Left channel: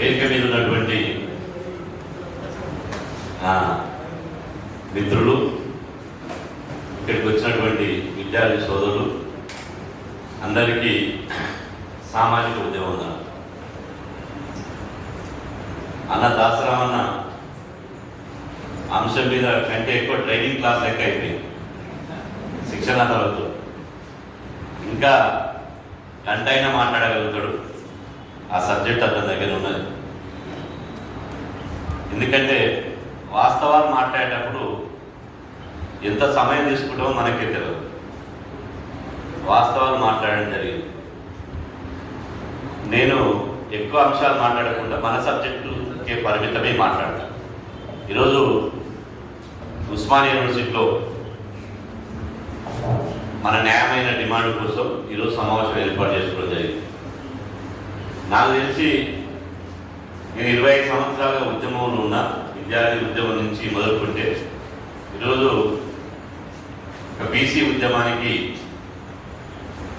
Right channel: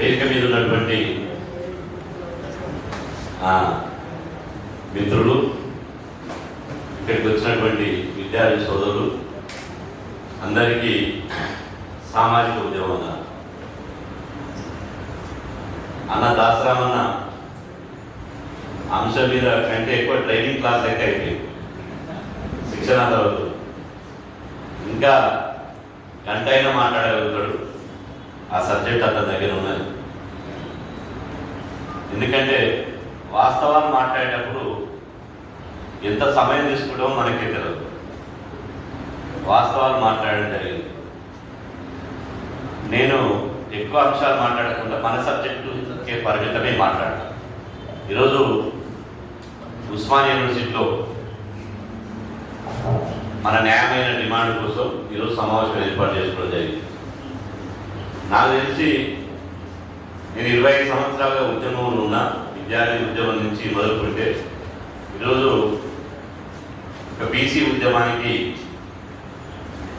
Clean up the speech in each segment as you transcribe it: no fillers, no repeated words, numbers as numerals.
వేదిక మీద ఉన్నటువంటి మిత్రులు, ఇక్కడికి వచ్చినటువంటి విద్యార్థి సోదరులు అందరికీ సామాజిక ఉద్యమం అన్న దాసరామన్న అంశం మీద కంటే ఎక్కువ ట్రైనింగ్ క్లాస్ లెక్క అయిపోయింది. శిక్షణ తరగతులు ఇంకా గంట అయినా మాట్లాడగలుగుతాడు. ఆ సబ్జెక్ట్ అతని దగ్గర ఉన్నది. ఎందుకంటే వాస్తవాలు మాట్లాడేటప్పుడు ఎంత సమయం తీసుకుంటామో మనకే తెలియదు. వాస్తవాలు మాట్లాడడం జరిగింది. నేను ఎక్కువ అంశాలు మాట్లాడకుండా మన సబ్జెక్టుకే పరిమితమే మాట్లాడతాను. ఈరోజు ఉస్మానియా యూనివర్సిటీలో మన న్యాయమైన డిమాండ్ కోసం ఈరోజు సమావేశం ఏర్పాటు చేసుకోవడం జరిగింది. నాకు తెలిసి నేను 25 సంవత్సరాలుగా ఉద్యమంలో ఉన్నా. విద్యార్థి ఉద్యమం నుంచి మొదలుకుంటే ఈరోజు ఒక బీసీ ఉద్యమానికి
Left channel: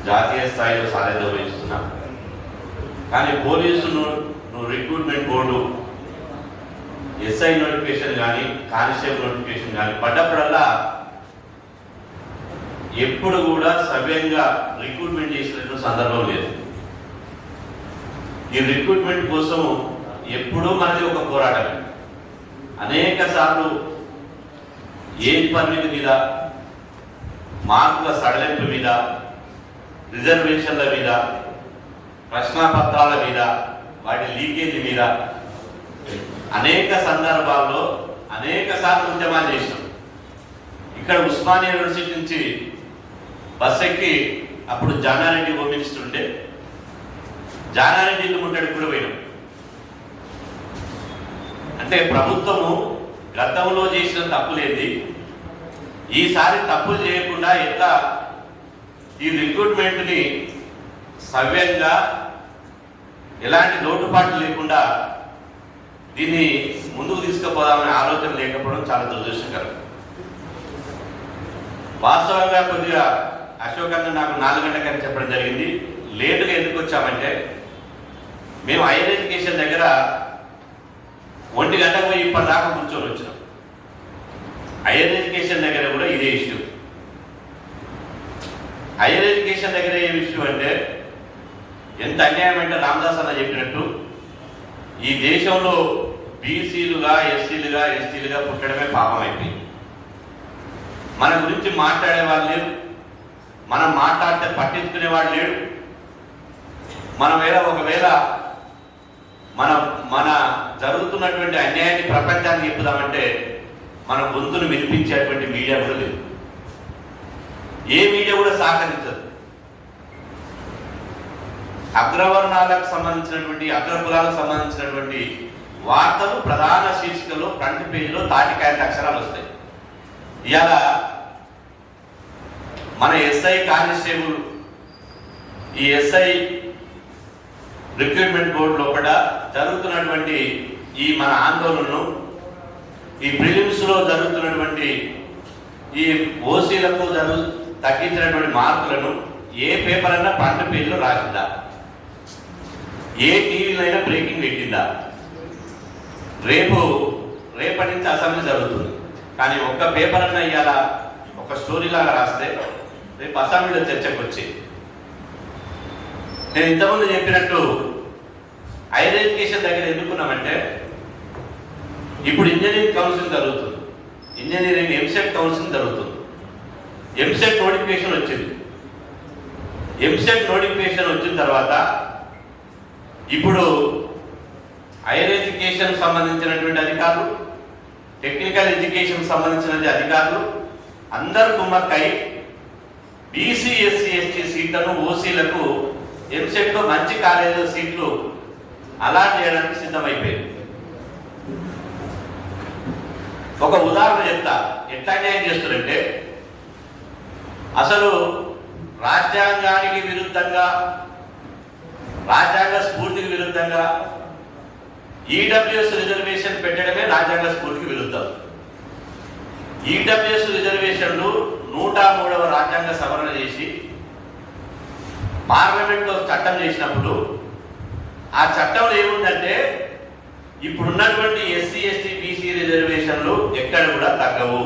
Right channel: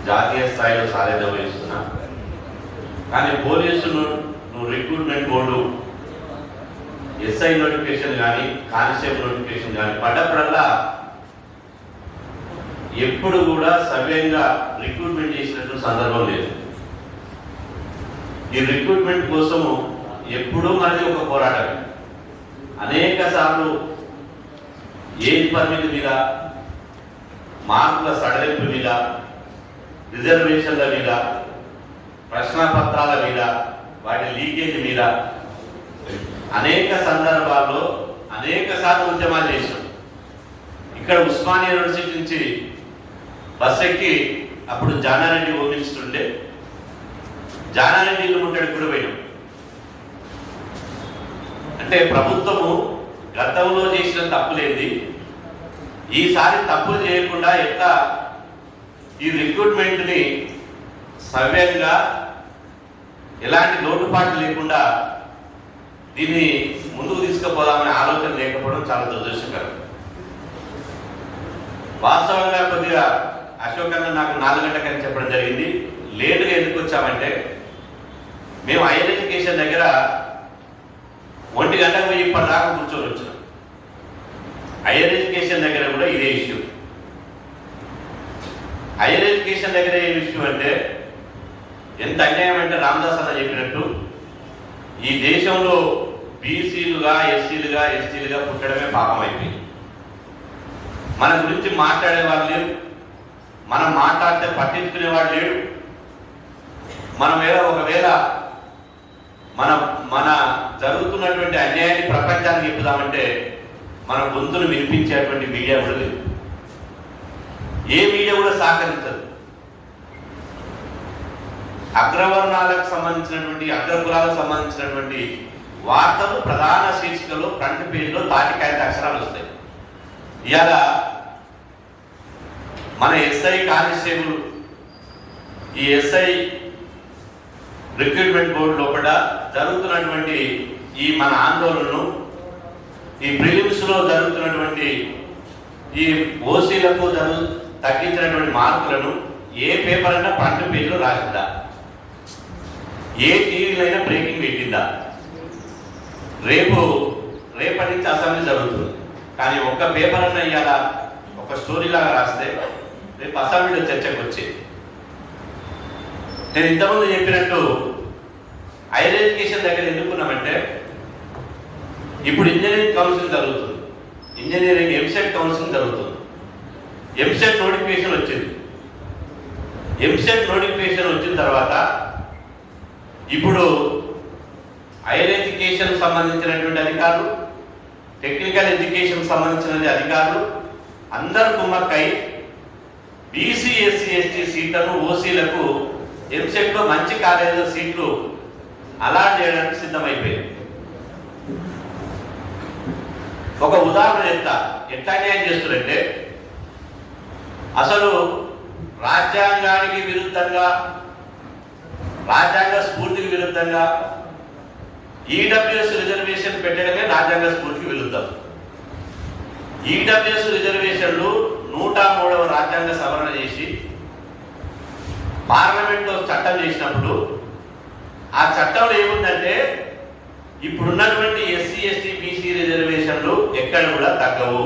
జాతీయ స్థాయిలో సారథ్యం వహిస్తున్నా. కానీ పోలీసును రిక్రూట్మెంట్ బోర్డు ఎస్ఐ నోటిఫికేషన్ కానీ కానిస్టేబుల్ నోటిఫికేషన్ కానీ పడ్డప్పుడల్లా ఎప్పుడు కూడా సవ్యంగా రిక్రూట్మెంట్ చేసినటువంటి సందర్భం లేదు. ఈ రిక్రూట్మెంట్ కోసం ఎప్పుడూ మనది ఒక పోరాటం. అనేక సార్లు ఏజ్ పరిమితి మీద, మార్కుల సడలింపు మీద, రిజర్వేషన్ల మీద, ప్రశ్నాపత్రాల మీద, వాటి లీకేజ్ మీద అనేక సందర్భాల్లో అనేక సార్లు ఉద్యమాలు చేసినాం. ఇక్కడ ఉస్మానియా యూనివర్సిటీ నుంచి బస్ ఎక్కి అప్పుడు జానారెడ్డి హోమ్ మినిస్టర్ ఉండే, జానారెడ్డి ఇల్లు ముట్టడికి కూడా పోయినాం. అంటే ప్రభుత్వము గతంలో చేసిన తప్పులేంది, ఈసారి తప్పులు చేయకుండా ఎట్లా ఈ రిక్రూట్మెంట్ని సవ్యంగా ఎలాంటి లోటుపాట్లు లేకుండా దీన్ని ముందుకు తీసుకుపోదామనే ఆలోచన లేకపోవడం చాలా దురదృష్టకరం. వాస్తవంగా కొద్దిగా అశోక్ అన్న నాకు 4 గంటలకని చెప్పడం జరిగింది. లేటుగా ఎందుకు వచ్చామంటే మేము హైయర్ ఎడ్యుకేషన్ దగ్గర 1 గంటకు పోయి ఇప్పటిదాకా కూర్చొని వచ్చినాం. హైయర్ ఎడ్యుకేషన్ దగ్గర కూడా ఇదే ఇష్యూ. హైయర్ ఎడ్యుకేషన్ దగ్గర ఏ ఇష్యూ అంటే ఎంత అన్యాయం అంటే రామదాస్ అన్న చెప్పినట్టు ఈ దేశంలో బీసీలుగా, ఎస్సీలుగా, ఎస్టీలుగా పుట్టడమే పాపం అయిపోయింది. మన గురించి మాట్లాడేవాళ్ళు లేరు, మనం మాట్లాడితే పట్టించుకునేవాడు లేడు. ఒకవేళ మన జరుగుతున్నటువంటి అన్యాయాన్ని ప్రపంచానికి చెప్పుదామంటే మన గొంతును వినిపించేటువంటి మీడియా కూడా లేదు. ఏ మీడియా కూడా సహకరించదు. అగ్రవర్ణాలకు సంబంధించినటువంటి, అగ్రకులాలకు సంబంధించినటువంటి వార్తలు ప్రధాన శీర్షికలో ఫ్రంట్ పేజీలో తాటికాయంత అక్షరాలు వస్తాయి. ఇవాళ మన ఎస్ఐ కానిస్టేబుల్, ఈ ఎస్ఐ రిక్రూట్మెంట్ బోర్డు లోపల జరుగుతున్నటువంటి ఈ మన ఆందోళనను, ఈ ప్రిలిమ్స్ లో జరుగుతున్నటువంటి ఈ ఓసీలకు తగ్గించినటువంటి మార్కులను ఏ పేపర్ అయినా ఫ్రంట్ పేజీలో రాసిందా? ఏ టీవీలైనా బ్రేకింగ్ పెట్టిందా? రేపటి నుంచి అసెంబ్లీ జరుగుతుంది, కానీ ఒక్క పేపర్ అన్నా ఇవాళ ఒక స్టోరీ లాగా రాస్తే రేపు అసెంబ్లీలో చర్చకు వచ్చేది. నేను ఇంతకుముందు చెప్పినట్టు హైయర్ ఎడ్యుకేషన్ దగ్గర ఎందుకున్నామంటే ఇప్పుడు ఇంజనీరింగ్ కౌన్సిలింగ్ జరుగుతుంది, ఇంజనీరింగ్ ఎంసెట్ కౌన్సిలింగ్ జరుగుతుంది. ఎంసెట్ నోటిఫికేషన్ వచ్చింది. ఎంసెట్ నోటిఫికేషన్ వచ్చిన తర్వాత ఇప్పుడు హైయర్ ఎడ్యుకేషన్ సంబంధించినటువంటి అధికారులు, టెక్నికల్ ఎడ్యుకేషన్ సంబంధించిన అధికారులు అందరూ కుమ్మక్కై బీసీ, ఎస్సీ, ఎస్టీ సీట్లను ఓసీలకు ఎంసెట్లో మంచి కాలేజీల సీట్లు అలాట్ చేయడానికి సిద్ధమైపోయింది. ఒక ఉదాహరణ చెప్తా, ఎట్లా న్యాయం చేస్తారంటే అసలు రాజ్యాంగానికి విరుద్ధంగా, రాజ్యాంగ స్ఫూర్తికి విరుద్ధంగా ఈడబ్ల్యూఎస్ రిజర్వేషన్ పెట్టడమే రాజ్యాంగ స్ఫూర్తికి విరుద్ధం. ఈడబ్ల్యూఎస్ రిజర్వేషన్లు 103వ రాజ్యాంగ సవరణ చేసి పార్లమెంట్లో చట్టం చేసినప్పుడు ఆ చట్టంలో ఏముందంటే ఇప్పుడున్నటువంటి ఎస్సీ ఎస్టీ బీసీ రిజర్వేషన్లు ఎక్కడ కూడా తగ్గవు.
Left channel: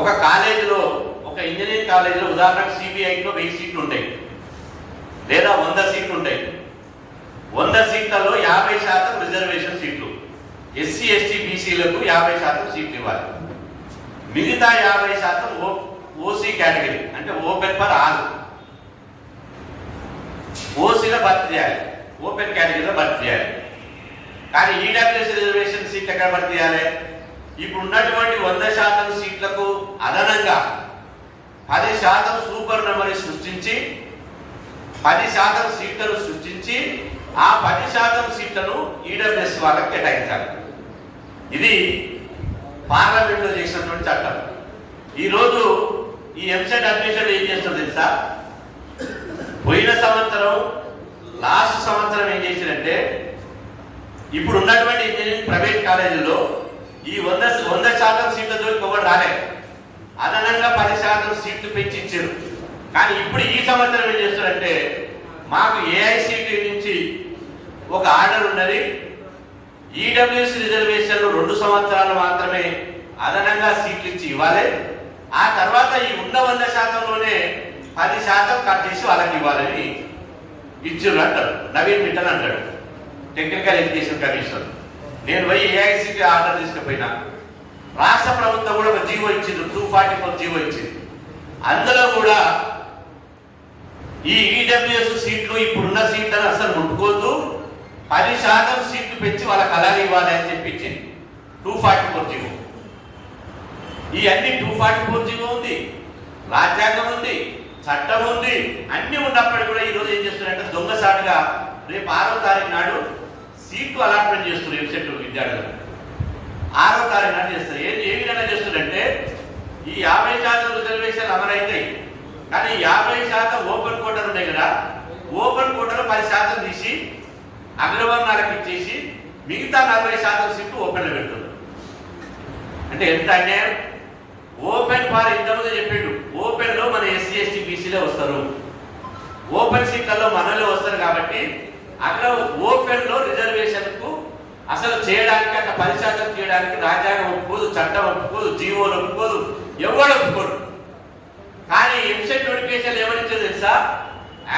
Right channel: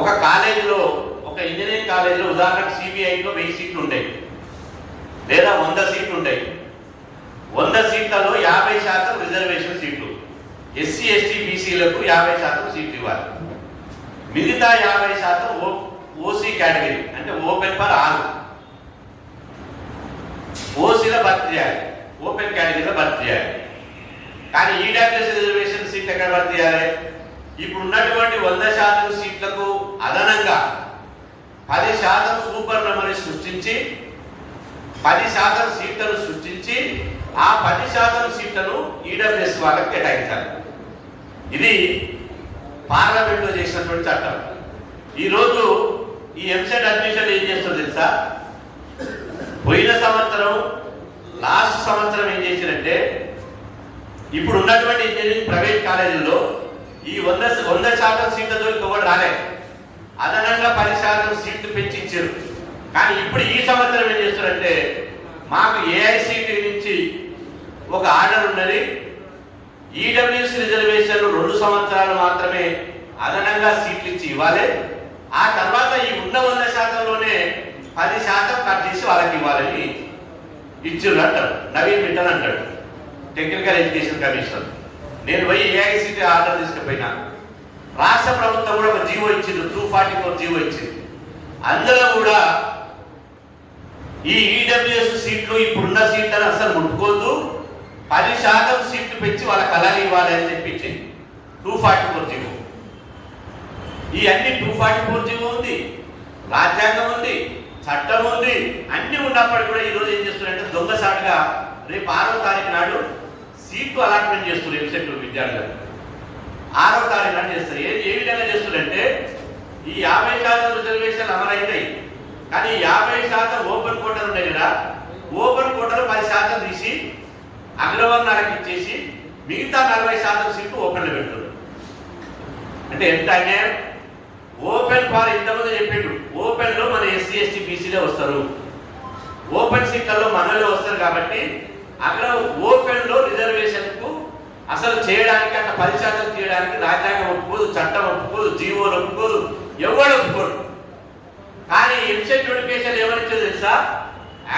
ఒక కాలేజీలో, ఒక ఇంజనీరింగ్ కాలేజీలో ఉదాహరణకు సిబిఐలో 1000 సీట్లు ఉంటాయి లేదా 100 సీట్లు ఉంటాయి. 100 సీట్లలో 50% రిజర్వేషన్ సీట్లు. ఎస్సీ ఎస్టీ బీసీలకు 50% సీట్లు ఇవ్వాలి. మిగతా 50% ఓసీ కేటగిరీ, అంటే ఓపెన్ ఫర్ ఆల్. ఓసీలో భర్తీ చేయాలి, ఓపెన్ కేటగిరీలో భర్తీ చేయాలి. కానీ ఈడబ్ల్యూఎస్ రిజర్వేషన్ సీట్లు ఎక్కడ భర్తీ చేయాలి? ఇప్పుడు ఉన్నటువంటి 100% సీట్లకు అదనంగా 10% సూపర్ నెంబర్ సృష్టించి 10% సీట్లను సృష్టించి ఆ 10% సీట్లను ఈడబ్ల్యూఎస్ వాళ్ళకి కేటాయించాలి. ఇది పార్లమెంట్ లో చేసినటువంటి చట్టం. ఈరోజు ఈ ఎంసెట్ అడ్మిషన్ ఏం చేస్తుందో తెలుసా? పోయిన సంవత్సరం, లాస్ట్ సంవత్సరం ఏం చేసినంటే, ఇప్పుడు ఉన్నటువంటి ఇంజనీరింగ్ ప్రైవేట్ కాలేజీల్లో ఈ 100% సీట్ల జోలికి ఒకటి రాలే, అదనంగా 10% సీట్లు పెంచి ఇచ్చారు. కానీ ఇప్పుడు ఈ సంవత్సరం ఏం చేస్తారంటే, మాకు ఏఐసిటి నుంచి ఒక ఆర్డర్ ఉన్నది, ఈడబ్ల్యూఎస్ రిజర్వేషన్లు 2 సంవత్సరాలు మాత్రమే అదనంగా సీట్లు ఇచ్చి ఇవ్వాలి, ఆ తర్వాత ఈ ఉన్న 100%లోనే 10% కట్ చేసి వాళ్ళకి ఇవ్వాలని ఇచ్చారు అంటాడు నవీన్ మిట్టల్ అంటాడు, టెక్నికల్ ఎడ్యుకేషన్ కమిషనర్. నేను పోయి ఏఐసిటి ఆర్డర్ తీసుకుపోయినా, రాష్ట్ర ప్రభుత్వం కూడా ఒక జీవో ఇచ్చింది, 244 జీవో ఇచ్చింది. అందులో కూడా ఈ ఈడబ్ల్యూఎస్ సీట్లు ఇప్పుడున్న సీట్లను అసలు ముట్టుకోవద్దు, 10% సీట్లు పెంచి వాళ్ళకి అలాగే ఇవ్వాలి అని చెప్పించింది 244 జీవో. ఈ అన్ని 244 జీవో ఉంది, రాజ్యాంగం ఉంది, చట్టం ఉంది, అన్ని ఉన్నప్పటికీ కూడా ఈ రోజు ఏం చేస్తున్నారంటే దొంగసాటుగా రేపు 6వ తారీఖు నాడు సీట్లు అలాట్మెంట్ చేస్తున్నారు. ఎంసెట్ విద్యార్థులు 6వ తారీఖు నాడు చేస్తారు. ఏ విధంగా చేస్తున్నారంటే, ఈ 50% రిజర్వేషన్లు అమలైతాయి, కానీ 50% ఓపెన్ కోటాలు ఉన్నాయి కదా, ఓపెన్ కోటాలు 10% తీసి అగ్రవర్ణాలకు ఇచ్చేసి మిగతా 40% సీట్లు ఓపెన్ లో పెడుతున్నారు. అంటే ఎంత అన్యాయం! ఓపెన్ ఫార్ ఇంతకుముందు చెప్పిండు, ఓపెన్ లో మన ఎస్సీ ఎస్టీ బీసీలే వస్తారు, ఓపెన్ సీట్లలో మనలో వస్తారు. కాబట్టి అక్కడ ఓపెన్ లో రిజర్వేషన్ కు అసలు చేయడానికి, అట్లా 10% చేయడానికి రాజ్యాంగం ఒప్పుకోదు, చట్టం ఒప్పుకోదు, జీవోలు ఒప్పుకోదు, ఎవరు ఒప్పుకోడు. కానీ ఎంసెట్ నోటిఫికేషన్ ఏమనిచ్చిందో తెలుసా?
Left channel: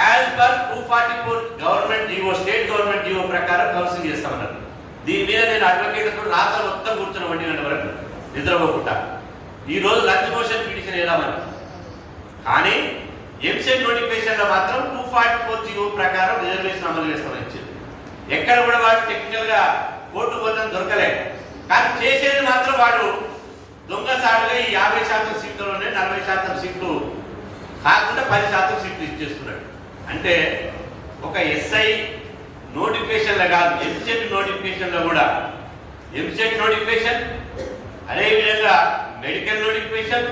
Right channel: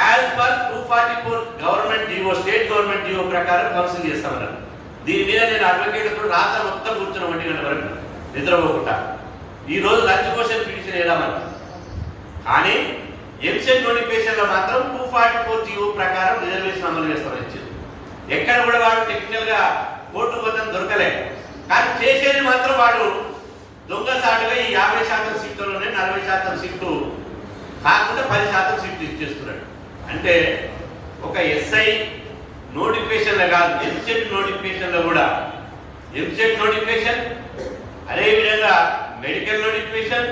As per 244 government GO, state government GO ప్రకారం కౌన్సిలింగ్ చేస్తామన్నారు. దీని మీద నేను అడ్వకేట్లతో రాత్రి మొత్తం కూర్చున్న 1 గంట వరకు నిద్రపోకుండా. ఈ రోజు లంచ్ మోషన్ పిటిషన్ వేద్దామని, కానీ ఎంసెట్ నోటిఫికేషన్ లో మాత్రం 244 జీవో ప్రకారం రిజర్వేషన్ అమలు చేస్తామని ఇచ్చింది. ఎక్కడ కూడా వాడు టెక్నికల్ గా కోర్టు పోతం దొరకలేదు, కానీ చేసేది మాత్రం వాడు దొంగసాటుగా ఈ 50% సీట్లలోనే 40% సీట్లు కాకుండా 10% సీట్లు ఇచ్చేస్తున్నాడు. అంటే ఒక ఎస్ఐ నోటిఫికేషన్ లో కాదు, ఎంసెట్ నోటిఫికేషన్ లో కూడా, ఎంసెట్ నోటిఫికేషన్, అదేవిధంగా మెడికల్ నోటిఫికేషన్,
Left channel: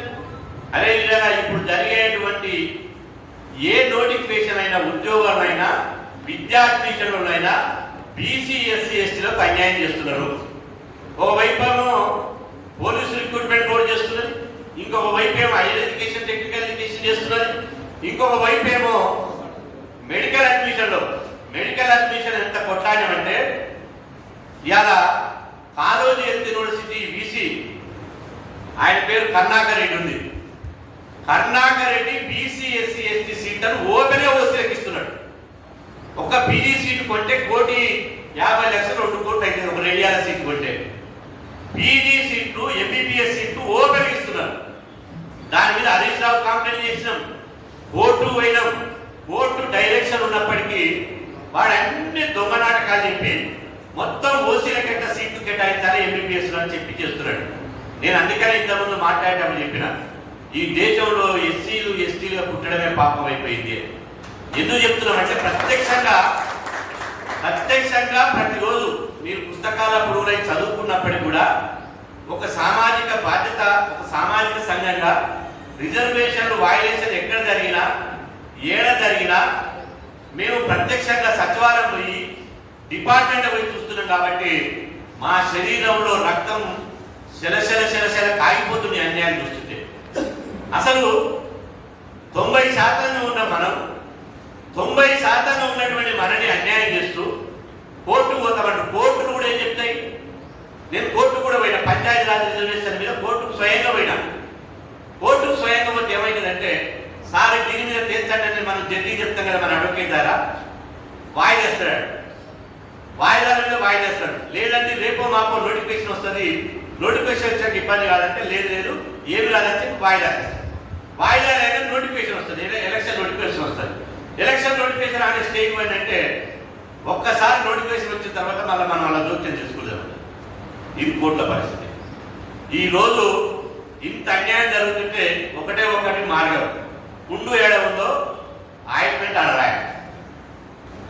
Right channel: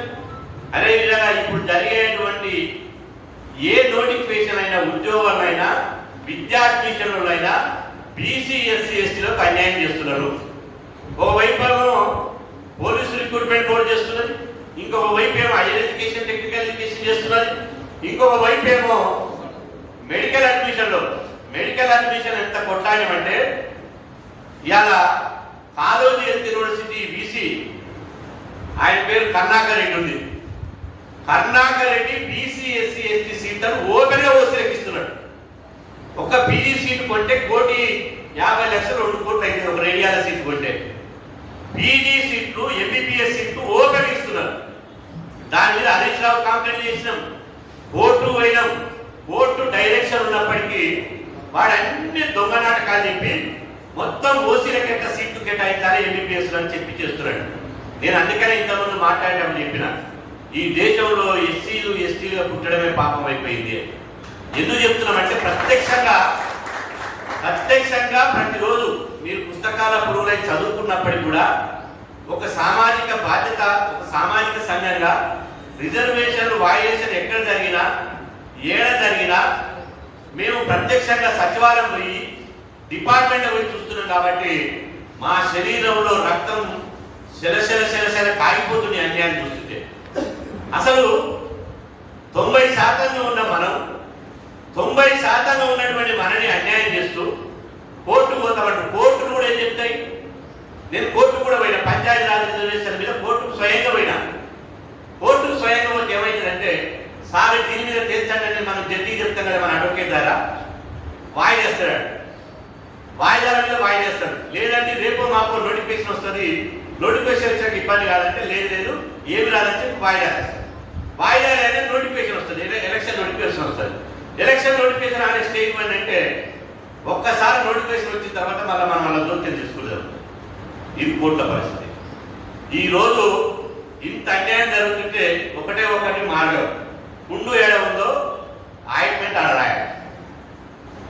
అదేవిధంగా ఇప్పుడు జరిగేటువంటి ఏ నోటిఫికేషన్ అయినా, ఉద్యోగాలైనా, విద్యా అడ్మిషన్లైనా బీసీ ఎస్సీ ఎస్టీలకు అన్యాయం చేస్తున్నారు. ఒకవైపు ఏమో పోలీసు రిక్రూట్మెంట్ బోర్డు చేస్తున్నది, ఇంకొక వైపు ఏమో హైయర్ ఎడ్యుకేషన్ టెక్నికల్ ఎడ్యుకేషన్ చేస్తున్నది, ఇంకొక వైపు ఏమో మెడికల్ అడ్మిషన్ ఎంత కొట్లాడమంటే, ఇవాళ కాళోజీ హెల్త్ యూనివర్సిటీ బీసీ, ఆయన పేరు కర్ణాకర్ రెడ్డి ఉంది. Karnakar Reddy BC SC ST సీట్లను ఓపెన్ గా ఓసీలకు ఇస్తున్నాడు. ఒక పీజీ సీటు కొంటే 1,50,00,000 2 కోట్లు అయితే ఒక రేడియాల సీట్ కొంటే, పీజీ సీట్లు ఎంబీబీఎస్ సీట్లు ఓపెన్ ఇస్తున్నారు. దాని మీద హరీష్ రావు కంప్లైంట్ చేసినాం, కోర్టు పోయినాం, కోర్టు డైరెక్షన్ ఉన్నప్పటికీ వాడు అన్ని దొంగ నాటకాలు చెప్పి మొత్తం ఓసీలకైతే సీట్లు కేటాయించాలి ఎంబీబీఎస్ అని చెప్పి చేస్తున్నాడు. నేను అందుకనే ఇంతకుముందు మాట్లాడేటప్పుడు చెప్పిన, ఈ దేశంలో ఎస్సీలు ఎస్టీలుగా పుట్టడమే పాపం అయిపోయింది. ఎందుకు చెప్తున్నామంటే, ప్రత్యక్షంగా ప్రతిరోజు మీరు పుస్తకాల పురుగులై చదువుకున్నప్పటికీ కూడా ఒక సామాజిక బాధ్యత, ఒక సామాజిక సంఘంగా రిజర్వేషన్లు వాయిలేషన్ ఎక్కడ జరిగినా, ఏడ జరిగినా మేము ప్రత్యక్షంగా సచివాలయం పోయి, డిపార్ట్మెంట్ పోయి చూస్తున్నాం. కాబట్టి మా శరీరంలో రక్తం శలశల కాగిపోతుంది అన్యాయం చూస్తుంటే. అసలు 90% ఉన్న మనం, 90% ఉన్నటువంటి మనని అన్యాయం చేస్తూ కోర్టు పోతామంటారు. కోర్టును కూడా నేను కోర్టు కూడా పోయినా, పంచాయతీరాజ్ రిజర్వేషన్ మీద కోర్టుకు స్వయంగా పోయినా. కోర్టుకు స్వయంగా పోతే ఏమైందంటే, సార్ దీని మీద తేల్చండి అని మనం జడ్జి చెప్తాం కదా, మన అడ్వకేట్ ద్వారా వాయిదేస్తాడు. వాయిదాల మీద వాయిదేస్తాడు. లేదంటే రేపో మాపో నోటిఫికేషన్ వస్తుంది, నోటిఫికేషన్ వచ్చాక ఇబ్బంది కాదంటే లేదు ఏమి రాదంటే వాయిదా వేస్తాడు. వాయిదా లేదా నోటిఫికేషన్ వస్తుంది, ఎలక్షన్ నోటిఫికేషన్ వస్తుంది. ఎలక్షన్ నోటిఫికేషన్ అనే స్టేజ్ అంటే ఒక్కసారి నోటిఫికేషన్ వచ్చిన తర్వాత మళ్ళీ జోక్యం చేసుకోలేదు. ఇది కోర్టుల పరిస్థితి. ఈరోజు ఇంత అన్యాయం జరుగుతుంటే ఒకటి మార్గం, పుండు ఏడ ఉందో ఆయింట్మెంట్ ఆడ రాయాలి.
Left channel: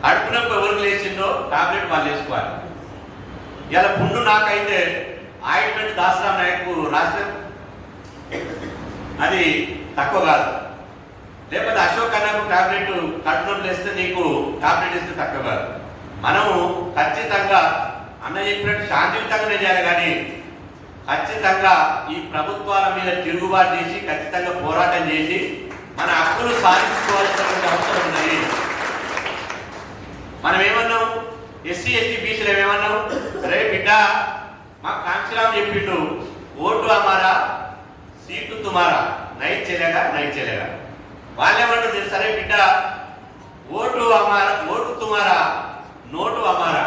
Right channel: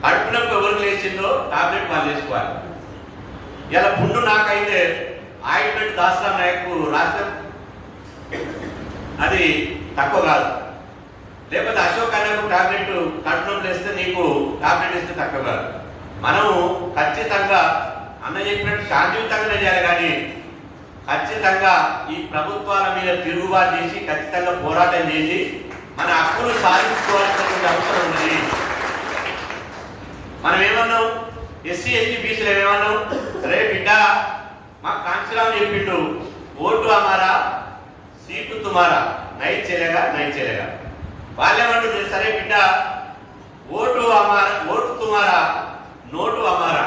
కడుపునొప్పి ఎవరికి లేచిందో టాబ్లెట్ వాళ్ళు వేసుకోవాలి. ఇలా పుండు నాకైతే ఆయింట్మెంట్ దాస్రాం నాయకు రాష్ట్రం అది తక్కువ కాదు. లేకపోతే అశోక్ అన్నకు టాబ్లెట్ కడుపునొప్పి వేస్తే నీకు టాబ్లెట్ ఇస్తే తక్కువ కాదు. మనము ఖచ్చితంగా అన్న చెప్పినట్టు శాంతియుతంగానే చేయాలి, కానీ ఖచ్చితంగా ఈ ప్రభుత్వాల మీద తిరుగుబాటు చేసి ఖచ్చితంగా పోరాటం చేసి మన హక్కులు సాధించుకోవాల్సినటువంటి అవసరం ఉన్నది. మనం ఏమన్నాం, ఎస్సీ ఎస్టీ బీసీలు ఏమేమన్నాం, రే బిడ్డ మాకు కాంక్షరామ్ చెప్పిండు, ఓటు అమారా సీటు తుమారా, నైట్ చెలేగా. వాళ్ళేమంటుంది, సరే బిడ్డ ఓటు తుమారా నోటు అమారా,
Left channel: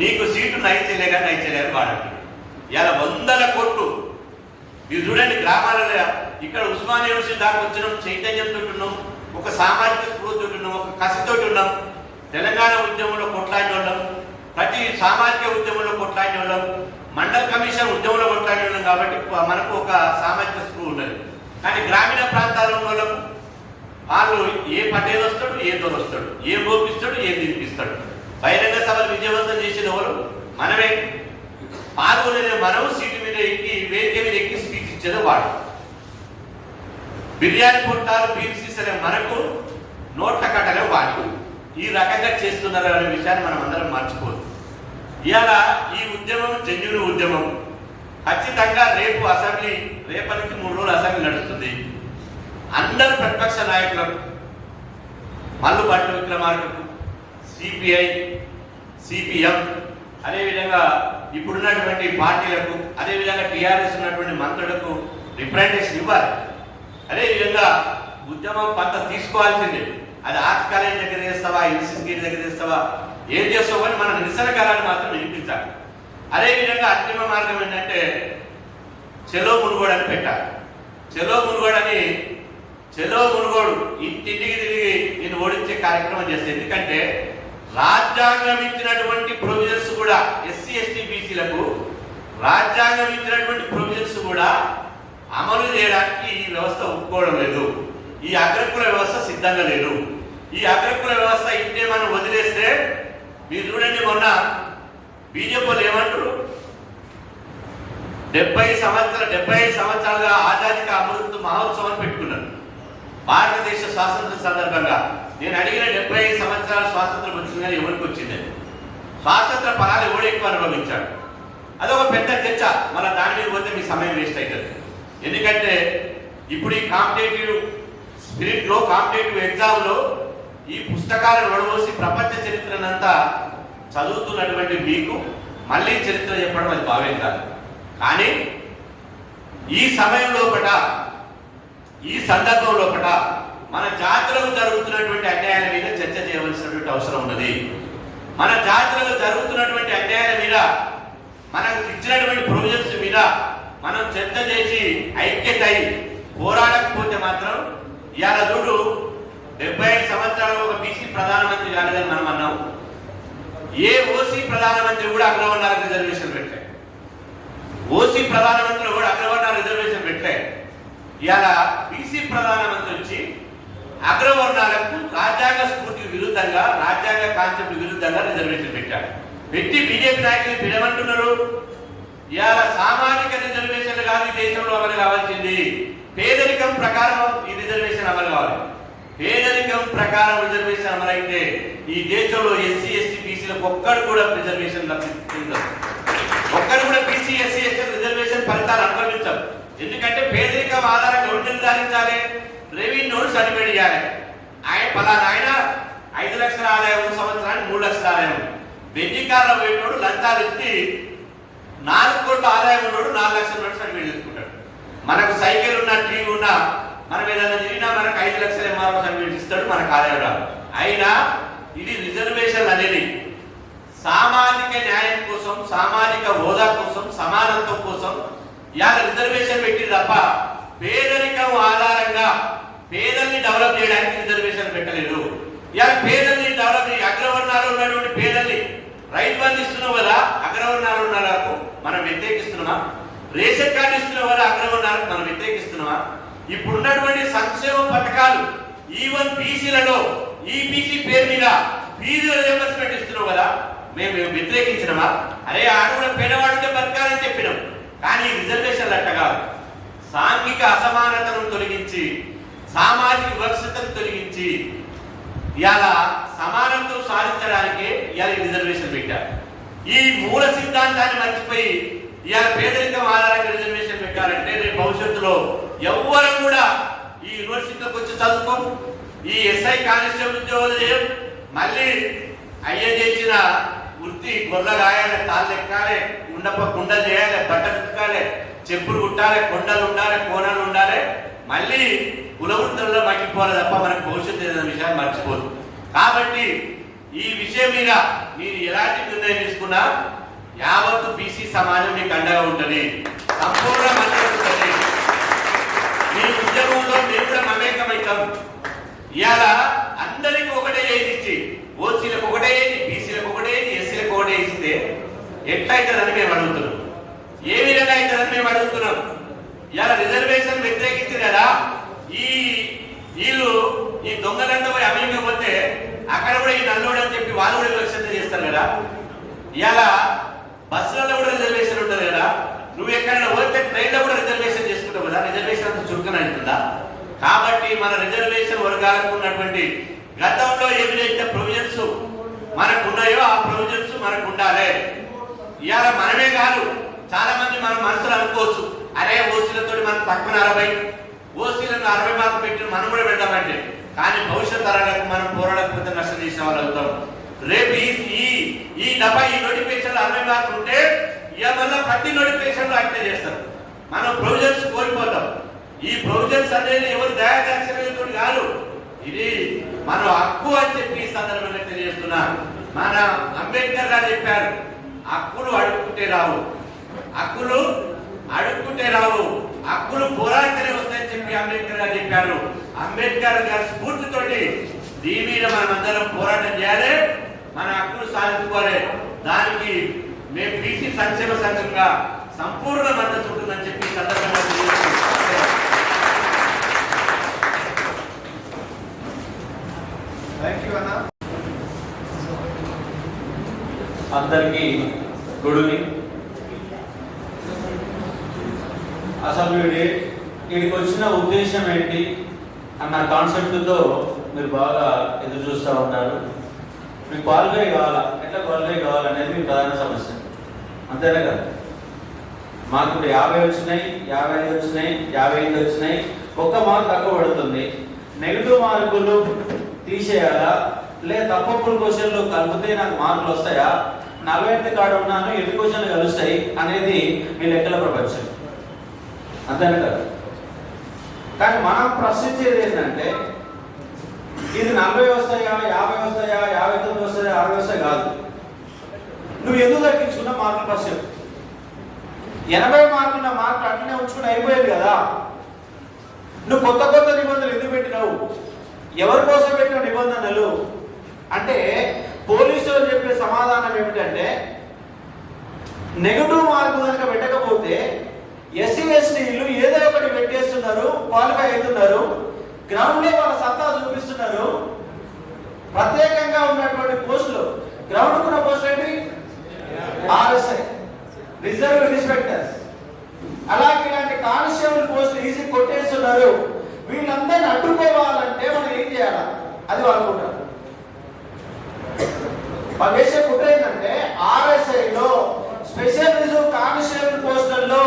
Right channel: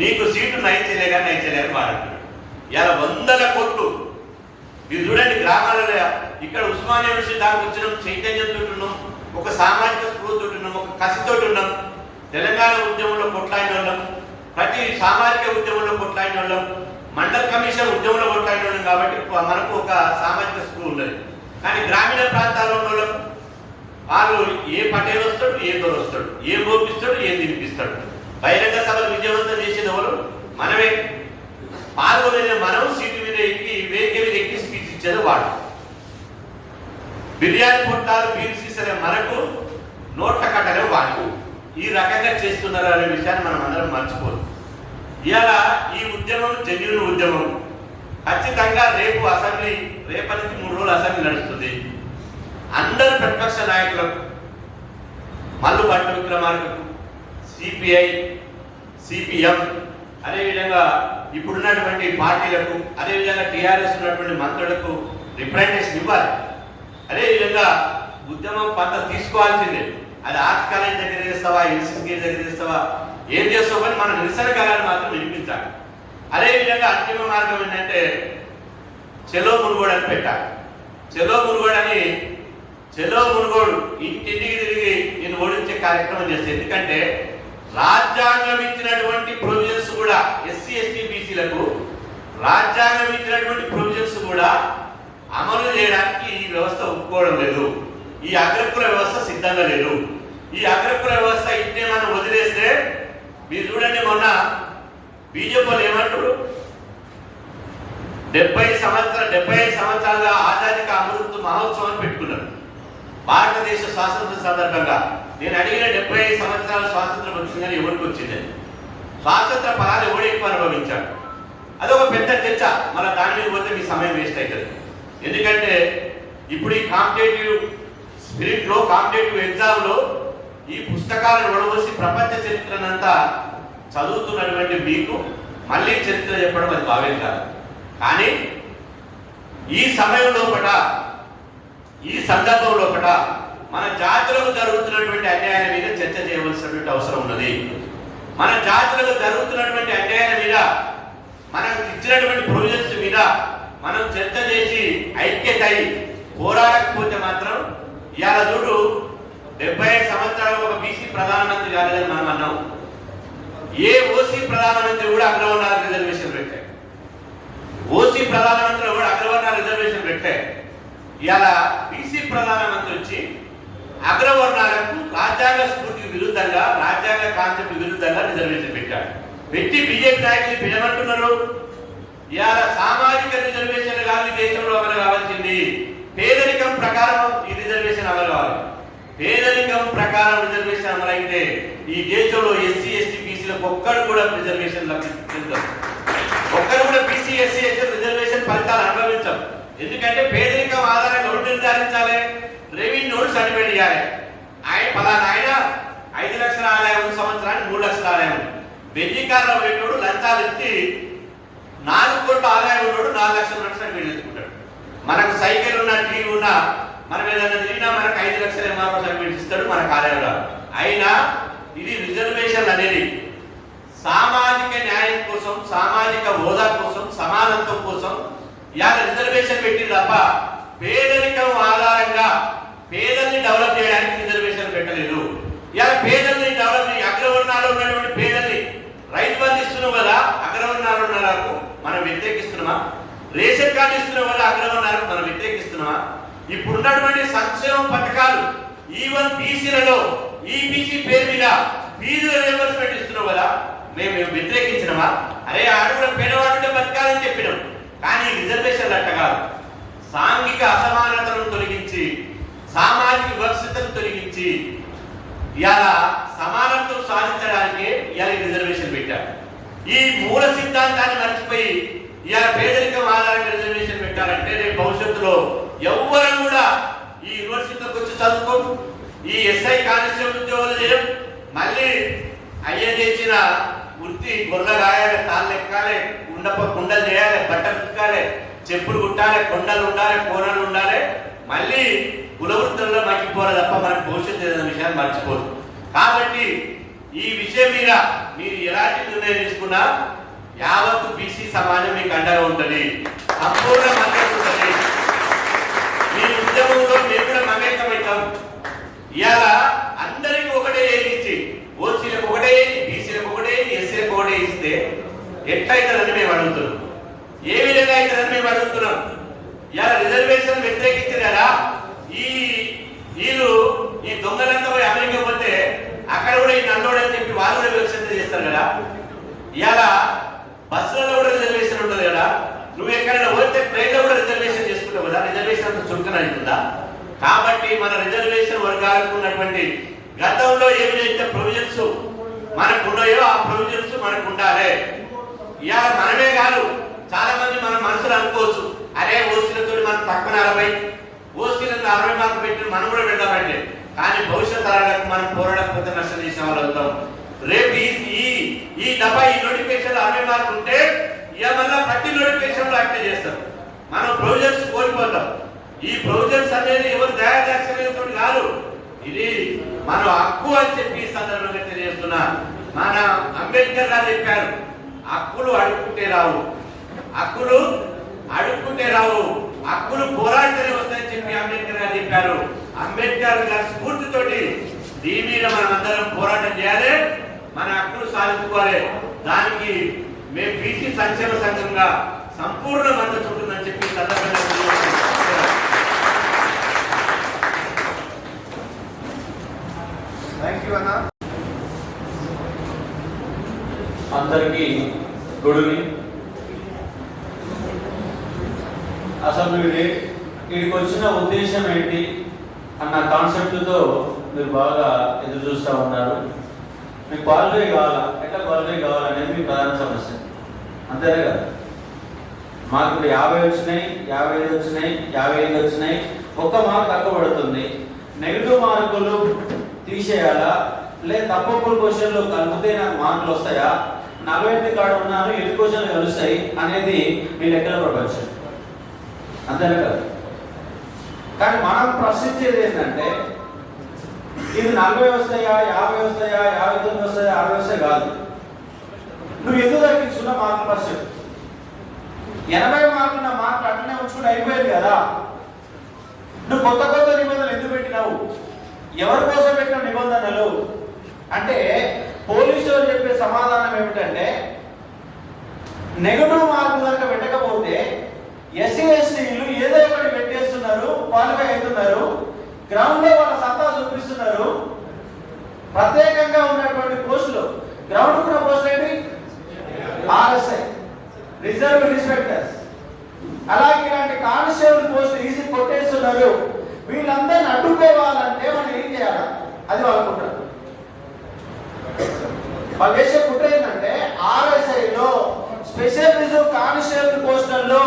నీకు సీటు నైట్ చెలేగా వాడండి. ఇలా 100 కోట్లు మీరు చూడండి. గ్రామాలలో ఇక్కడ ఉస్మానియా యూనివర్సిటీ దాకా వచ్చినాం, చైతన్యంతో ఉన్నాం, ఒక సామాజిక స్ఫూర్తితో ఉన్నాం, ఒక కసితో ఉన్నాం. తెలంగాణ ఉద్యమంలో కొట్లాడిన వాళ్ళం, ప్రతి సామాజిక ఉద్యమంలో కొట్లాడిన వాళ్ళం, మండల్ కమిషన్ ఉద్యమంలో కొట్లాడిన వాళ్ళం. కాబట్టి మనకు ఒక సామాజిక స్పృహ ఉన్నది. కానీ గ్రామీణ ప్రాంతాల్లో ఉన్న వాళ్ళకు వాళ్ళు ఏ పటేల్ వస్తాడు, ఏ దొర వస్తాడు, ఏ మోపిస్తాడు, ఏ తినిపిస్తాడు. బహిరంగ సభలు విజయవంతం చేసిన వాళ్ళు మనమే, పాల్గొనేది మనం, సీటు మీద ఎక్కి వేదిక మీద ఎక్కి స్పీచ్ ఇచ్చేది వాడు. బిర్యానీ పొట్టాలు బీర్సీసరే మనకు, నోట్ల కట్టలే వాడు. ఈ రకంగా చేస్తున్నారు అనే విషయాన్ని మనం అందరం మర్చిపోదు. ఇవాళ ఈ ఉద్యమం జెన్యూన్ ఉద్యమం. ఖచ్చితంగా రేపటి నుంచి 3 రోజులు అసెంబ్లీ నడుస్తుంది. అందరు ప్రతిపక్ష నాయకులకు, మల్లు భట్టి విక్రమార్కకు, సిపిఐ, సిపిఎం, అదేవిధంగా ఇప్పుడున్నటువంటి పార్టీలకు, అదేవిధంగా టీఆర్ఎస్ ఉన్నటువంటి మంత్రులకు రిప్రజెంటేషన్ ఇవ్వాలి. అదేవిధంగా ఉద్యమం పంత తీసుకోవాల్సిందే. అది ఆర్ట్స్ కాలేజ్ దగ్గర చేస్తావా, ఎన్సీసీ దగ్గర చేస్తావా, ఏం చేస్తావు అని మన నిరసన కాలాన్ని మాత్రం వినిపించాలి. అదేవిధంగా అంతిమ మార్గం ఏంటంటే చెలో మునుగోడు అని పెట్టాలి. చెలో మునుగోడు ఇంటింటికి తిరిగి నేను ఓడించే కార్యక్రమం చేస్తే, ఎందుకంటే రాజ్యాంగం ఇచ్చినటువంటి ప్రొవిజన్స్ కూడా ఎస్సీ ఎస్టీ బీసీలకు రాజ్యాంగం ఇచ్చినటువంటి ప్రొవిజన్స్ కూడా అమలు చేయడానికి ఈ వ్యవస్థ ఒప్పుకోవడం లేదు. ఈ అగ్రకుల వ్యవస్థ సిద్ధంగా లేదు. ఈ అగ్రకుల వ్యవస్థ ఇంటే మనం వదిలేస్తే, మీరు చూడండి, మొన్న బీజేపీ వాళ్ళు ఏమంటారు, 75 సంవత్సరాలుగా ఆజాదీ కా అమృత్ మహోత్సవం పెట్టుకున్నారు భారతదేశ స్వాతంత్ర సందర్భంగా. నేను అడిగిన 75 సంవత్సరాల స్వాతంత్రం వచ్చిందని ఎవరికి వచ్చిందని, స్వాతంత్ర ఫలాలు ఎవడు ఎక్కువ అనుభవించాడు, అదొక పెద్ద చర్చ. మన దాని మీద పోతే మీ సమయం వేస్ట్ అవుతుంది. ఎందుకంటే ఇప్పుడు ఈ కాంపిటేటివ్ స్పిరిట్ లో, కాంపిటేటివ్ ఎగ్జామ్ లో ఈ పుస్తకాలను వడబోసి ప్రపంచ చరిత్రనంతా చదువుతున్నటువంటి మీకు మళ్ళీ చరిత్ర చెప్పడం అది భావ్యం కాదు. కానీ ఈ సమయం లోపల, ఈ సందర్భం లోపల మన జాతులకు జరుగుతున్నటువంటి అన్యాయాల మీద చర్చ చేయవలసినటువంటి అవసరం ఉన్నది. మన జాతులకు జరుగుతున్నటువంటి అన్యాయాల మీద, మనకు ఇచ్చినటువంటి ప్రొవిజన్స్ మీద మనం చర్చ చేసి ఐక్యత అయి పోరాడకపోతే మాత్రం, ఇవాళ చూడు 75 సంవత్సరాలు ఒక బీసీ ప్రధానమంత్రి కాలేదని మనం అన్నాం. ఏ ఓసీ ప్రధానమంత్రి కూడా అగ్రవర్ణాల రిజర్వేషన్ పెట్టాయి. ఓసీ ప్రధానమంత్రి కూడా అగ్రవర్ణాల రిజర్వేషన్ పెట్టాయి. ఇవాళ బీసీ ప్రధానమంత్రి వచ్చి అగ్రవర్ణాలకు రాజ్యాంగ స్ఫూర్తికి విరుద్ధంగా, రాజ్యాంగ కాన్సెప్ట్ విరుద్ధంగా రిజర్వేషన్ పెట్టాడు. పెట్టి బీజేపీ నాయకులు పిలవంటున్నారు. ఇవాళ సామాజిక రిజర్వేషన్ కాదు ఈ దేశంలో అమలు కావాల్సింది, పేదరికం ప్రకారం ఈ రిజర్వేషన్ అమలు కావాలి. పేదరికం ప్రకారం రిజర్వేషన్ అమలైతే ఈ దేశంలో ఎస్సీ ఎస్టీ బీసీలకు ఒక్కడు కూడా రిజర్వేషన్ లభించదు. ఒక్కరు కూడా బీసీ ఎస్సీ ఎస్టీ రిజర్వేషన్ ఫలితాలు అనుభవించం. ఎందుకంటే పేదరికం ఆధారంగా ఎవరు నిర్ధారించాలి? రెవెన్యూ సర్టిఫికేట్ ఇవ్వాలి. ఆయన ఫలానా ఆయన 5 లక్షల ఆదాయం సంవత్సరానికి 3 లక్షల ఆదాయం. బెంజి కార్లో పోయేటోడు లంచాలు ఇచ్చి 4 కోట్ల ఆదాయం ఉన్నోడు 4 లక్షల నోట్స్ సర్టిఫికేట్ తెచ్చుకుంటాడు. మనకు సైకిల్ ఉన్నా టీవీ ఉన్నా మనం ఏదైనా తిరిగినా మనకు 5 లక్షల ఎంఆర్ఓ సర్టిఫికేట్ ఇస్తాడు, మనకు ఆదాయం రాదు. అయినా ఇది రిజర్వేషన్ అనేది సామాజిక న్యాయం కోసం, సామాజిక హోదా కోసం, సమానత్వం కోసం ఇవాళ రిజర్వేషన్ పెట్టింది తప్ప పేదరికం ఆధారంగా పేదల్ని డెవలప్ చేయడానికి రిజర్వేషన్ పెట్టలేదు. ఇవాళ పేదల్ని డెవలప్ అగ్రవర్ణాలు ఉన్నటువంటి పేదల్ని రైతు బంధు ఇస్తున్నావు కదా, అగ్రవర్ణాలు ఉన్నలకు మనం వ్యతిరేకిస్తున్నామా? రేషన్ కార్డు ఇస్తున్నావు కదా, అగ్రవర్ణాలకు మనం వ్యతిరేకిస్తున్నామా? ఇప్పుడున్నటువంటి సంక్షేమ పథకాలు ఈవెన్ బీసీలలో ఈబీసీ పేరు మీద ఫీజుల రియంబర్స్మెంట్ ఇస్తున్నావు కదా, మేము వ్యతిరేకించినమా? అరే ఆడు కూడా పేదవాడుంటే బతకాలని చెప్పినాం. కానీ రిజర్వేషన్లు అట్ట కాదు. సాంఘిక అసమానతను తొలగించి, సామాజిక వివక్షతను తొలగించి ఇవాళ సమానత్వం సాధించడానికి ఇవాళ రిజర్వేషన్ పెట్టారు. ఈ మూల సిద్ధాంతాన్ని మర్చిపోయి ఇవాళ పేదరికం ఆధారంగా రిజర్వేషన్ పెట్టారంటే రేపు భవిష్యత్తులో ఎవ్వరు కూడా ఈ యూనివర్సిటీలోకి వచ్చి చదువుకోం, ఈ ఎస్ఐ కానిస్టేబుల్ ఉద్యోగాలు చేయం, మళ్ళీ అయ్యే చేసిన వృత్తి గొర్రెలు రాయాలి, తాళ్ళు ఎక్కాలి, కుండలు చేయాలి, బట్టలు కుట్టాలి, చెప్పులు కుట్టాలి, కొండలు ఉండాలి, కోనలు ఉండాలి, మళ్ళీ కులవృత్తుల్లో మగ్గిపోవాలి తప్ప మనకు భవిష్యత్తు ఏదైనా విషయాన్ని మర్చిపోదు. కాబట్టి ఈ విషయం మీద మీరు ఎలాంటి నిర్ణయం తీసుకున్నా యావత్తు బీసీ సమాజం మీకు అండగా ఉంటుంది, సంపూర్ణ మద్దతు ఉంటుంది. మీ ఉద్యమంలో మేము కూడా మమేకమవుతాం. ఇవాళ అందరికీ ఒకటే ఇచ్చి ఓసీలకు ఒకటే, బీసీలకు ఒకటే, ఎస్సీలకు ఒకటే ఇస్తే ఎట్లయితుందని మేము అడుగుతున్నాం. ఏ విధంగా అవుతుందని మేము అడుగుతున్నాం. ఇవాళ రిజర్వేషన్ వ్యతిరేకించారు కదా, వీళ్ళు ఈ దొంగలంతా పోయి అమెరికా పోతే అక్కడ కూడా ఈ నల్లోడు అని చెప్పి వాళ్ళు కూడా వివక్షత చేస్తారు కదా. ఇవాళ బస్సులలో కూడా రిజర్వేషన్ ఉంటుంది కదా, నువ్వు ఎక్కడైనా పోతే ట్రైన్లో కూడా రిజర్వేషన్ చేసుకుంటావు కదా, రిజర్వేషన్ అంత చురుకన అవుతుందా? కాబట్టి మన రిజర్వేషన్ వర్గాలకు ఉన్నటువంటి గతంలో ఏమైతే ప్రొవిజన్స్ మనకు ఉన్నాయో ఆ ప్రొవిజన్స్ మనకు ఉండాలి. ఇవాళ మనమే కాదు, చాలా మంది మన మనసులు అనుకోవచ్చు, అరే ఓసీలతో మనకు తక్కువ 40, ఓసీలకు 60 మార్కులు పెట్టిన మనం కూడా వెళ్దామంటే, కానీ భవిష్యత్ తరాలకు మనం పోరాడకపోతే నష్టం చేసిన వాళ్ళు అవుతాం. రేపు ఈ డబ్బా ఈ నోటిఫికేషన్ 60 మార్కులు ఉంటే ఇక మళ్ళీ ప్రతి నోటిఫికేషన్ లో యాక్టివ్ చేస్తారు. మనం ప్రొవిజన్స్ కోల్పోతాం. ఈ ప్రొవిజన్స్ అనేది ఎవరు దయాదాక్షిణ్యంతో కాదు, ఇది మన హక్కు అని చెప్పి ఈ సందర్భంగా తెలియజేస్తున్నా. మన అంబేద్కర్ గారు చెప్పారు, హక్కులు అడుక్కుంటే రావు, హక్కులు అడుక్కుంటే రావు, హక్కులు పోరాడితేనే వస్తాయని చెప్పి అంబేద్కర్ గారు చెప్పారు. అంబేద్కర్ గారి స్ఫూర్తితోటి దీని మీద మనం అందరం పోరాటం చేయాలి, మన హక్కులు సాధించుకోవాలి. దానికి మేము బీసీ సంక్షేమ సంఘంగా సంపూర్ణ మద్దతు ఉంటుందని చెప్పి సందర్భంగా అందరికీ గుడ్ ఈవినింగ్. అసలు వీడికి వచ్చిన ఉద్దేశం ఏంటి అన్న కాన్సెప్ట్తో మీరు బాగా ఎదురు చూస్తూ ఉన్నారు. మీకు క్వాలిఫై కావాలా, ఎట్లా క్వాలిఫై కావాలనేది మీ ప్రధాన సమస్య, అంతేనే కదా. మాకు ఇప్పుడు 50 వచ్చినాయి, 55 వచ్చినాయి, 55 వచ్చినాయి, 1 మార్క్ తక్కువ పడుతుంది. నెగిటివ్ మార్కులు తీసేయాలా, లేదా తప్పప్పుడు క్వశ్చన్లు కలిపితే నాకు మార్కులు వస్తాయా, 48 కాడ ఉన్నాను, ఎన్ని క్వశ్చన్లు కలుస్తాయి అనేది మీ లెక్కల ప్రపంచం, అంతేనే కదా. కానీ మనం ప్రశ్నించేది ఏంటంటే ఇది 40 వస్తాయా, 50 వస్తాయా, 59 వస్తాయా, 60 వస్తాయి కాదు. నువ్వు ఎందుకు తగ్గించుకున్నా మార్కులు ప్రశ్న 80 మార్కులున్న మార్కులు అట్లనే ఉంచుకుంటే అయిపోయింది కదా. నువ్వు కొత్త కొత్త నిబంధనలు ఎందుకు పెట్టినావు, ఎవరి కోసం పెట్టిన నిబంధనలు అంటే పోలీసులు చెప్పే సమాధానం ఏమిటంటే నెగటివ్ మార్కులు కనుక పెట్టకపోతే ఎస్సీ ఎస్టీలు ఏదో ఒకటి పెట్టేస్తున్నారు, క్వాలిఫై అవుతున్నారు, గ్రౌండ్ లో వాళ్ళ సత్తా చూపిస్తున్నారు. ప్రత్యేకంగా ఉన్నటువంటి పోస్టులు, గ్రౌండ్ ఉన్న పోస్టులు ఏంటి, ఆర్ఎస్ఐ రిజర్వ్ ఇన్స్పెక్టర్స్, అలాగే ఇలాంటి కానిస్టేబుల్ పోస్టులు ఈజీ కొట్టేస్తున్నారు. వీళ్ళందరినీ అడ్డుకోవాలంటే మనం ఏం చేయాలా, అది వాళ్ళు కుట్ర. వాళ్ళు వేసే కుట్ర ఏంటంటే ఆర్ఎస్ఐలో స్పెషల్ రిజర్వ్ కానిస్టేబుల్ పోస్టుల్లో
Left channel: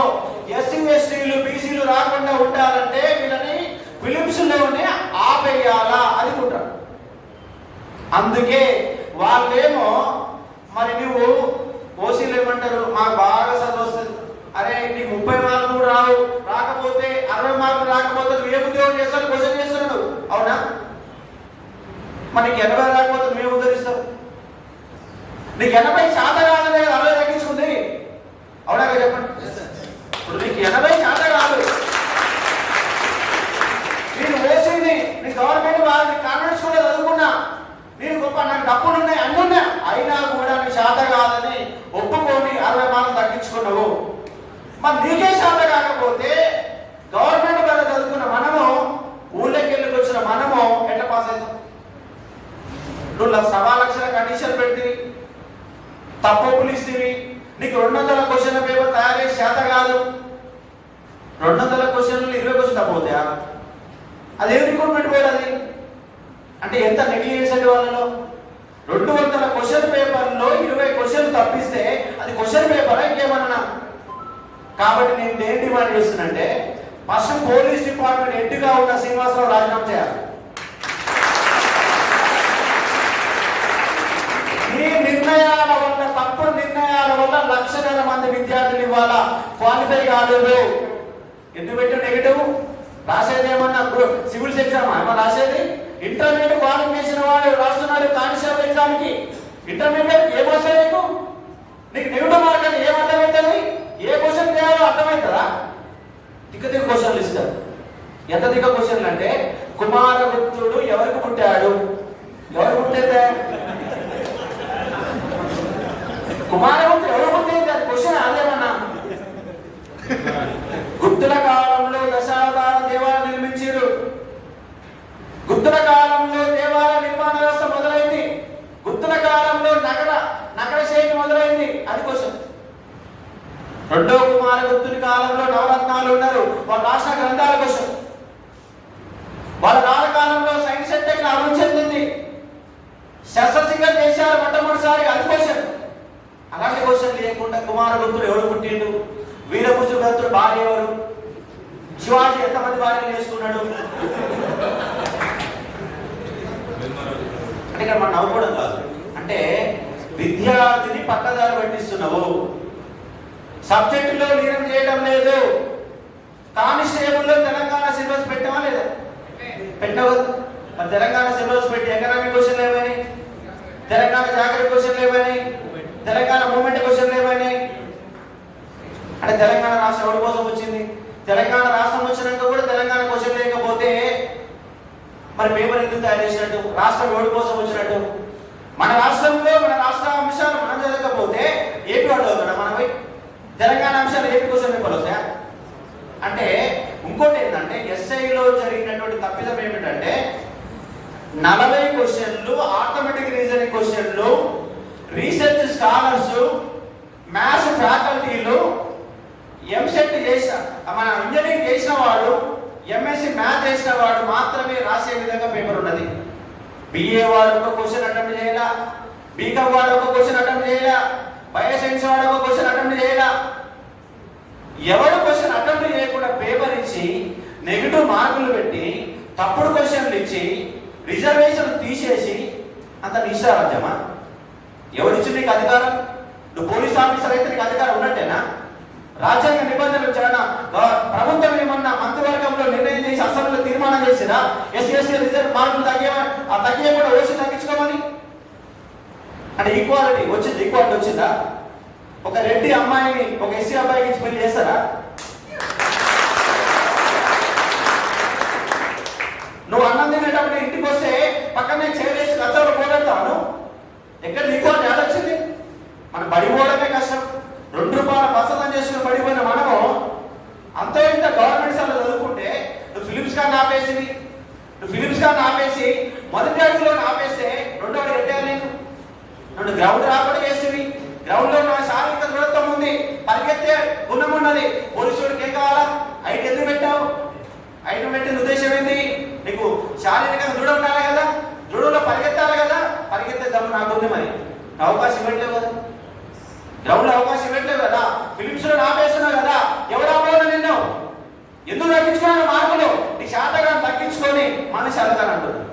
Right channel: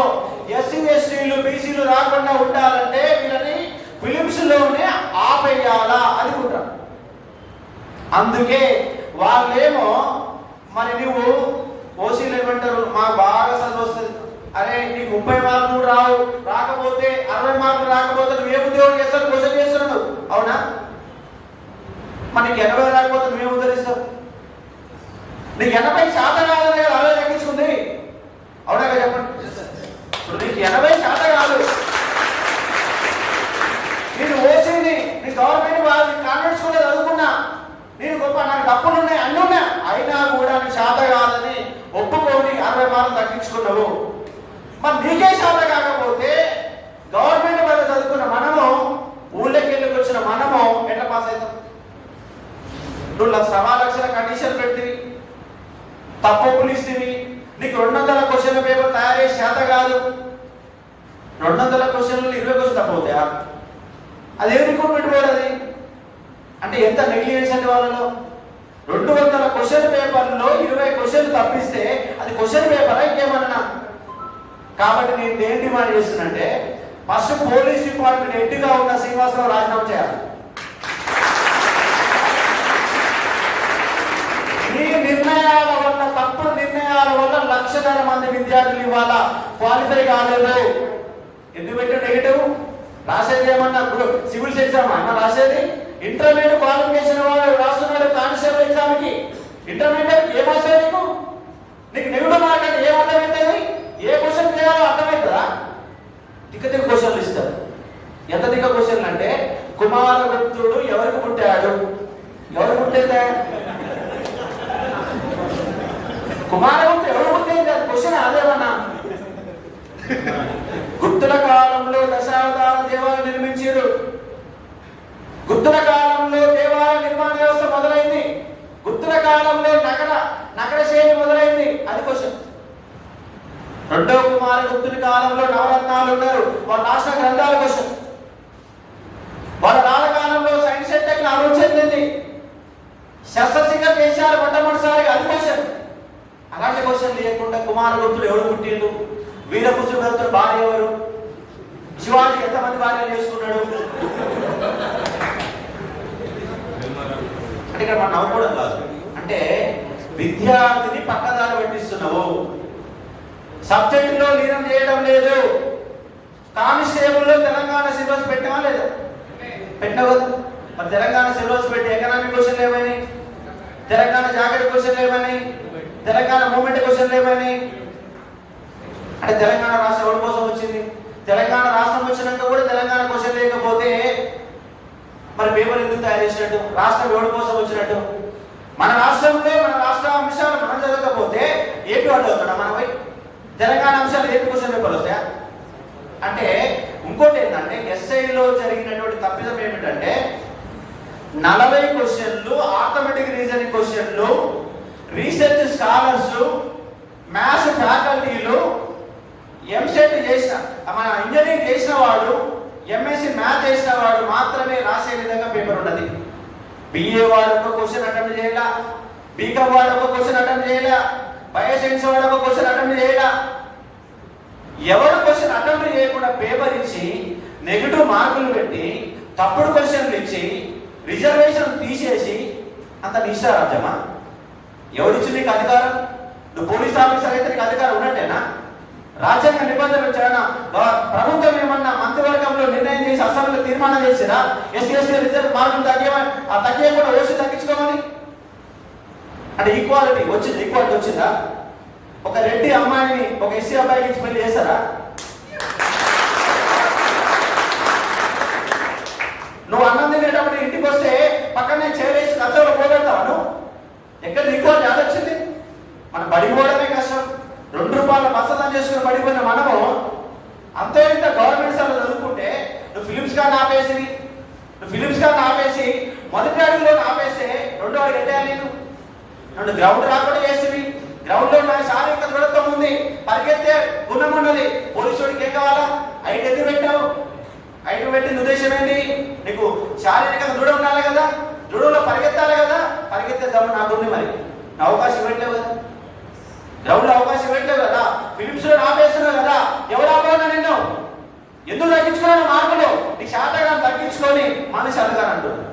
ఎస్సీ ఎస్టీలు బీసీలు రాకుండా ఉండాలంటే వీళ్ళని ఫిలిమ్స్ లోనే ఆపేయాలా, అది కుట్ర. అందుకే వాళ్ళేమో మరి నువ్వు ఓసీలు ఏమంటారు, మాకు బాగా చదువు వస్తుంది. అరే నీకు 30 మార్కులు రావు, రాకపోతే 60 మార్కులు రాకపోతే నువ్వు ఏ ఉద్యోగం చేస్తావు? క్వశ్చన్ చేస్తున్నాడు, అవునా? మరి నీకు 80 రాకపోతే నువ్వేం ఉద్ధరిస్తావు? నీకు 80 శాతం కాదని 60 తగ్గించుకుంది, అవునా కదా చెప్పండి. ఇప్పుడు నీకు 80 శాతం కాదు, నేను ఓసీని, నీ గవర్నమెంట్ వాళ్ళు కాన్వెంట్ స్కూల్లో చదువుకున్నా, నేను గొప్ప, నాకు డబ్బులు ఉన్నాయి, అన్నీ ఉన్నా, అయినా కూడా నీ శాత కాదని ఒప్పుకొని 60 మార్కులు తగ్గించుకున్నావు. మరి నీకే శాత కాకపోతే గవర్నమెంట్ వల్ల చదువుకున్న మనము, ఊళ్ళకి వెళ్ళి వచ్చిన మనము ఎట్లా పాస్ అవుతాం? నువ్వు 1,00,000 కండిషన్ పెడితే, తప్పులు ఇస్తేవి, నీకు 200 క్వశ్చన్ల పేపర్ తయారు చేసి శాత కాదు, 200 క్వశ్చన్లు 20 క్వశ్చన్ తప్పవుతాయా? అది ఏ రిక్రూట్మెంట్ బోర్డు అది? అంటే ఎంత నెగ్లిజెన్స్ అండి వాళ్ళలో. 200 క్వశ్చన్ పేపర్లో 20 క్వశ్చన్లు తప్పిస్తే అది క్వశ్చన్ పేపరా ఇంకేమన్నా? కాబట్టి నేను ఏం డిమాండ్ చేస్తున్నంటే, ఫస్ట్ పోలీస్ డిపార్ట్మెంట్ హెడ్గా ఉన్న శ్రీనివాసరావు రాజీనామా చేయాలి. ఈ నిర్ణయాల వల్ల, తప్పుడు నిర్ణయాల వల్ల 1,00,000 మంది విద్యార్థులు ఇవాళ క్వాలిఫై కాలేదు. ఎందుకు పెట్టిన నెగిటివ్? రాసేది ఏమన్నా సివిల్స్ ఎగ్జామ్ ఏమన్నా రాసేది? ఇంటర్మీడియట్ క్వాలిఫికేషన్ వాడు రాస్తున్నాడు కానిస్టేబుల్ ఎగ్జామ్ కి. ఇంటర్మీడియట్ ఏమొస్తాయి నీకు? నీకు నెగిటివ్ మార్క్ అంటే ఏం అర్థమవుతుంది? ఏ క్వశ్చన్ చేయాలో అర్థమవుతుందా? తిక్క క్వశ్చన్లు ఇస్తారు. ఎంత తిక్క క్వశ్చన్లు అంటే, కుమారగుప్తుడు ఎవరికి పుట్టాడు? ఎవరు పుట్టేదే? కుమారగుప్తుడు ఎవరు పుట్టేది? అది క్వశ్చన్ అదేమన్నా? గుప్తుల కాలంలో దశావతార దేవాలయం నిర్మించారు. గుప్తుల కాలంలో దేవాలయ నిర్మాణ వ్యవస్థ మొదలైంది. గుప్తుల కాలంలో నగర శైలి మొదలైంది, అది క్వశ్చన్. రెండో కుమారగుప్తుని కాలంలో నవరత్నాలు ఉన్నారు, వాళ్ళు రాసిన గ్రంథాల క్వశ్చన్. వాళ్ళ రాళ్ళ కాలంలో సైన్స్ అండ్ టెక్నాలజీ అభివృద్ధి చెందింది, శస్త్రచికిత్స చేశారు మొట్టమొదటిసారిగా, అది క్వశ్చన్. అలాంటి క్వశ్చన్ లేకుండా కుమారగుప్తుడు ఎవడు పుట్టిండు, వీరపుత్రుడు భార్య ఎవరు, శివాజీ ఎంతమంది భార్యలు చేసుకున్నాడు? అంటే ఇక్కడ మనం నవ్వుకోవడం కాదు, అంటే విద్యార్థిని పక్కదారి పట్టిస్తున్నావు, సబ్జెక్టులో లీనం చేయడం లేదు. కానిస్టేబుల్లో తెలంగాణ సిలబస్ పెట్టావా లేదా? పెట్టావు కదా. మరి తెలంగాణ సిలబస్ పెట్టి ఎకనామిక్ క్వశ్చన్లు ఏమైనాయి? తెలంగాణ జాగ్రత్త క్వశ్చన్లు ఏమైనాయి? తెలంగాణ మూమెంట్ క్వశ్చన్లు ఏమైనాయి? అంటే తెలంగాణ రాష్ట్రం ఎవరి కోసం వచ్చింది? తెలంగాణ రాష్ట్రం వచ్చినాక కూడా తెలంగాణ క్వశ్చన్ లేకపోతే మరి పేపర్ ఎందుకు తయారు చేసినట్టు? రాష్ట్రం ఎవరి కోసం వచ్చినట్టు? మన రాష్ట్రంలో మన రాష్ట్ర అంశాలు మనం చదవకపోతే ఏపీ వాళ్ళు చదువుతాడా? మనపై తెలంగాణ అంశాలు ఏపీ క్వశ్చన్ పేపర్లు వస్తాయా? అంటే ఇంకోటి ఏంటంటే, ఎస్ఐలో జరిగినటువంటి తప్పిదం ఏమిటంటే, 40 క్వశ్చన్లు ఆర్థమెటిక్ రీజనింగ్ క్వశ్చన్లు, రీసెర్చ్ స్కాలర్స్, మ్యాథ్స్ ఫ్యాకల్టీలు, ఎంసెట్ చేసిన, మన ఇంజనీరింగ్ చేసిన వాడు, ఎంఎస్సి మ్యాథ్ చేసిన వాడు మాత్రమే రాసే విధంగా పేపర్ ఉన్నది. బిఏ వాడు ఒక క్వశ్చన్ అటెంప్ట్ చేయాలా, బీకామ్ వాడు ఒక క్వశ్చన్ అటెంప్ట్ చేయాలా, బయోసైన్స్ వాడు ఒక క్వశ్చన్ అటెంప్ట్ చేయాలా. ఎవరు క్వశ్చన్ అటెంప్ట్ చేయకుండా పేపర్ ఇచ్చి నెగిటివ్ మార్కులు పెట్టి తప్పుడు క్వశ్చన్లు ఇచ్చి రిజర్వేషన్ తీసేసి అంత నిశ్చారాజ్యమా? ఎవరిచ్చి నీకు అధికారం? నువ్వు పోలీస్ ఆఫీసర్ అయితే నీకు అధికారం ఉన్నట్టేనా? రాజ్యాంగ నిబంధనలు చాలా ప్రభుత్వం ఏమన్నా మంత్రివర్గంలో నిర్ణయం చేసి అసెంబ్లీలో తీర్మానం చేసినా ఎస్సీ రిజర్వ్ మార్కులు తగ్గకుండా ఓసీ తగ్గించుకోమని? అంటే ఈక్వాలిటీ వచ్చింది? ఈక్వాలిటీ వచ్చిందా? ఒక రెడ్డి అమ్మాయిని ఒక ఎస్సీ అబ్బాయికి ఇచ్చి పెళ్లి చేస్తారా? నువ్వు అన్నం తినేటప్పుడు ఇంటికి వస్తే పక్కనే చేరేసి కచ్చలో పోగొడతావు. ఎక్కడ ఈక్వాలిటీ ఆడొచ్చింది? మనం పడిపోవడమే కష్టం. 2 రూపాయల బస్తం చేసుకుని పడిపోయిన మనము అంతే ఇంత గవర్నమెంట్ సార్లు చదువుకుంటే, నువ్వు ఫిలిప్స్ గారిని ఆపేసి మొదటి అడుగులో ఆపేస్తే 2వ అడుగు ఎట్టేయాలి? నేను గ్రౌండ్ రాకుండా చేసేవి. గ్రౌండ్ లో నా శారీరక దృఢత్వం ఉంది, పరిగెత్తే గుణం ఉన్నది. పోలీసు వాడికి ఏం కావాలా? ఐదు ఎందుకు పెట్టావు? ఐదు పెట్టిన ఉద్దేశం ఏంటి? నీకు శారీరకంగా దృఢం ఉండాలి కదా, దృఢంలో పరిగెత్తాలి కదా. పరిగెత్తే దమ్ము నాకుంది, మరి నా అవకాశం ఇవ్వట్లేవు కదా, గ్రౌండ్ లో అవకాశం ఇవ్వట్లేవు కదా, ఫిలిప్స్ లో ఆపేస్తున్నావు కదా. ఎవరు ఆపేవన్నా నిన్ను? ఎందుకు తగ్గించుకున్నాను మార్కులు? నీ శాతగాన్ని తగ్గించుకొని మనిషి అడగాని అంటున్నాను.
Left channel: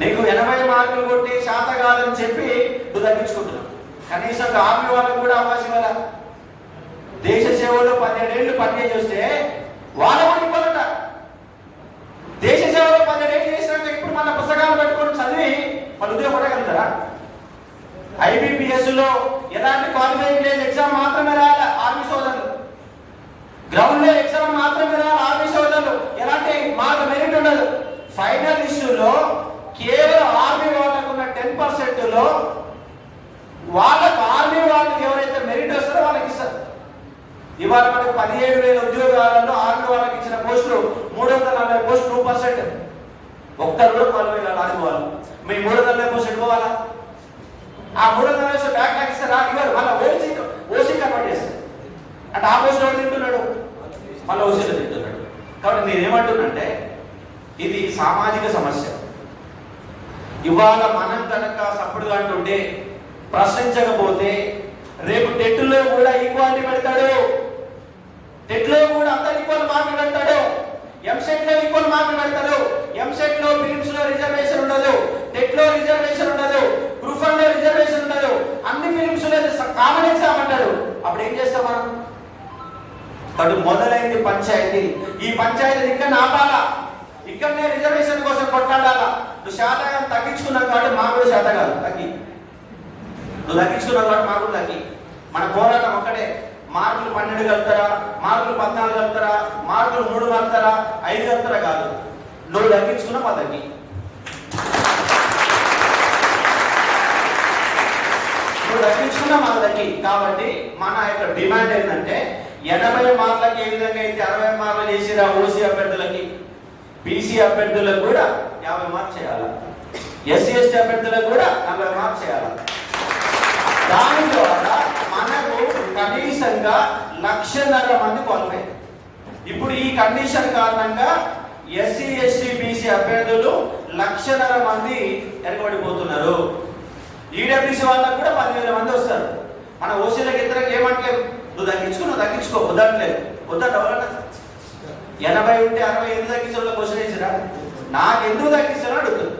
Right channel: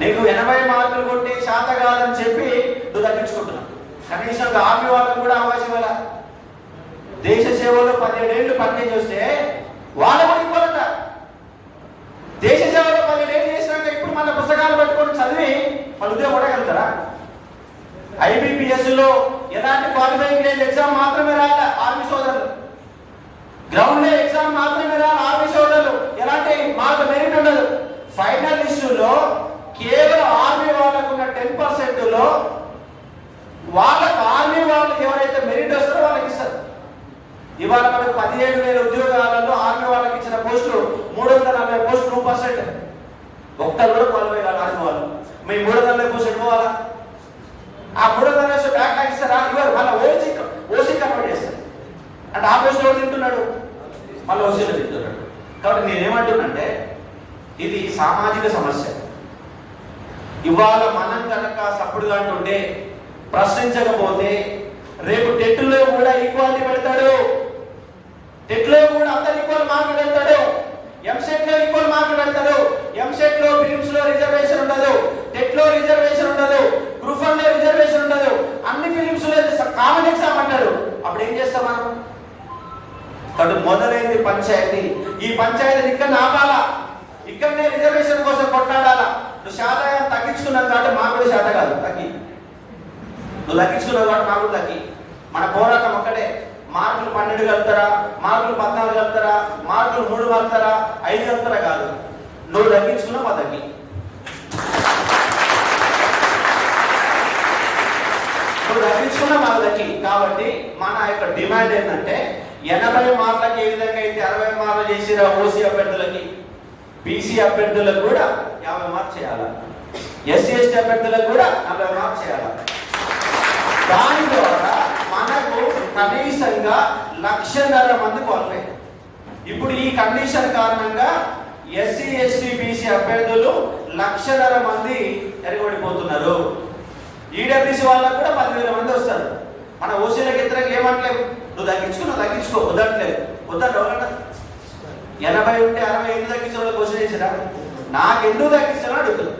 నీకు 80 మార్కులు కొట్టి శాతగాలని చెప్పి నువ్వు తగ్గించుకుంటున్నావు. కనీసం ఆర్మీ వాళ్ళకు కూడా అవకాశం ఇవ్వాల. దేశ సేవలో 17 ఏళ్ళు పనిచేసి వస్తే వాళ్ళకు కూడా ఇవ్వాలట. దేశ సేవలో 17 ఏళ్ళు చేసినాక ఇప్పుడు మన పుస్తకాలు పెట్టుకొని చదివి వాళ్ళు ఉద్యోగం పడగలుగుతారా? IBPS లో ఎలాంటి క్వాలిఫైయింగ్ లేదు, ఎగ్జామ్ మాత్రమే రాయాలి ఆర్మీ సోదరులు. గ్రౌండ్ లో ఎగ్జామ్ మాత్రమే రాయాలి ఆర్మీ సోదరులు. ఎలాంటి మార్క్ మెరిట్ ఉండదు. ఫైనల్ లిస్టులో కేవలం ఆర్మీ వాళ్ళకు ఉన్న 10% లో వాళ్ళకు ఆర్మీ వాళ్ళు ఎవరైతే మెరిట్ వస్తారో వాళ్ళకి ఇస్తారు. ఇవాళ మనకు 17,000 ఉద్యోగాలలో ఆర్మీ వాళ్ళకి ఇచ్చిన పోస్టులు 340 పోస్టులు 2%. ఒక్కరు కూడా క్వాలిఫై కాదు ఆర్మీ వాళ్ళు. మీ 340 పోస్టులు పోవాలా? ఆ 340 బ్యాక్ లాగ్ ఇస్తారా? ఇవ్వరు. మళ్ళీ ఓసీ కన్వర్ట్ చేస్తారు. అంటే ఆ పోస్ట్ ఎవరు తింటున్నాడు? మళ్ళీ ఓసీలో తింటున్నాడు. కాబట్టి నేనేమంటున్నంటే ఇది సామాజిక సమస్య. ఇవాళ మనం కనుక సపోర్ట్గా అంటుంటే ప్రశ్నించకపోతే రేపు టెట్లో కూడా ఈక్వాలిటీ పెడతాడు. టెట్లో కూడా అందరు ఈక్వల్ మార్కులు పెడతాడు. ఎంసెట్ లో ఈక్వల్ మార్కులు పెడతాడు. ఎంసెట్ లో ఫిలిమ్స్ లో రిజర్వేషన్ ఉండదు, టెట్ లో రిజర్వేషన్ ఉండదు, గ్రూప్ 1 లో రిజర్వేషన్ ఉండదు. అన్ని ఫిలిమ్స్ లో కామన్ ఎగ్జామ్ అంటాడు. అప్పుడు ఏం చేస్తాం మనం? కాబట్టి మొదలైంది పంచాయతీ. ఈ పంచాయతీ ఇక్కడ ఆపాలా, ఇక్కడనే రిజర్వేషన్ కోసం కొట్లాడాలా. నువ్వు శాతం తగ్గించుకున్నావు కాబట్టి మాకు కూడా శాతం కాదు తగ్గి. నువ్వు తగ్గించుకున్నావు కాబట్టి మాకు కూడా తగ్గి. మన పోరాటం ఒక్కటే. మార్కులు 12 కలుగుతారా, మార్కులు 14 కలుగుతారా, మార్కులు 3 కలుగుతారా, 5 కలుగుతారా కాదు. నువ్వు తగ్గించుకున్నావు మా తగ్గి. నువ్వు తగ్గించుకున్నా మాకు తగ్గి. కాబట్టి మన యొక్క డిమాండ్ ఏంటంటే 80 మార్కులకి ఏ విధంగా అయితే 60 మార్కులు చేసిరా ఓసీ అభ్యర్థులకి, బీసీ అభ్యర్థులకు కూడా 50 మార్కులు చేయాలా, SC ST అభ్యర్థులకు కూడా 40 మార్కులు చేయాలా. దాని ద్వారా మనకు కనీసంగా 1,50,000 మంది క్వాలిఫై. ఇప్పుడు ఈ కండిషన్ కారణంగా SC ST BC అభ్యర్థులు 1,50,000 మంది ఎరగబడిపోతున్నారు. ఈడబ్ల్యూసీ వాళ్ళకు కూడా 10,000 మంది వస్తారు. మన ఓసీలకు ఇతరకు ఏమంటలేవు, నువ్వు తగ్గించుకో వద్దట్లేదు. వద్దంట ఎవరన్నా 80 ఉంటే 60 ఎందుకు తగ్గించడం క్వశ్చన్ వేసిరా? నాకు ఎందుకు తగ్గిస్తానో అడుగుతుంది.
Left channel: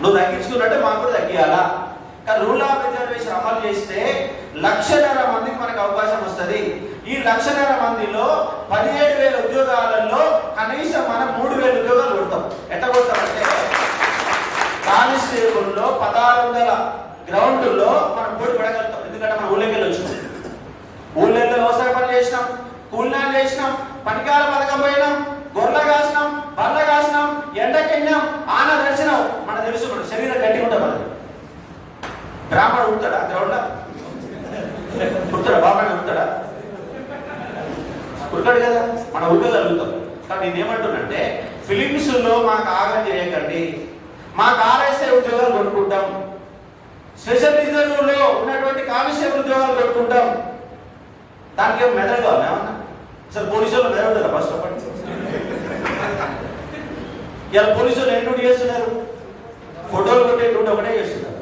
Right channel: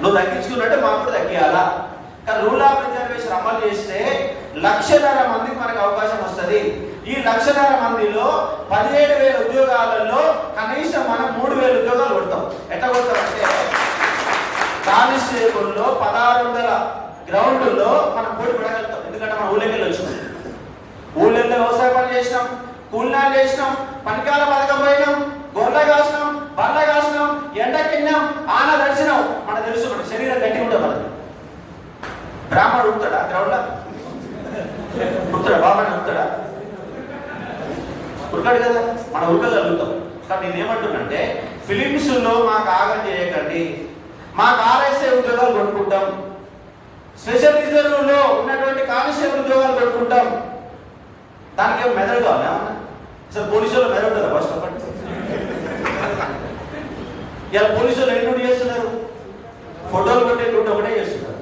నువ్వు తగ్గించుకున్నట్టే మాకు కూడా తగ్గియాలా. కానీ రూల్ ఆఫ్ రిజర్వేషన్ అమలు చేస్తే 1,50,000 మందికి మనకు అవకాశం వస్తుంది. ఈ 1,50,000 మందిలో 17,000 ఉద్యోగాలలో కనీసం మనం 3,000 ఉద్యోగాలు కొడతాం. ఎట్లా కొడతామంటే కానిస్టేబుల్లో 1,600 గ్రౌండ్లో మనం పోటీ పడగలుగుతాం. ఎందుకంటే మనం ఊళ్ళకి వెళ్ళి వచ్చినాం, ఊళ్ళల్లో వ్యవసాయ పని చేసినాం, కూలినాలు చేసినాం, పనికాల పథకం పోయినాం, గొర్రె కాసినాం, బర్రె కాసినాం, ఎండకెళ్ళినాం, ఆన దర్శనం. మనకు తెలుసు మన శరీరం గట్టిగా ఉంటుంది. మనది బ్రాహ్మణుడు ఉడతాడా గ్రౌండ్ లో? ఉడతాడా? బాబాయ్ ఉడతాడా? ఉడకాడు కదా. మనం ఉడకగలుగుతాం. కానీ నేనేమంటున్నంటే ఫిలిమ్స్ లో మాకు ఆగం చేయకండి. మాకు RSI ఉద్యోగాలు కొనుక్కుంటాం, స్పెషల్ రిజర్వ్ లో ఉన్నటువంటి కానిస్టేబుల్ ఉద్యోగాలు కొనుక్కుంటాం. దానికి ఏమో మెదడు కావాలి ఏమన్నా? అసలు పోలీసులు మెదడు ఉంటారా? ఫస్ట్ ఆఫ్ ఆల్ ఇలా పోలీసులు ఏం డ్యూటీ చేస్తున్నారు? ఫోటోలు కొట్టే డ్యూటీ ఒకటే చేస్తున్నారు.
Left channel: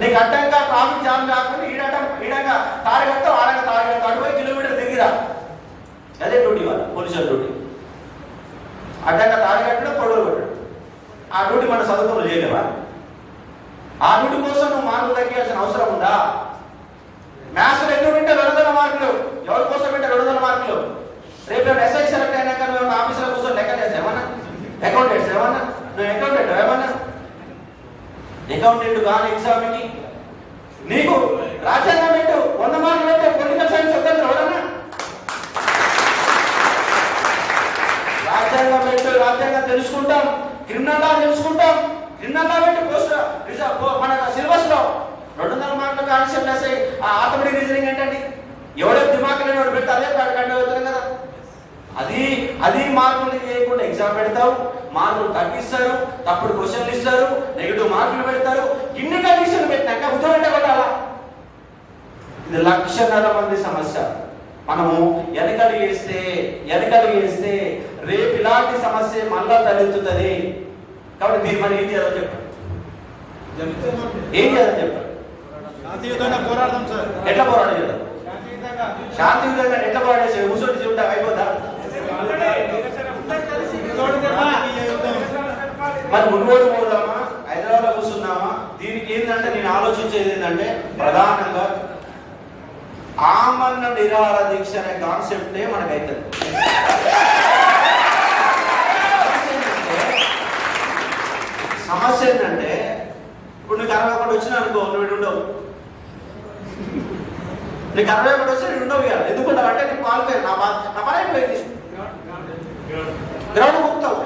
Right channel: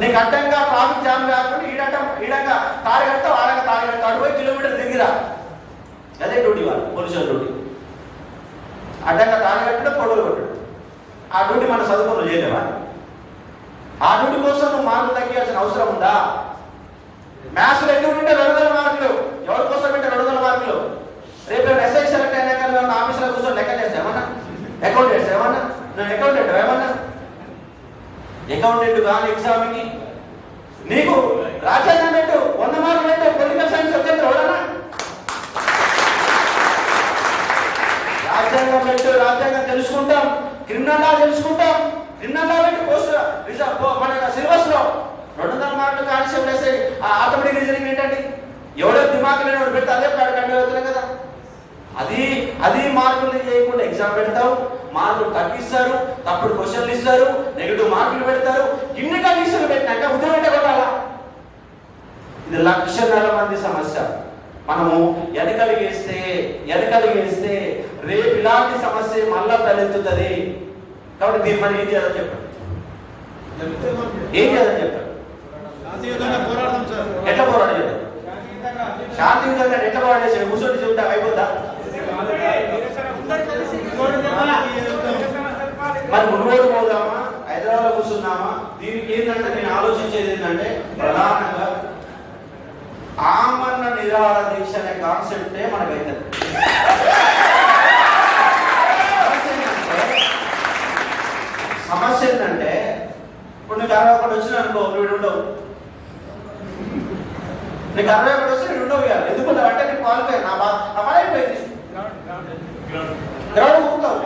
నీకు అడ్డంగా ట్రాఫిక్ జామ్ కాకుండా ఈడంగా తాడు కడతావు, ఆడంగా తాడు కడతావు, అటు పోయి కిలోమీటర్ దిగిరా. అదే డ్యూటీ వాళ్ళు పోలీసుల డ్యూటీ. అడ్డంగా తాడు కట్టడం, ఫోటోలు కొట్టడం. ఆ డ్యూటీ మన చదువుకులు చేయలేవా? ఆ డ్యూటీ కోసం నువ్వు మార్కులు తగ్గాల్సిన అవసరం ఉందా? మ్యాథ్స్లో ఎన్ని ఉంటే 200 మార్కులు. ఎవరి కోసం అంటే 200 మార్కులు? రేపు SI సెలెక్ట్ అయినాక నువ్వు ఆఫీసులో కూర్చొని లెక్క చేస్తావు ఏమన్నా? అకౌంట్ చేస్తావు ఏమన్నా? నువ్వు అకౌంటెంట్ ఏమన్నా? అకౌంటెంట్ కాని ఎగ్జామ్కి నీకు రాజ్యాంగం పెట్టు, 100 మార్కులు పెట్టు, పొలిటికల్ సైన్స్ వద్దంటే ఎవడన్నా? రాజ్యాంగం పెట్టు, రాజ్యాంగం తెలుసుకుంటాం, క్రిమినల్ లా తెలుసుకుంటాం, క్రిమినల్ లా పెట్టి పోస్ట్ మన సిలబస్ లో 200 మార్కులు కానిస్టేబుల్ SI. ఆర్థోపెడిక్ రీజనింగ్ ఏంటండి? ఎవడో దిమాగ్ లేని వాడు పెడితే అదే కంటే అవుతారు కదా. అది మార్కులు చేయకుండా ఎగ్జామ్ పెడతావు, మార్కులు తగ్గిస్తారు, తప్పుడు క్వశ్చన్లు ఇస్తారు, నెగిటివ్ మార్కులు పెడతారు. ఇన్ని కండిషన్లు పెట్టినాక ఉద్యోగం కొట్టాలా? ఇది 1,50,000 మంది సమస్య. మనము వెనకడిగేస్తే రేపు ఇలాంటి సమస్య మళ్ళా తలెత్తుతుంది. కాబట్టి మీరు మరి ఏం చేయాలని చెప్పండి. ఎట్లా పోరాటం చేద్దాం? శాంతియుతంగా ఎట్లా పోరాటం చేసి కూర్చొని చెబుతా అయిపోద్దా? మరి మునుగోడు పోదామా, హైదరాబాద్లో కూర్చున్నామా? దీనికి ఏంటంటే నేను ఆలోచించేది ఏంటంటే ప్రధానంగా ఆమరణ నిరాహార దీక్ష అనే కాన్సెప్టే మనకైతే సమస్య ఏంటంటే ఇప్పుడు నీకు 61 వచ్చిన అనుకో, నువ్వు ఉండవు. నీకు 61 వచ్చి నేను ఉండవు కదా. ఎందుకుంటావు అంటే నేను క్వాలిఫై నా పని అయిపోయింది, గ్రౌండ్ ముక్తావు.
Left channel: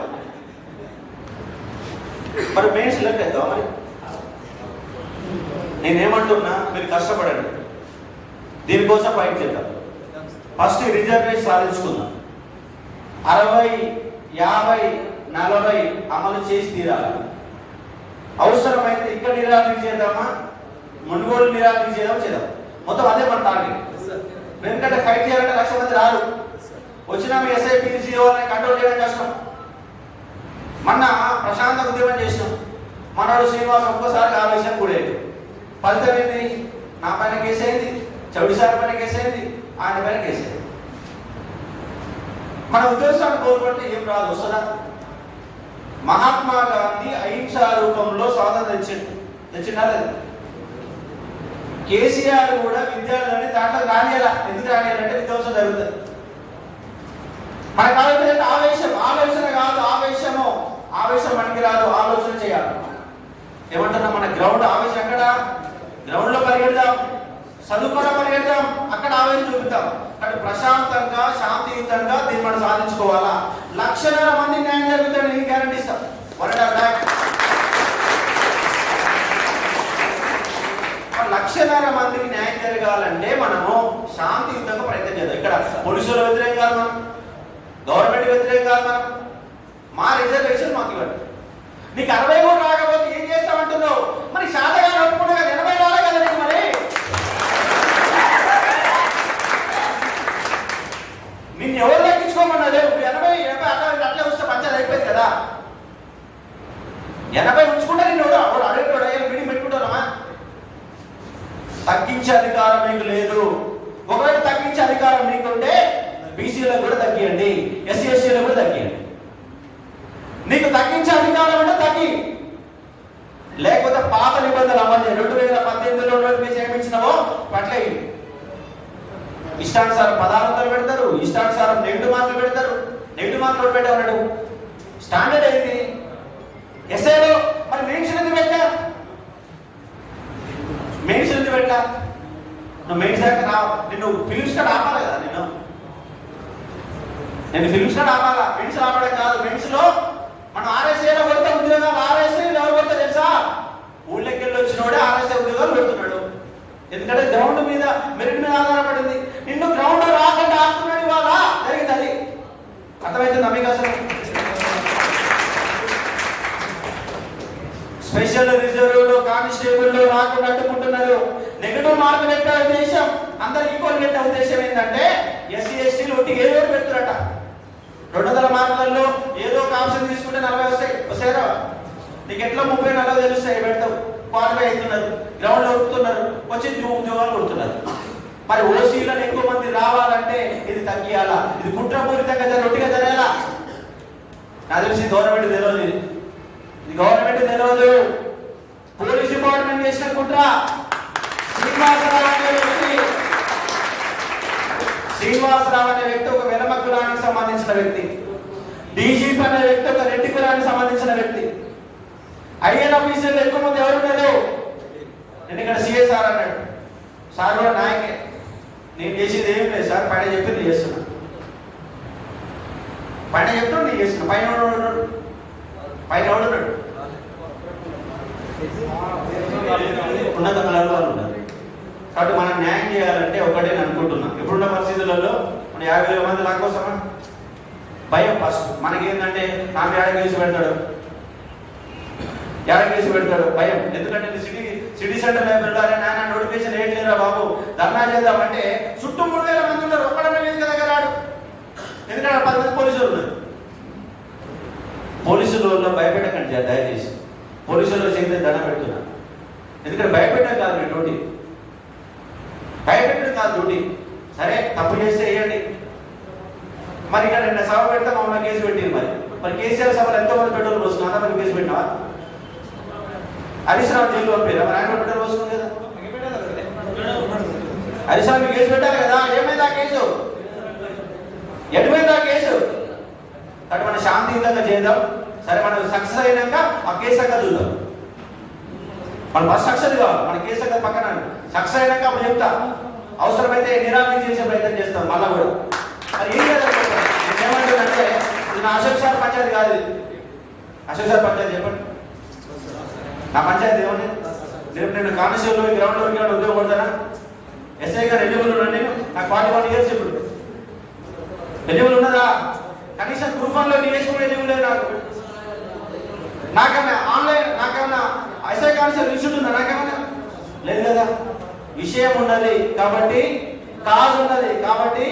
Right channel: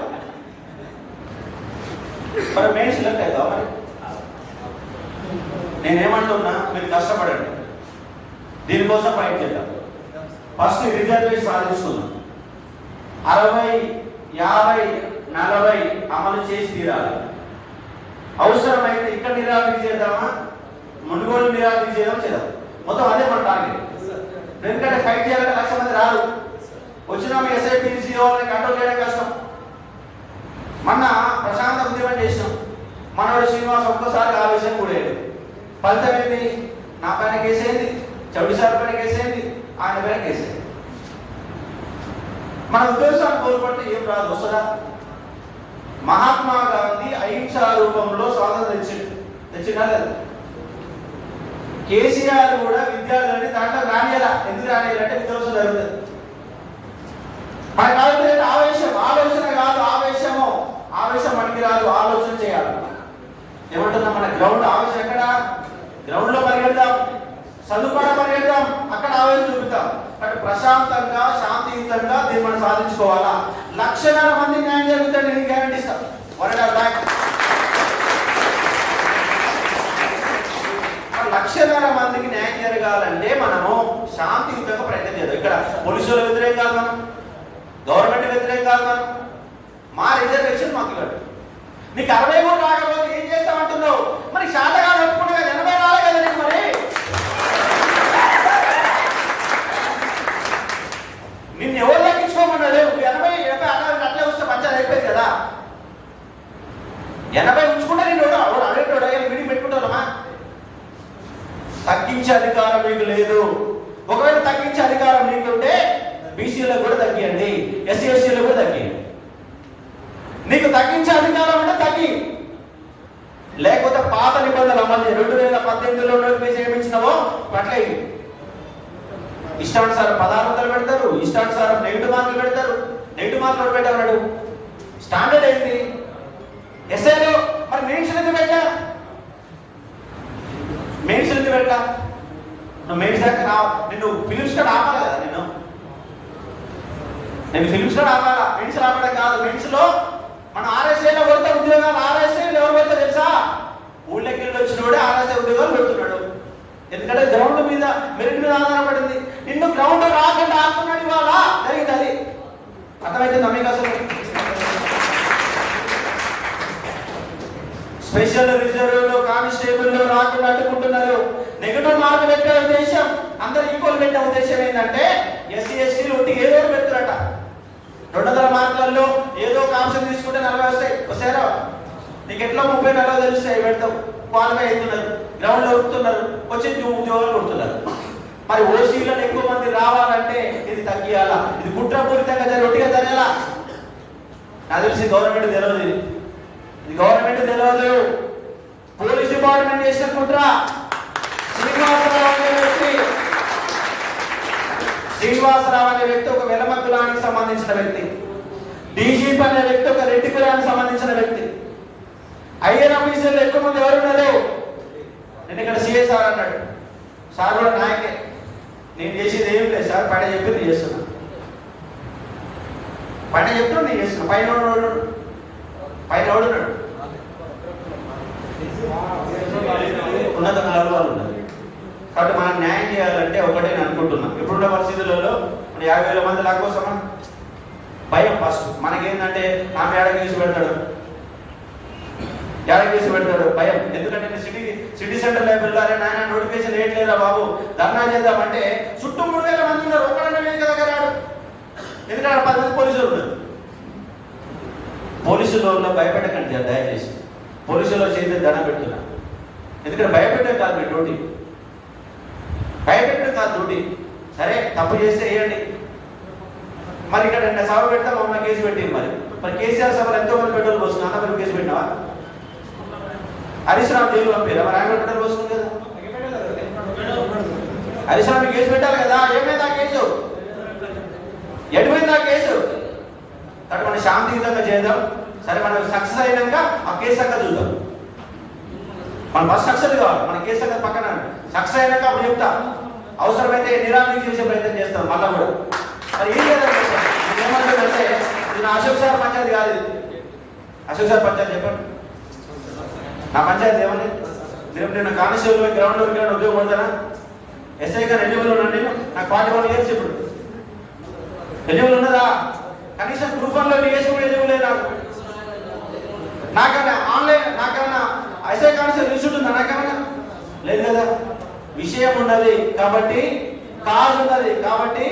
మరి మెయిన్ సెలెక్ట్ అవుతావా? మరి నేనేమంటున్నా, మీరు కష్టపడండి, దీనికోసం ఫైట్ చేద్దాం. First reservation సాధించుకుందాం. 60, 50, 40 అమలు చేసి తీరాలి. అవసరమైతే ఇక్కడ నిరాకరణ చేద్దామా, మునుగోలు నిరాకరణ చేద్దాం. మొత్తం అదే మన టార్గెట్. ఎందుకంటే ఫైట్ చేయాలంటే 1,00,000 మంది రారు. వచ్చినా మీ ఎస్ఐపిసి వాళ్ళని కంట్రోల్ చేయడం కష్టం. మొన్న ప్రశాంత ఉద్యమం చేసినాం. మనోడు శ్రీనివాస్ ఒక్కసారి ఆవేశం కూడేది. ఫలితం ఏంది? నా పైన కేసేయింది, చౌడి సార్ పైన కేసేయింది, ఆయన పైన కేసేయింది. మన ఉద్దేశాన్ని కోల్పడితే ఏం రాదు, వస్తుందా? మహాత్మా గాంధీ అహింసా రూపంలో స్వాతంత్రం తెచ్చినా లేదు. కేసీఆర్ కూడా విద్యార్థులని దాంట్లో రానియాల. ఎందుకు రానియాలంటే విధ్వంసం జరుగుతుంది. మన కాలంలో ఆలోచన కాదు, ఆవేశం మనకి రాదు, ఆలోచన చేయాలి. ఏమంటున్నా, మన గ్రౌండ్ ఆవేశం ఎక్కడ? గ్రౌండ్ లో పరిగెడదాం, చదువుకోవడ పరిగెడదాం, అక్కడ ఆవేశం చూపుతాం. అటు ప్రశాంతంగా శాంతియుతంగా దీన్ని మనం సాధించుకోవాలా. 1,00,000 మంది న్యాయం జరుగుతాడు, నేను గ్యారంటీ ఇస్తాం. 1,00,000 మందికి న్యాయం జరగాలంటే మనము శాంతియుతంగా ప్రయత్నం చేద్దాం. ఇక్కడ పోలీసుల వ్యతిరేకం కాదు, మనం గవర్నమెంట్ వ్యతిరేకం కాదు, మనం మా రిజర్వేషన్ మాకు ఇవ్వండి. నీకు 60 కూడా రాకపోతే ఏం చేస్తామంటున్నావు? మరి శాతగా నడుపుకున్నా కదా, 80 రాలే కదా నీకు. మరి నిన్ను ఎవరు లెక్కించుకోమన్నాడు? 80 అట్లా వస్తే పంచాయతీ అయిపోయింది కదా. 80 ఉంచుకుంటే నేను ఎవరు అడిగేటోడు అయ్యా మీటింగ్ పెట్టుకుంటానమ్మా. తగ్గించే అధికారం మీకు లేదు. ఒకవేళ తగ్గించే అధికారం నీకుంటే బీసీలకు కూడా తగ్గియండి, ఎస్సీ ఎస్టీలకు కూడా తగ్గియండి. నీకు తగ్గించే అధికారం అంటే తగ్గి, లేకపోతే పాత నిబంధనలు అమలు 2018లో నోటిఫికేషన్ ఏమిచ్చినావో అట్లా ఇష్టానుసారం పదార్థాలు పెడతారు, ఇష్టానుసారం నెగిటివ్ మార్కులు పెడతారు. నెగిటివ్ మార్కులు పెట్టామన్నాడు. స్టాండర్డ్ ఏంటి? ఎస్ఐలో మరి మెయిన్స్ ఎందుకు పెట్టా? మెయిన్స్ ఎందుకు పెట్టా? నువ్వు మెయిన్స్ దాకా నిన్ను ఫిలిమ్స్ కూడా ఆపాలి కదా. నేను ఫిలిమ్స్ కూడా ఆపాలా, మెయిన్స్ ఆపడం కాదు. మెయిన్స్ లో మనం ఆర్ఎస్ఐలో కొడితే ఉద్యోగాలు, ఆర్ఎస్ఐలు ఎవరు కొడితే తెలుసా? ఊళ్ళకి వెళ్ళి వచ్చినోడే ఆర్ఎస్ఐ ఉద్యోగాలు పెడుతున్నాడు. ఎందుకంటే గ్రౌండ్ మీద, మెరిట్ మీద ఆధారపడింది. నిన్ను గ్రౌండ్ రాకుండా ఆడుతున్నాడు. ఇవాళ జరిగింది అది. అర్థమవుతుంది మీకు? అసలు స్పెషల్ రిజర్వ్ కానిస్టేబుల్ లో రాకుండా అడ్డుకుంటున్నారు. నెగటివ్ మార్కులు పెట్టే ఉద్దేశం, అందరు ఈక్వల్ పెట్టే ఉద్దేశం ఏంటంటే ఎస్సీ ఎస్టీలు ఒట్టి ఏదో ఒకటి పెడుతున్నారట. 200 మార్కులలో ఏదో ఒక ఆప్షన్ తీసుకుంటే 40 వస్తాయా? నీకు ఎట్లా 30-40 తెలుస్తాయి. పెడతావు, క్వాలిఫై అవుతున్నారు, గ్రౌండ్ లో ఉడుకుతున్నారు, వచ్చి ఉద్యోగాలు కొడుతున్నారు. మరి ఓసీలను ఎక్కువ మంది రావాలంటే ఇది తగ్గియాలా? ఇది కుట్రపూరితంగా ఒట్టిగా జరగాల. నాకు తెలిసి గవర్నమెంట్ తెలియదు, ఇది గవర్నమెంట్ తెలియదు. పోలీస్ డిపార్ట్మెంట్ చేసిన కుట్ర. శ్రీనివాసరావు అనే వ్యక్తి ఒక వెలమ కులానికి సంబంధించిన వ్యక్తి. డీజీపీ అనే వ్యక్తి ఒక రెడ్డి కులానికి సంబంధించిన వ్యక్తి. ఐఎన్ ఆఫీసర్లు ఎక్కువ మంది ఎవరున్నారు? నేను ఇక్కడ సిఏ సార్ అన్నాడు. సార్ కూడా నాయకే. నేను చేసేది ఏం లేదు సార్, పైన చెప్పి నేను చేస్తున్నా. పైన చెప్తాను నేను చేస్తున్నా. పైన ఎవడున్నాడు? ఉన్నత వాళ్ళు ఉన్నారు. కాబట్టి మనం న్యాయం చేయాలంటే ఒకటే నేను అనుకుంటున్నా. ఇప్పుడున్న పరిస్థితులలో మనం 50,000 మంది లాక్కోసమా? భయం. ఫస్ట్ మనకేంటంటే ఆమె ఏడకేసి పెడతాడు, భయం. ఎందుకంటే సిటీ సెంటర్ లైబ్రరీలో అరే నాయన నోటిఫికేషన్ లేట్లేరా బాబు, ధర్నా చేద్దామంటే చుట్టూ 3,000 మంది ఉన్నారు. ఒక్కడన్నా వేదిక దగ్గర రాడు. ఎందుకంటే 10 మంది పోలీసులు ఉన్నారు. పోలీసులలో భయపెట్టకండి దయచేసి. పోలీసుల్లో చేస్తే దండం పెడుతున్నా. ఎందుకంటే భయపెట్టడం కాదు మీ డ్యూటీ, భయపెట్టడం కాదు డ్యూటీ. సరే తప్పు చేస్తే వేయండి. మరి ఇక్కడ 2 సభ పెడితే మమ్మల్ని కేసు పెట్టింది. మరి మరి కేసీఆర్ సభలో ఎంతో మంది పెట్రోల్ పోసుకున్నా అంత కేసు పెట్టినావా? హరీష్ రావు జైలు పంపారా? మరి ఆయన పెట్రోల్ పోసుకుంది కదా. హరీష్ రావు కేసు పెట్టాలి కదా. ఏమైంది ఆ కేసు? ఎటుపోయింది ఆ కేసు? కాబట్టి మనం శాంతియుతంగా చేద్దాం. సరే మనం సక్సెస్ అయినాక ఆ కేసు అంతా చూద్దాం. మనం ఫస్ట్ సక్సెస్ కావాలి. మన కేసు అంతా పక్కన సక్సెస్ అయినాక అప్పుడు చెప్తా. అవసరమైతే నిరాకరణ చేసే ప్రయత్నం చేస్తాం మళ్ళా కూడా. మరి ఏం చేయాలి? నేనేమంటానంటే ఇది నా అశోక్ సార్ పంచాయతీ కాదు. ఇది అశోక్ సార్ పంచాయతీ చెప్పండి. నా పంచాయతీ ఏమని రేపు నేను కానిస్టేబుల్ గ్రౌండ్లో ఉద్యోగం పడతానా? ఎస్ఐగా ఎలిజిబుల్ ఉన్నాను నేను. నాకు 41 years ఇప్పుడు. ఎలిజిబుల్ ఉన్నదా? కనీసం ప్రూఫ్ లో డిఎస్ కూడా ఎలిజిబుల్ లేదు నాకు. నాకేమైనా ఆన్లైన్ నాకేమైనా ఎస్ఐ కానిస్టేబుల్ రిసీట్ ఉందా? నాకేమైనా లేదు కదా. విషయం ఉన్నది కాబట్టి, కాజ్ ఉన్నది కాబట్టి,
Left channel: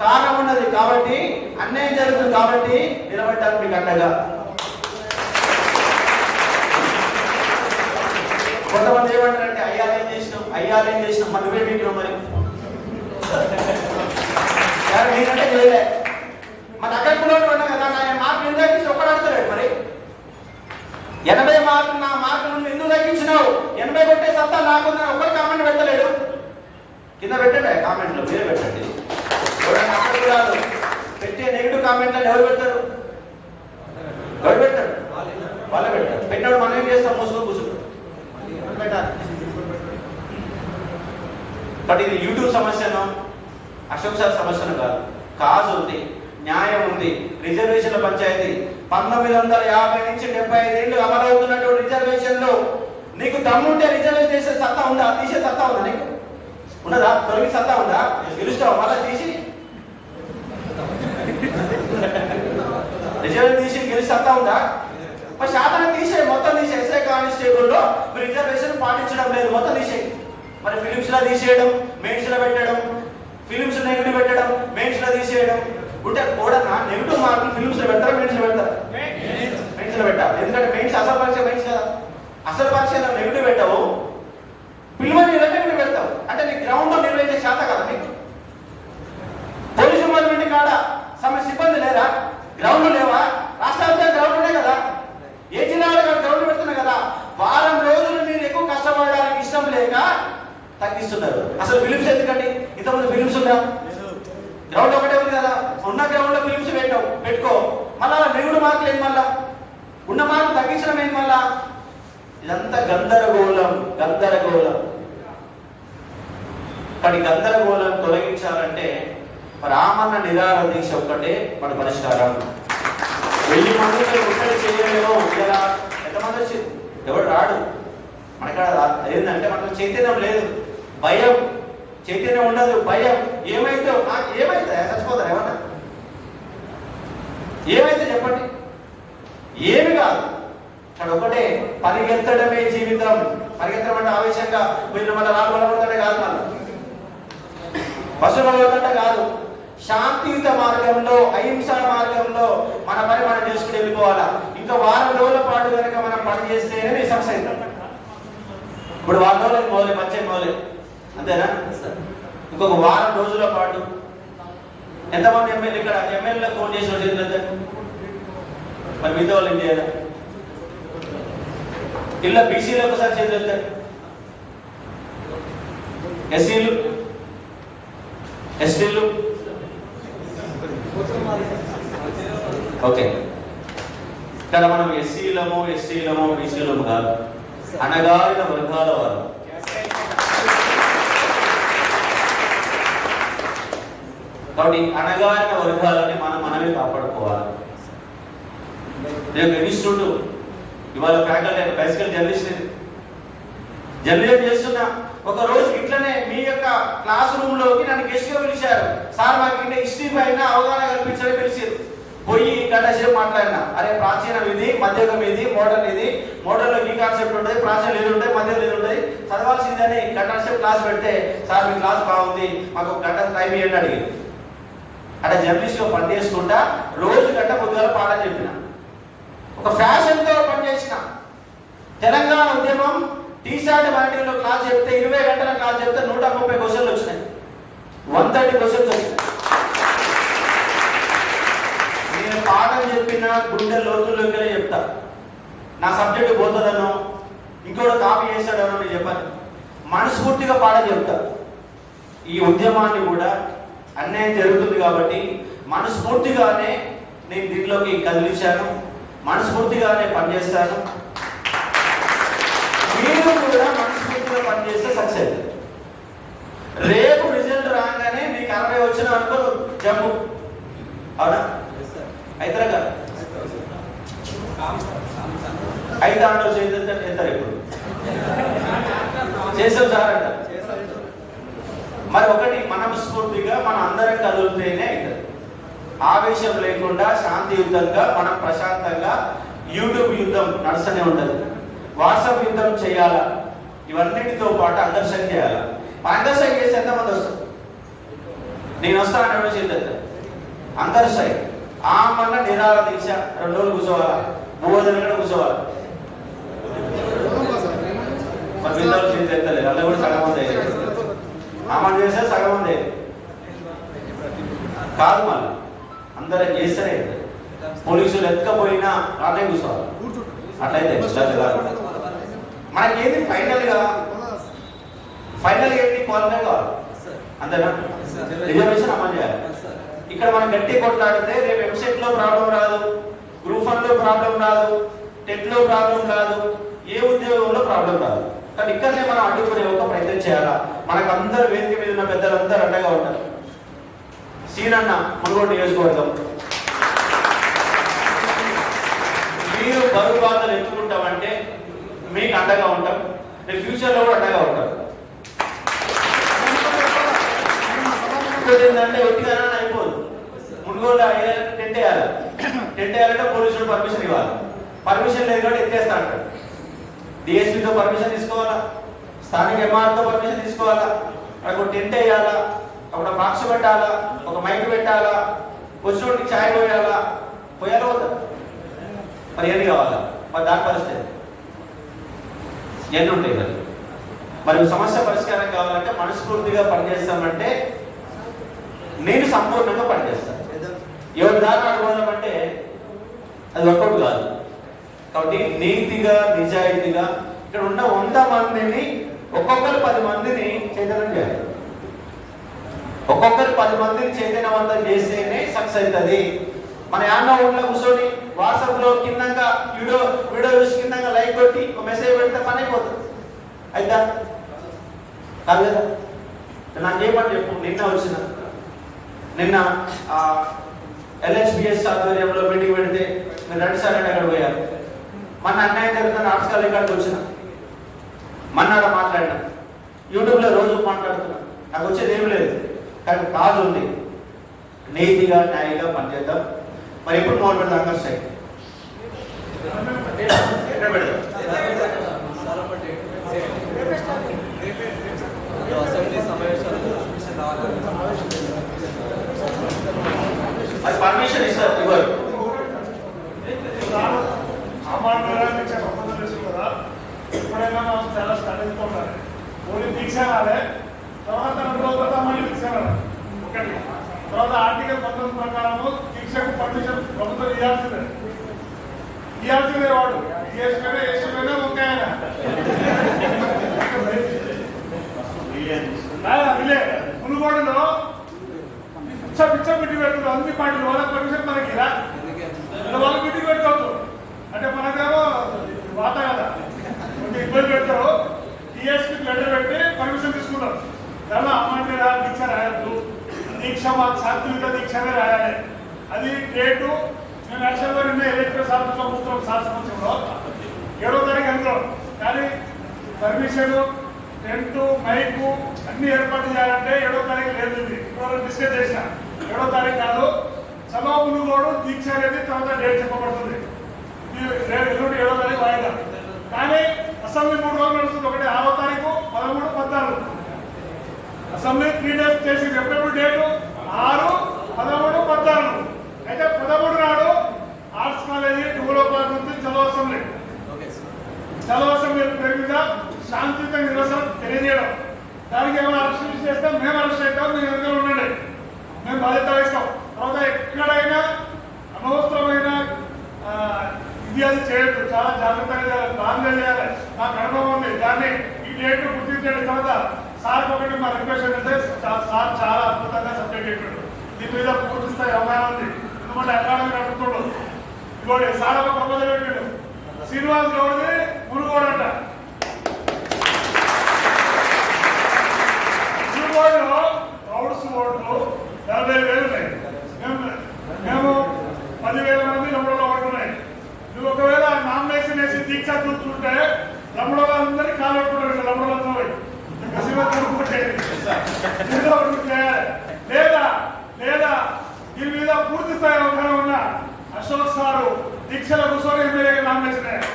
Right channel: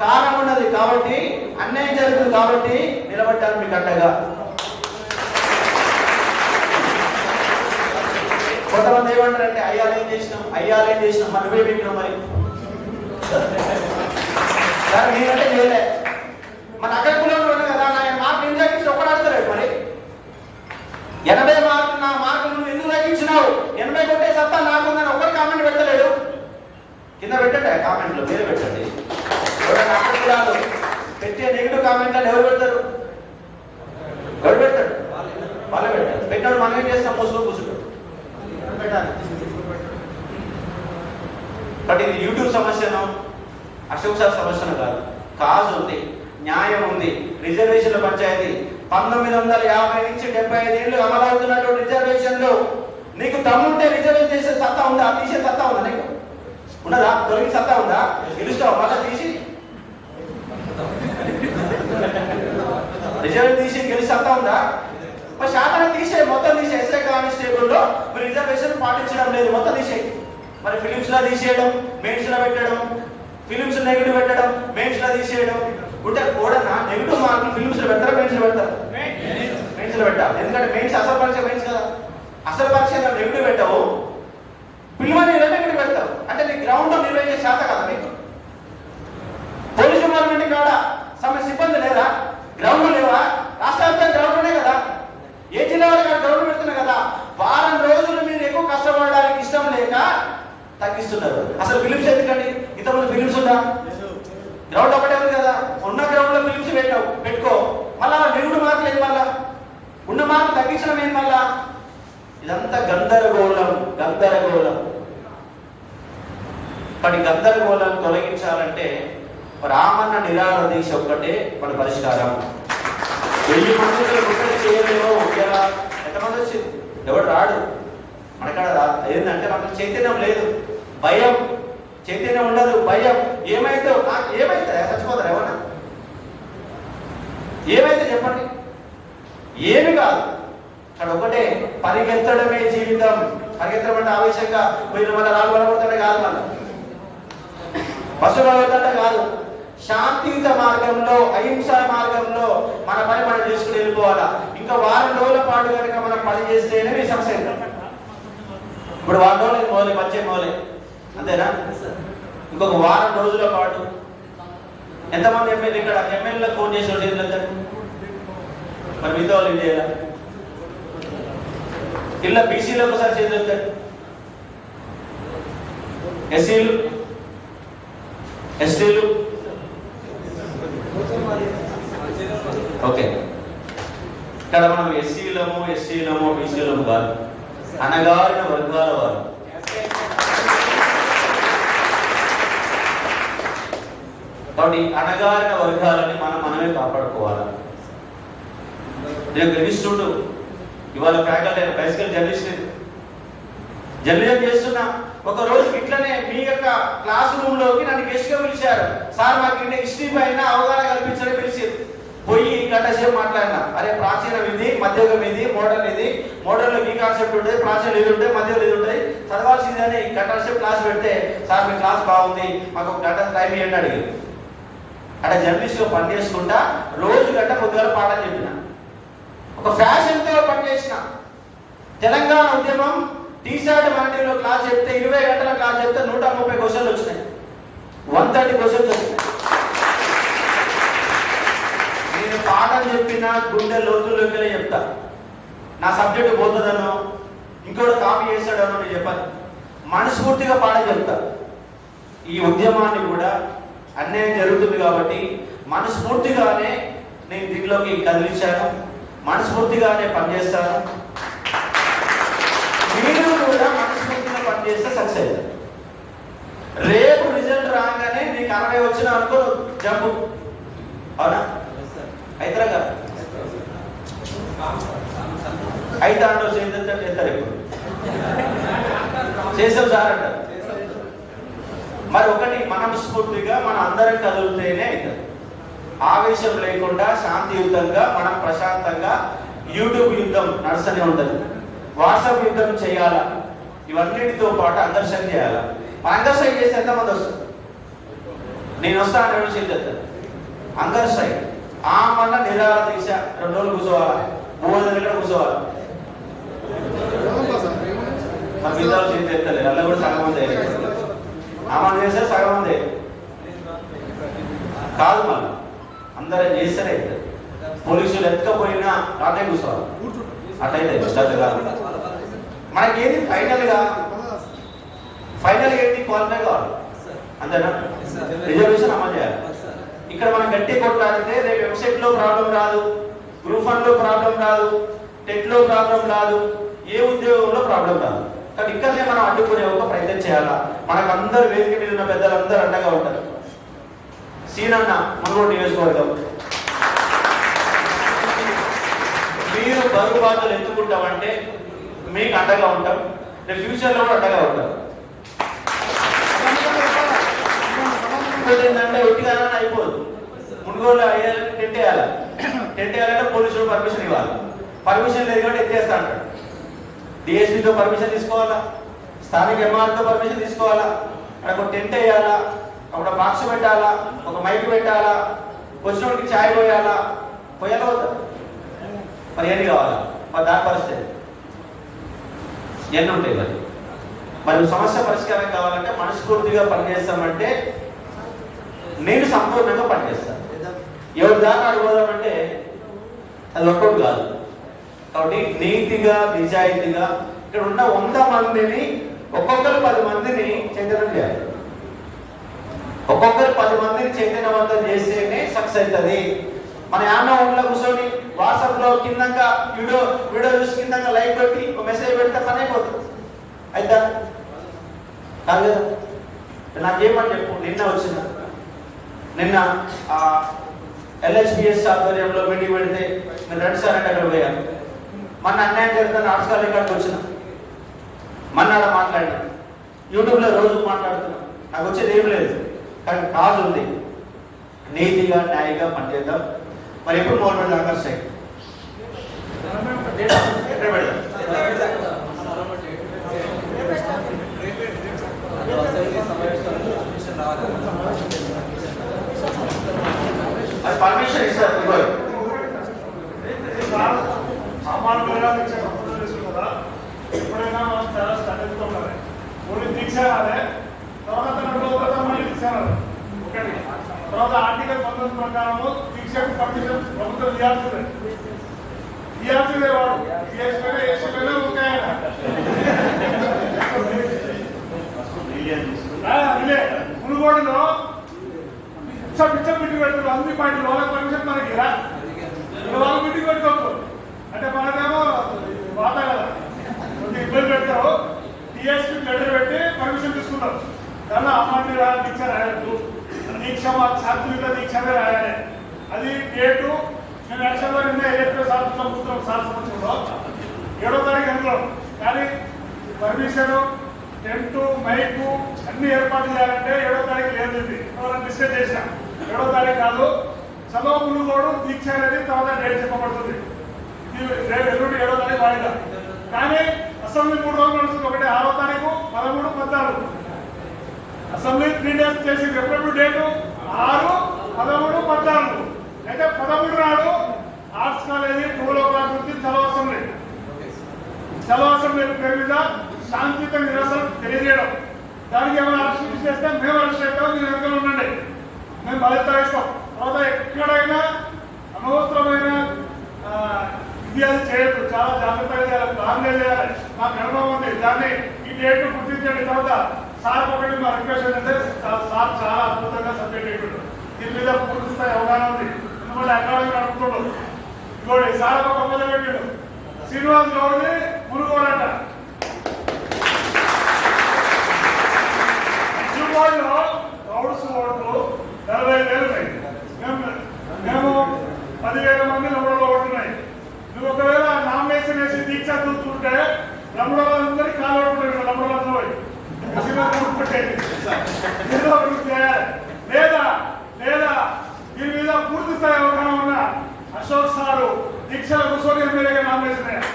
కారణం ఉన్నది కాబట్టి, అన్యాయం జరుగుతుంది కాబట్టి నిలబడ్డాను మీకు అండగా. కొంతమంది ఏమంటారంటే అయ్యాలేం చేసినాం మరి నువ్వే మీకినావు మరి. సరే నేనంటే చేయలే. మన అక్కడ కూడా ఉన్నా కదా. నా మార్కులు ఎందుకు తగ్గించి ఒక్కడు అడుగుతాడు మరి. 80 మార్కులు నా మార్కులు నువ్వు ఎందుకు తగ్గించినావు? 80 కొట్టే సత్తా నాకుందని ఒక్కరు కామెంట్ పెట్టలేడు. కింద పెట్టండి కామెంట్లో, మీరు పెట్టండి. అక్కడ కూడా పెట్టే నెగిటివ్ కామెంట్లను ఎవరు పెడతారు? వాళ్ళే పెడతారు. పెట్టినప్పుడు మనం ఏం చేస్తాం? మూసుకొని కూర్చుంటాం. బట్ ఇది యూట్యూబ్ సమస్యను, అశోక్ సార్ సమస్యను కాదు. కాజ్ ఉంది, న్యాయం ఉంది. రిజర్వేషన్ల పంచాయతీ 1950 నుంచి 75 ఏళ్ళు అమలవుతున్నటువంటి రిజర్వేషన్లు. నీకు దమ్ముంటే రిజర్వేషన్ చేసే సత్తా ఉందా? తీసే సత్తా ఉందా నీకు? ఉన్నదా? తొలగి సత్తా ఉందా? గెలుస్తావు మళ్ళా తీసి? రిజర్వేషన్ తీసి గెలిచి సత్తా ఉందా? మరి శాతాన్ని తీసే, మొత్తం తీసే. ఎస్ఐ కానిస్టేబుల్లో మీరు రిజర్వేషన్ పాటించడం లేదు, మొత్తం తీసే. మరి ఫిలిమ్స్ లో తీసేయడం, మెయిన్స్ లో పెట్టడం, ఫిలిమ్స్ నెగిటివ్ పెట్టడం, మెయిన్స్ లో తీసేయడం ఉంటే కూడా నెగిటివ్ మార్కులు ఫిలిమ్స్ లో పెడతారా మెయిన్స్ లో పెడతారా? మెయిన్స్ లో పెట్టాలి. ఎందుకంటే మెయిన్స్ అసలు పరీక్ష మెయిన్స్ కదా. అసలు పరీక్షలో నెగిటివ్ పెట్టావు, పిలువని నెగిటివ్ పెడతావు. అంటే నీ గ్రౌండ్ లో నిర్వహించే శాత కదా మీకు. పోలీస్ డిపార్ట్మెంట్ కాడ సిబ్బంది లేరా? గ్రౌండ్ లేవా? రాష్ట్ర వ్యాప్తంగా గ్రౌండ్ ఉన్నాయి కదా. ఏ జిల్లా వాళ్ళు గ్రౌండ్ పెడుతున్నారు కదా. వారం రోజులు మీరు ఎక్కువ కష్టపడడానికి ఇష్టం లేక తగ్గిస్తున్నారు. అసలు ఫిలిమ్స్ ఎందుకండి? ఇంతకుముందు ఫిలిమ్స్ ఉందా? గ్రౌండ్ ఒకటే ఉంది కదా. ఉన్న గ్రౌండ్ లో ఫిలిమ్స్ పెట్టుకో. మళ్ళా నెగిటివ్ మార్కులు ఏంటి? మళ్ళా ఉన్న మార్కులు తగ్గించడం ఏంటి? మళ్ళా ఇదంతా గందరగోళం. కానీ గందరగోళం తొలగించాలంటే రామన్న నిరాహార దీక్ష ఒక్కటే మన పరిష్కారం. 1000 మందితో ముట్టడి చేయలేమో. ఇలా ఎంతమంది వచ్చింది? ఎవడు రాడు మనకాడ. ఏంటంటే మనకు చైతన్యం లేదు, భయం. చైతన్యం ఉండదు, భయం. ఏమైతే నాకు ఏమైతే చచ్చిపోతారు ఏమన్నా? ఏమైతే చెప్పండి? ఏమి కాదు. అక్కడ ఒకటే పరిగెత్తడమే జీవితం. పరిగెత్తడం అంటే ఆవేశంగా పోయిన మళ్ళీ రాళ్ళు బలపడతాడే కాదు, మళ్ళీ బస్సు బలపడతాడే కాదు. శాంతియుత మార్గంలో, అహింసా మార్గంలో మన పని మనం చేసుకుని వెళ్ళిపోవాలా. ఇంకా వారం రోజుల పాటు కనుక మనం పని చేస్తేనే మీ సక్సెస్ అవుతాం. ఇప్పుడు వారం రోజులు మోలే, మంచి మోలే, అంతేనా? ఇంకొక వారం రోజుల పాటు ఎంతమంది ఎమ్మెల్యే ఇక్కడ ఎమ్మెల్యేలకు ఫోన్ చేసిన చేతులు ఎత్తండి. మరి మిగతా వాళ్ళు ఏం చేయాలా? ఇలా బీసీలకు ఒకసారి చేతులు ఎత్తండి. ఎస్సీలు, ఎస్టీలు, ఓకే. ఇక్కడ మనం ఎస్సీలము, ఎస్టీలము, బీసీలము కాదు, అణగారిన వర్గాల వారు. కాబట్టి అణగారిన వర్గాలని మనమే కాపాడుకోవాలి. నేను ఇన్స్టిట్యూట్ ఇవాళ ఫ్యాకల్టీ బైసికల్ జర్నలిజం చేస్తున్నా. ఒక రోజు ఇట్లనే మీ యొక్క క్లాస్ రూమ్ లోకి నన్ను గెస్ట్ గా పిలిచారు. సార్ మాకు ఇంటే హిస్టరీ పైన అవగాహన కల్పించడం పిలిచారు. పోయి గంట సేపు మాట్లాడినా. అరే ప్రాచీనం ఇది, మధ్యయుగం ఇది, మోడర్న్ ఇది. మోడర్న్ లో ఈ కాన్సెప్ట్ ఉంటుంది, ప్రాచీనం ఇది ఉంటుంది, మధ్యలో ఇది ఉంటుంది. చదవాల్సిందని గంట సేపు క్లాస్ పెడితే, సార్ మీ క్లాస్ బాగుంది, మాకు ఒక గంట టైం ఇవ్వండి అడిగి. అంటే జర్నలిస్ట్ గా పనిచేసుకుంటా రోజు గంట పొద్దుగాల పాఠం చెప్పిన. ఒక ఫ్యాషన్ తో పనిచేసిన. తెలంగాణ ఉద్యమం టీషర్ట్ మాండీలో క్లాస్ చెప్తే 20 గంటల క్లాస్ చెప్తే 130 క్వశ్చన్లు వచ్చినాయి. 130 క్వశ్చన్స్ వచ్చినాయి. నేను పాఠం చెప్పిన గుండె లోతుల్లోకి చెప్తా. నా సబ్జెక్టు పోతుందనో ఇంకోటి కాపీ చేస్తాడనో నేను చెప్పాను. మనస్ఫూర్తిగా పాఠం చెప్తా. ఈ ఉద్యమాన్ని కూడా అన్యాయం జరుగుతుంది కాబట్టి మనస్ఫూర్తిగానే నేను దీంట్లోకి కదిలించాను, మనస్ఫూర్తిగానే పనిచేస్తాను. మీరు కూడా మనస్ఫూర్తిగా పనిచేస్తే సక్సెస్. రేపు రిజల్ట్ రాగానే నీకు 60 వచ్చిన అనుకో జంపు, అవునా? అయితరా కదా? అయితే అంటావు చేద్దాం చేస్తారు, ఎప్పుడు చేసావు సార్ అంటారు. మరి ఒకటి మనస్ఫూర్తిగా మనం అందరం కదులుతేనే అవుతుంది. ఆవేశం లేకుండా శాంతియుతంగా మనం ప్రశాంతంగా యూట్యూబ్ యుద్ధం నడుస్తూనే ఉంటుంది, వాట్సాప్ యుద్ధం చేయాలా, ఇవన్నిటితో పాటు అంగర్షణ చేయాలా. అంగర్షణ చేసి ఎంతమంది వస్తారు? నేను వస్తాను అనే చేద్దాం అంగర్షణ. మళ్ళీ నిరాహార దీక్ష 2 రోజులు కూర్చోవాలా, 3 రోజులు కూడా కూర్చోవాలా. మరి పిల్లలు చేతి ఎత్తలేదు, అలా కూడా సగం మంది ఆమెను చేస్తే సగం మంది కాదు. మళ్ళీ అందరం చేస్తేనే అవుతుంది. పోలీసులు ఎత్తకపోయినా రానే కూర్చోవాలి, అట్లయితే కాదు. మనకేది ఫైనల్గా ఏంటి? క్వాలిఫై కావాలి, అంతేనా? రిజర్వేషన్ అమలు చేయాలి. ఇక్కడ మనం గట్టి కొట్లాడితే రేపు వెబ్సైట్ లో ప్రాబ్లం రాదు, గ్రూప్ 1 లో ప్రాబ్లం రాదు, టెట్ లో ప్రాబ్లం రాదు, ఏ ఉద్యోగంలో ప్రాబ్లం రాదు. కానీ ఇక్కడనే మనం అడ్డుకునే ఒక ప్రయత్నం చేయాలా. మనకు అందరు వేదిక మీద ఉన్న పెద్దలందరూ అండగా ఉంటారు. సీనన్న మునుగోడు నియోజకవర్గం, మీరు బరువు బాధలు ఎత్తుకుంటామంటే మీకు అండగా ఉంటాం, రేపు ఫ్యూచర్లో కూడా అండగా ఉంటాం. ఏంటంటే ఒట్టిగానే అయిపోదు. మునుగోలు అయ్యాలంటే టెంట్ వేయాలంటే పోలీసులు పర్మిషన్ ఇవ్వాలి. పర్మిషన్ లేదు కాబట్టి ఎత్తేస్తా అంటాడు. డిఎస్పీతో పర్మిషన్ తీసుకోవాలా, స్థానిక ఎంఆర్తో పర్మిషన్ తీసుకోవాలా, అక్కడ ఒక టెంట్ వేయాలా, అక్కడ బాక్స్ పెట్టాలా, ఒక మైక్ పెట్టాలా, వచ్చినోడికి ఛాయ్ పోయాలా వద్దా? మరి ఎన్ని కావాలా? మరి దాని పరిస్థితి ఎన్ని ఉంటాయి? మరి సమస్య పరిష్కారం కావాలంటే మనస్ఫూర్తిగా పనిచేస్తామంటే నేను సంపూర్ణంగా పనిచేస్తాను. ఎవరి దాకా అడుగుదామంటే అది వర్కౌట్ కాదు. కాబట్టి నీతిగా నిజాయితీగా ఇక్కడ ఉన్న 100 మందిని ఒక్కొక్కరు 10 మందిని చైతన్యం చేయాలి. ఒక్కొక్కరు 10 మందిని చైతన్యవంతం చేస్తేనే సక్సెస్ అవుతుంది. మన యాన్న ఊళ్ళో కూర్చొని వాట్సాప్ లో కిందంగా వీడియో చూసి కిందంగా లైక్ కొట్టి ఒక మెసేజ్ పెడితే పని అయిపోతుంది. అయితే కాదు కదా? నాకు ఏమని చెప్పు. నిన్న LHPS ఆధ్వర్యంలో మీటింగ్ పెడితే మీరు రండి సార్ అంటే అక్కడ పోయారు. మొన్న అన్యాయం జరుగుతున్న ఆర్ట్స్ కాలేజ్ ఇక్కడికి వచ్చిన, మన్నాడ మాట్లాడినా, యూట్యూబ్లో రోజు మాట్లాడుతున్నా. నాకు వచ్చేది ఏం లేదు, కానీ కాదు ఉంది. నీతిగా న్యాయంగా పనిచేద్దాం. మరి ఎప్పుడు మొదలు పెడతాం? ఆగస్ట్ ఎక్కడ పెడదాం? అది పర్మిషన్ ఇస్తారు ఇవ్వరు. ఎప్పుడైనా చాలా స్టడీతో ఉండాలి. ఓన్లీ దీక్ష రాలే, తర్వాత 2 రోజుల మళ్ళీ దీక్ష రాలే. ఒకటి తర్వాత ఆర్టికల్ 19 ప్రకారము దీక్షకు పర్మిషన్ ప్రభుత్వం ఇవ్వాల్సిందే. వాడు ఏసీలోనే ఉంటాయన అదిలే. మునుగోడులో పిచ్చ బిడ్డి పెడుతున్నారు అన్ని పార్టీలు. వాళ్ళకి పర్మిషన్ మనకి రా, వాళ్ళు బిడ్డి పెట్టుకోవచ్చు అంటే మనకేమో వాత కదా, కొంచెం ఇబ్బంది పెడతారు. టీఎస్పీ లెటర్ పెట్టి పర్మిషన్ తీసుకున్నారు. దానిలో అమాన్య దీక్ష రాయద్దు, దీక్ష మాకు శాంతియుత దీక్షనే రాయాలి. అది డేటు నేను యాక్చువల్గా నిన్న ఎలక్ట్రిక్ ప్రభుత్వం సంవత్సరంలో 7వ తారీఖు అనుకున్నాం. కానీ పర్మిషన్, టెంట్, మైకు అన్ని ఏర్పాటు చేయాలంటే 7వ తారీఖు లేదు. ఇది ఇప్పుడు డిస్కస్ చేసిన 7వ తారీఖు కాదు. సభాములు కూడా దీక్ష అనేది తర్వాత డేట్ చెప్పబడుతుంది. ఎల్లుండి 7వ తారీఖు వాయిదా. కానీ అసెంబ్లీ 3 రోజులు నడుస్తుంది. ఒకటి 6వ తారీఖు, 13, 14 అసెంబ్లీ 3 days చేసి ఎప్పుడెప్పుడు డేటు 6, 13, 14. అయితే 13 నాడు ఆర్ట్స్ కాలేజీ 12 నుంచి చలో అసెంబ్లీ పేరు మీద శాంతియుత నిరసన తెలియజేయడం. దానికి ఏమైనా అరెస్ట్ చేస్తే మేము అరెస్ట్ అవుతాం, మీరు వెనుక ఉండండి, మేము బాధ్యత వేస్తాం. తర్వాత ఎక్కడైనా అనవసరమైన ఇది అది చేయొద్దు, చాలా జాగ్రత్తగా చేయాలి, ప్లాన్గా చేయాలి. నాకు అనుభవం ఉంది. దాన్ని ఈ డేట్ గుర్తించండి. తర్వాత సార్కి ఒకటి మా రిక్వెస్ట్ ఏంటంటే సార్ చాలా అద్భుతంగా సబ్జెక్ట్ ఎక్కుండు, దీని మీద పూర్తి స్థాయి అవగాహన ఉంది. ఎందుకంటే అకాడమీ నడుపుతుండు. ఇంకోటి సార్ ఒక ప్రపోజల్ పెట్టిండు, శ్రీనివాస్ గౌడ్ది మునుగోడంట. మునుగోడులో గౌడ్స్ ఓట్లు 40,000 ఉన్నాయి. మేము 10,000 మంది లంబడలో ఓటున్నాయి. నువ్వు ఒకవేళ నామినేషన్ వేసి దీక్ష చూస్తుంటే లంబడలో అందరికీ కాలు పట్టుకుంటారు. లంబడలతో లేదా లేదా దీని మీద పూర్తి స్థాయి అవగాహన ఉన్న అశోక్ సారు దీక్షల కూర్చొని ఎమ్మెల్యేగా నామినేషన్ అయ్యారు.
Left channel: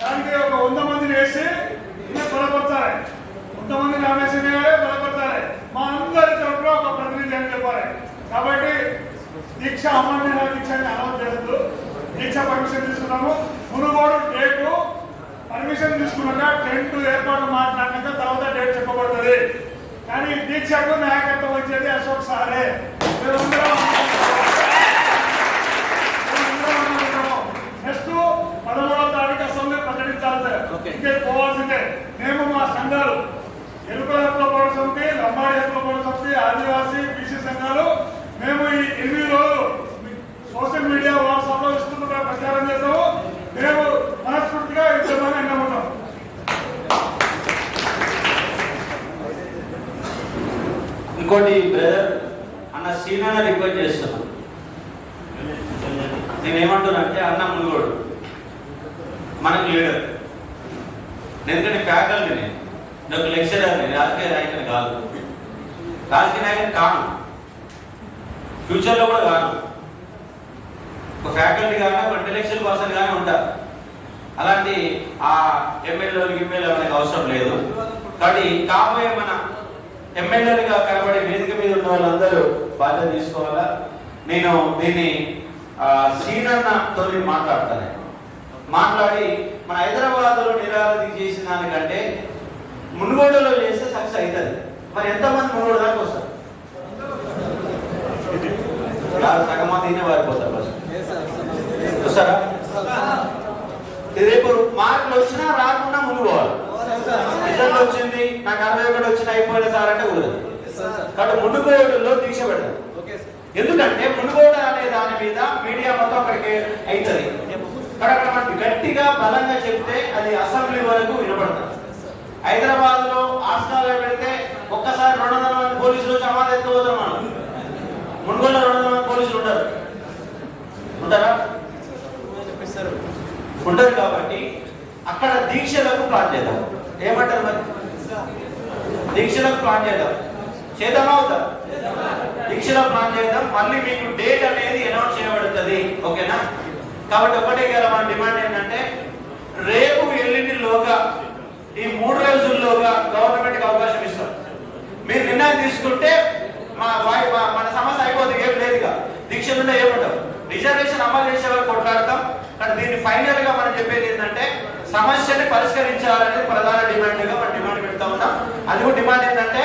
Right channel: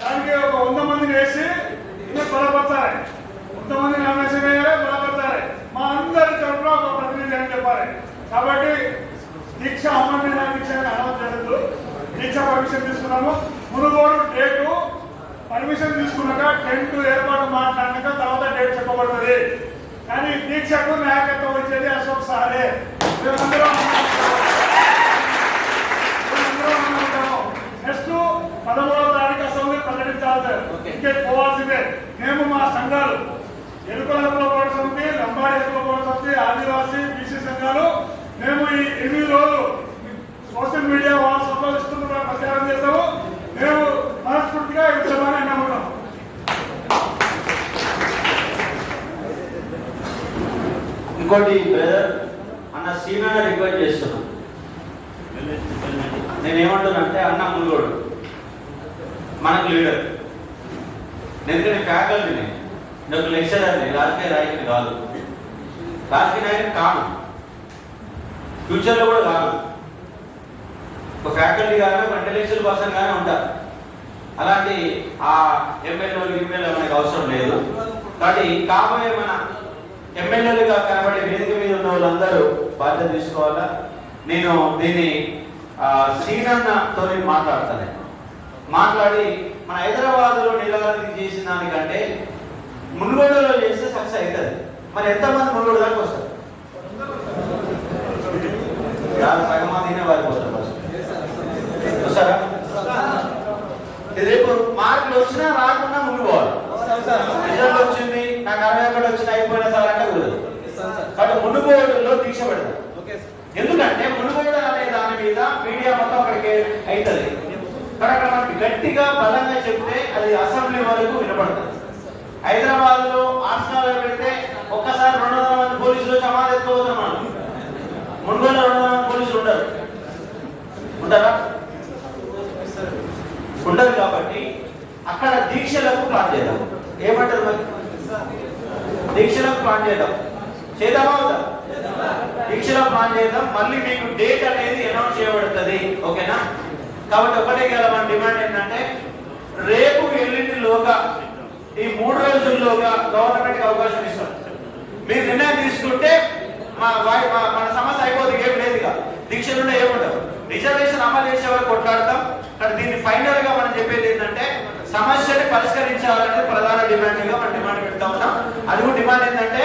దానికి ఒక 100 మందిని వేసి ఇంకా బలపరచాలి. 100 మంది నామినేషన్ వేయాలి, బలపరచాలి. మా అందరి తరఫున ఒక ప్రతినిధి అని చెప్పాలి. కాబట్టి దీక్ష అమరణ దీక్షని అనౌన్స్ చేయొద్దు. దీక్ష పర్మిషన్ తీసుకున్నాము. మునుగోడు డేటు పర్మిషన్ తీసుకున్నాక టెంట్ ఏర్పాటు మాట్లాడినాక తర్వాత డేట్ చెప్పబడుతుంది. కానీ దీక్షకు నాయకత్వం వచ్చేది అశోక్ సారే. మేమందరం నెక్స్ట్ 13వ తారీఖు అసెంబ్లీ ప్రకటించాలి. ఇంకే పోవాల్సిందే. మేము మా సంఘాలు ఎరుకల హక్కుల పోరాట సమితి, లంబాడి హక్కుల పోరాట సమితి, ఆదివాసీ బీసీ సంఘాలు మేము ఈ 8 రోజులు సోషల్ మీడియా వాట్సాప్ లో ఇస్తున్న ప్రచారం చేస్తాము. మేము మనస్ఫూర్తిగా యుద్ధంగా ఎన్నబడతాం. ఇంకోటి బ్రదర్ అన్న సీనాన్న రిక్వెస్ట్ చేస్తున్నాం. నేనేమంటున్నానంటే అన్న మునుగోడు మనకు లీడర్. ఎందుకంటే ఫ్యాకల్టీ నేను ఒక లెక్చరర్, నేను రాజకీయ నాయకుని కాదు, రాజకీయ నాయకుని కాను, ఫ్యూచర్లో కూడా కాదు. ఒక ఫ్యాకల్టీ కానీ ఒక ఇంటెలెక్చువల్ పర్సన్ కానీ ఉంటారు. అలాంటి ఆ ఎమ్మెల్యేలు మనకు అవసరం లేదు. కాబట్టి కాబోయే మన ఎమ్మెల్యేలుగా కనబడే వేదిక మీద ఉన్న వాళ్ళందరూ బాధ్యత తీసుకోవాలా. నేను దీన్ని శ్రీనన్నతో మాట్లాడతాను. మాట్లాడి మన హైదరాబాద్లో నిరాకరణ చేసిన దానికంటే మునుగోడులో చేస్తే సక్సెస్ అవుతుంది. మరి ఎంతమంది మునుగోడు దాకా వస్తారు? సగం మందినే వారిపోతారు. రేపు మార్కులు వచ్చినా రాకుండా మునుగోవాలి. రిజల్ట్ వచ్చింది నాకు 61 వచ్చిన అయిపోయిన సార్ అంటే కుదరదు. కాబట్టి మునుగోడులో దీక్ష పెడతాం. ఎందుకంటే మునుగోడు అనే దాని మీద మీడియా మొత్తం అక్కడికి అవుతుంది. అక్కడ మనకి గట్టిగా బలంగా చెప్తే అది అసెంబ్లీ వరకు వినపడుతుంది. హైదరాబాద్ లో ఆర్ట్స్లో పెడితే ఒక్కసారి 200 మంది పోలీసులు సమాధి ఎత్తుకోవద్దన్నమాట. మునుగోడులో 200 మంది పోలీసులు ఉంటారా? ఉండదు. కాబట్టి అక్కడ దీక్షలకు ప్లాన్ చేద్దాం. ఏమంటారు మరి? దీక్షలకు ప్లాన్ చేద్దామా అవుతా? దీక్షలకు ప్లాన్ చేద్దాం. మళ్ళీ మీకు డేట్ అనేది అనౌన్స్ చేయబడుతుంది. ఓకేనా? కాబట్టి ఒకటే కదా మన డిమాండ్ ఏంటంటే రేపు ఎల్లుండిలోగా ఈ 3 రోజుల్లోగా గవర్నమెంట్కి అవకాశం ఇస్తాం. మీరు నిర్ణయం తీసుకుంటే మన సమస్య అయిపోతుంది. ఏం లేదుగా దీక్షలుండే ఏముండవు. రిజర్వేషన్ అమలు చేసే వరకు కొట్లాడతాం. కానీ దీన్ని ఫైనల్ గా మనం చెప్పేది ఏంటంటే సమస్యని పరిష్కరించాలనేది ప్రధాన డిమాండ్ గా మనం డిమాండ్ పెడతా ఉన్నాం. అది కూడా డిమాండ్ ఏంటంటే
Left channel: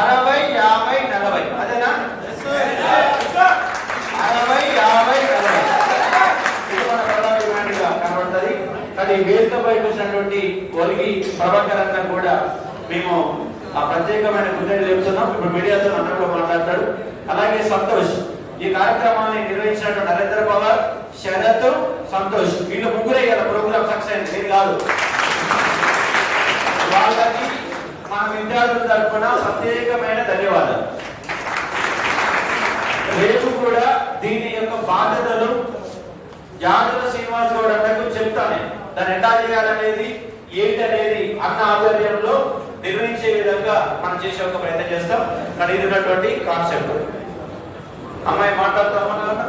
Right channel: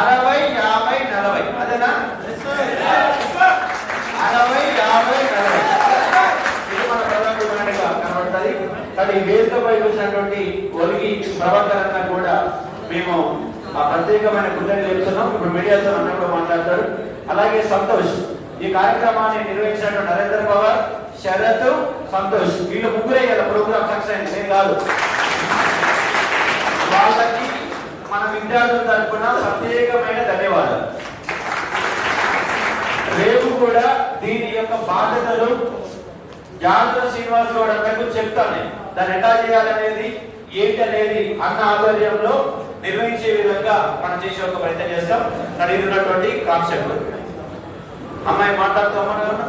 60, 50, 40. అదేనా? 60, 50, 40 ఇది మన ప్రధాన డిమాండ్ గా కనబడుతుంది. కానీ వేదికపై వచ్చినటువంటి ఒలిగి ప్రభాకర్ అన్న కూడా మేము ఆ ప్రత్యేకమైన కృతజ్ఞతలు చెప్తున్నాం. ఇప్పుడు మీడియాతో అన్నప్పుడు మాట్లాడతాడు. అలాగే సంతోష్ ఈ కార్యక్రమాన్ని నిర్వహించినటువంటి నరేంద్ర పవార్, శరత్, సంతోష్ వీళ్ళు ముగ్గురే కదా ప్రోగ్రామ్ సక్సెస్ అయింది. నేను కాదు. వాళ్ళకి మన విద్యార్థుల తరఫున ప్రత్యేకమైన ధన్యవాదాలు. రేపు కూడా దీని యొక్క బాధ్యతలు జాగ్ర శ్రీనివాస్ గౌడ్ అన్నకు చెప్తాను. దాన్ని ఎట్లా చేయాలనేది ఏంటి అనేది అన్న ఆధ్వర్యంలో నిర్వహించే విధంగా మనం చేసే ఒక ప్రయత్నం చేస్తాం. కానీ ఇది ఉన్నటువంటి కాన్సెప్ట్. అమ్మాయి మాట్లాడుతామన్నా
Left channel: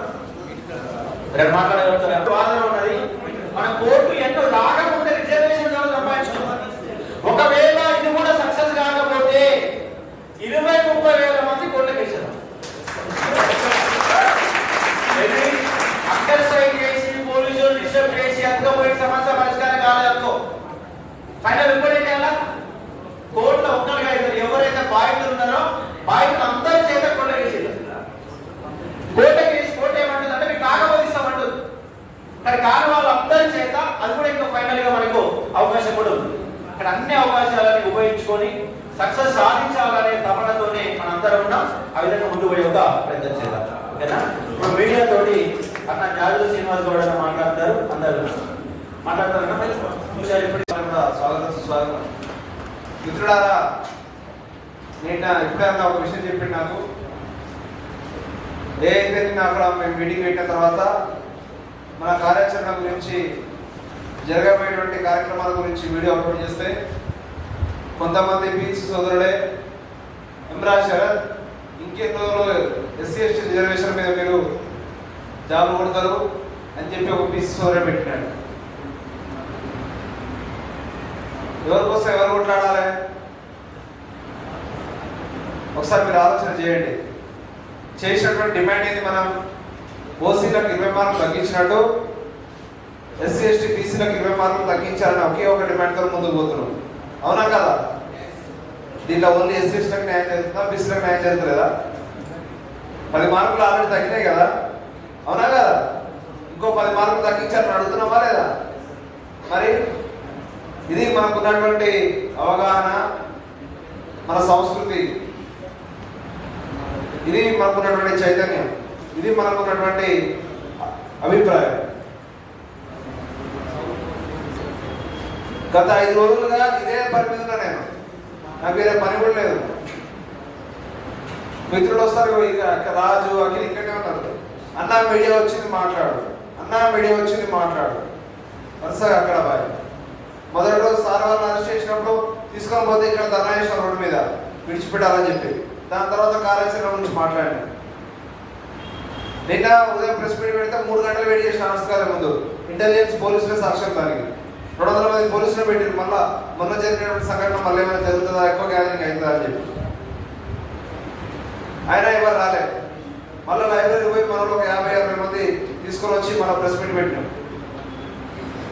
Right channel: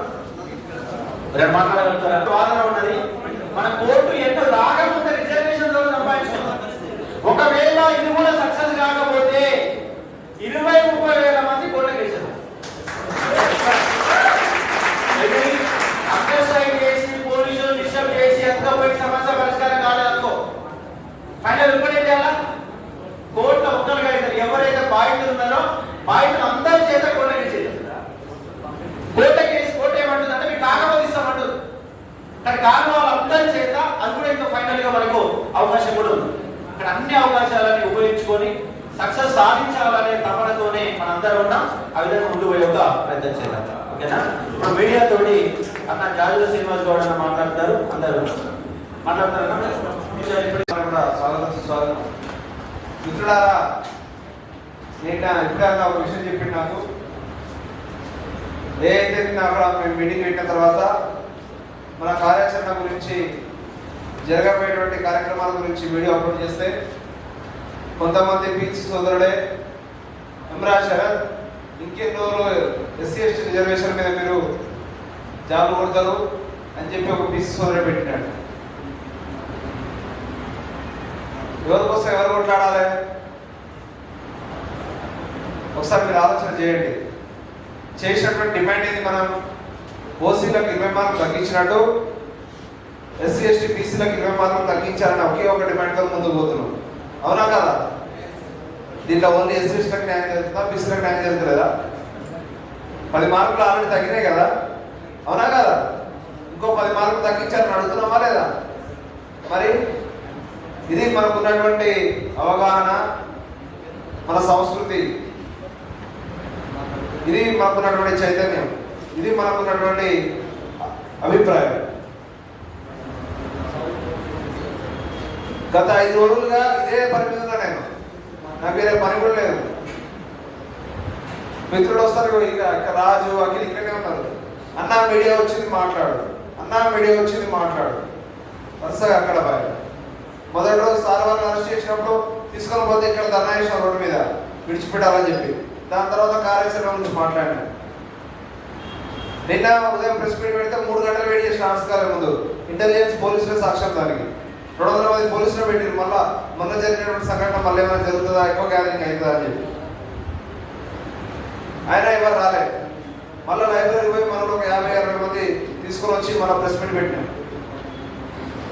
మాట్లాడగలుగుతారు. వాదన ఉన్నది. మన కోర్టు ఎన్నో రాకముందే రిజర్వేషన్ సంపాదించుకున్నాం. ఒకవేళ ఇది కూడా సక్సెస్ కాకపోతే 20-30 వేల మంది కోర్టుకు వేసారు. అండర్ సైడ్ వేసి పోలీసులు డిస్టర్బ్ చేసి అందుకోపోయి సమస్య పరిష్కారం కాలేదనుకో ఫైనల్ ఇంకోటి ఏం చేయాలా? కోర్టులో ఒక్కరిగా అవుతారు. ఎవరైతే బాధితులు ఉన్నారో బాధితులు కానీ కాని వాళ్ళందరి చేత అది కూడా ఇంకా ఫైనల్ గా మనకు అవకాశం కూడా ఉంది. అక్కడ అన్ని అవకాశాలను ఉపయోగించుకొని సక్సెస్ సాధించాలనే తపనతోనే మనందరం ఉన్నాం. ఆ విధంగా ముందు పోయే ఒక ప్రయత్నం చేయాలి. ఓకేనా? ఇప్పుడు మీడియా తోటి అన్న జాగ్రత్త శ్రీనివాస్ గౌడ్ అన్న మాట్లాడతారు. అందరూ మాట్లాడతారు. స్వాగతం. మిత్రులారా, నేను ఇప్పుడే ఒక విషయం చెప్పింది నాకు. ఏదైతే అక్కడ మేము మీటింగ్ పెట్టిన తర్వాత మన కార్యాచరణ గురించి జరగబోయేటువంటి కార్యక్రమాల గురించి వీడియో అప్లోడ్ చేస్తే కొంతమంది పీసీ సోదరులే ఎమ్రా శరత్ ఇంకెన్నో ఎస్సీ ఎస్టీ రిజర్వేషన్ మీద మీరు జాబులు కొడతారు అని చెప్పి ఒక పీసీ సోదరుడు పెట్టినాడు. ఎవరికోసం ఎవరు కొట్లాడాలి? ఒకసారి మీరు ఆలోచన చేయండి. చేసినటువంటి డిమాండ్ ఏంది? మనం ఓసీలకు 20 మార్కులు తగ్గించినట్టు ఎస్సీ ఎస్టీ బీసీలకు 20 మార్కులు తగ్గించాలని ఒకే ఒక డిమాండ్ తో ముందుకు పోతున్నాం. అవునా కదా? దీంట్లో ఓన్లీ ఎస్సీ ఎస్టీలకు న్యాయం జరుగుతుందా, బీసీలకు న్యాయం జరుగుతుందా? 10 మార్కులు ఆల్రెడీ తగ్గినాయి కదా, అవునా కదా? ఇంకో 10 మార్కులు తగ్గించాలని అడుగుతున్నామా లేదా? మరి ఇది మనకున్నటువంటి అవగాహన, మన సంస్కృతి, ఇది మనకున్నటువంటి చైతన్యం, ఇది మనకున్నటువంటి అభిప్రాయం. గత 5 రోజులుగా ఇదే పని మీద ఉన్నా నేను. నాకు వేరే పని కూడా లేదు. మిత్రులు వస్తారు, ఇక రాజు అఖిల్ ఇక్కడే ఉన్నారు. అన్నా మీడియా వచ్చింది మాట్లాడు, అన్నా మీడియా వచ్చింది మాట్లాడు, వరుసగా అక్కడ బాయ్. మొదటి రోజు సార్ వాళ్ళని అరెస్ట్ చేసినప్పుడు తీసుకొని పోతే ఇక్కడ ధర్నాయేశ్వరం రోడ్డు మీద విడిచిపెట్టాలని చెప్పి, దాని తర్వాత కార్యాచరణ గురించి మాట్లాడాను. నిన్న ఉదయం ప్రెస్ మీట్ పెడితే 3 గంటలు వెయిట్ చేసిన ఆర్ట్స్కాలే ముందు ఇంటెలిజెన్స్ పోలీసులే సాక్ష్యం. దానికి 200 మంది పోలీసులు పెట్టారు. మళ్ళా మొన్న జరిగినటువంటి సంఘటన మళ్ళీ ఏమైనా జరుగుతుందా, ఎక్కువ గ్యాదరింగ్ అవుతుందా అని చెప్పి ఆయన ఎవరు రాలే. మళ్ళీ లైబ్రరీ పోయి మనలో ఒక 50-60 మంది తీసుకొని వచ్చి మళ్ళీ ప్రెస్ మీట్ పెట్టినాం.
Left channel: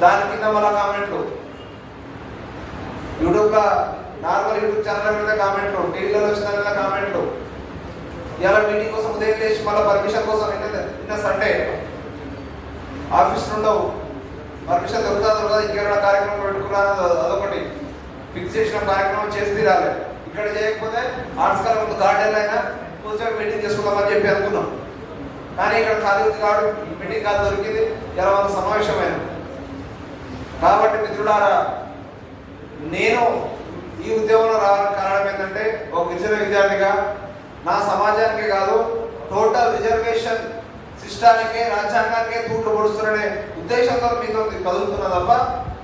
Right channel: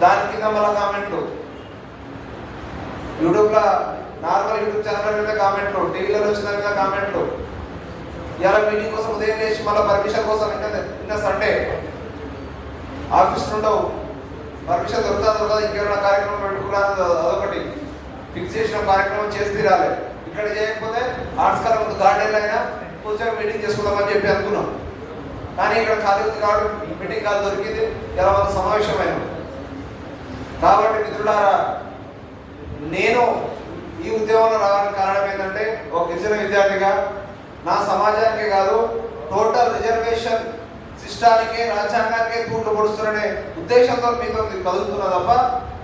దాని కింద మళ్ళీ కామెంట్లు, యూట్యూబ్లో నార్మల్ యూట్యూబ్ ఛానల్ మీద కామెంట్లు, టీవీలలో వచ్చిన మీద కామెంట్లు. ఇలా మీటింగ్ కోసం ఉదయం లేచి మళ్ళీ పర్మిషన్ కోసం నిన్న సండే ఆఫీస్ నుండో పర్మిషన్ దొరుకుతుందో కదా, ఇంకెవరైనా కార్యక్రమం పెట్టుకున్నాను అదొకటి ఫిక్స్ చేసిన కార్యక్రమం చేసి తీరాలి. ఇక్కడ చేయకపోతే ఆర్ట్స్ కాలం ముందు గార్డెన్లో అయినా కూర్చొని మీటింగ్ చేసుకుందామని చెప్పి అనుకున్నాం. కానీ ఇక్కడ ఖాళీ ఉంది కాదు, మీటింగ్ కాదు దొరికింది, ఇలా మన సమావేశమైన. కాబట్టి మిత్రులారా, నేను ఈ ఉద్యమంలో రావడానికి కారణం ఏంటంటే ఒక గిరిజన విద్యార్థిగా నా సమాజానికే కాదు టోటల్ రిజర్వేషన్ సిస్టానికే, రాజ్యాంగానికే తూట్లు పొడుస్తున్ననే ఉద్దేశంతో మీతో కదులుతున్నా తప్ప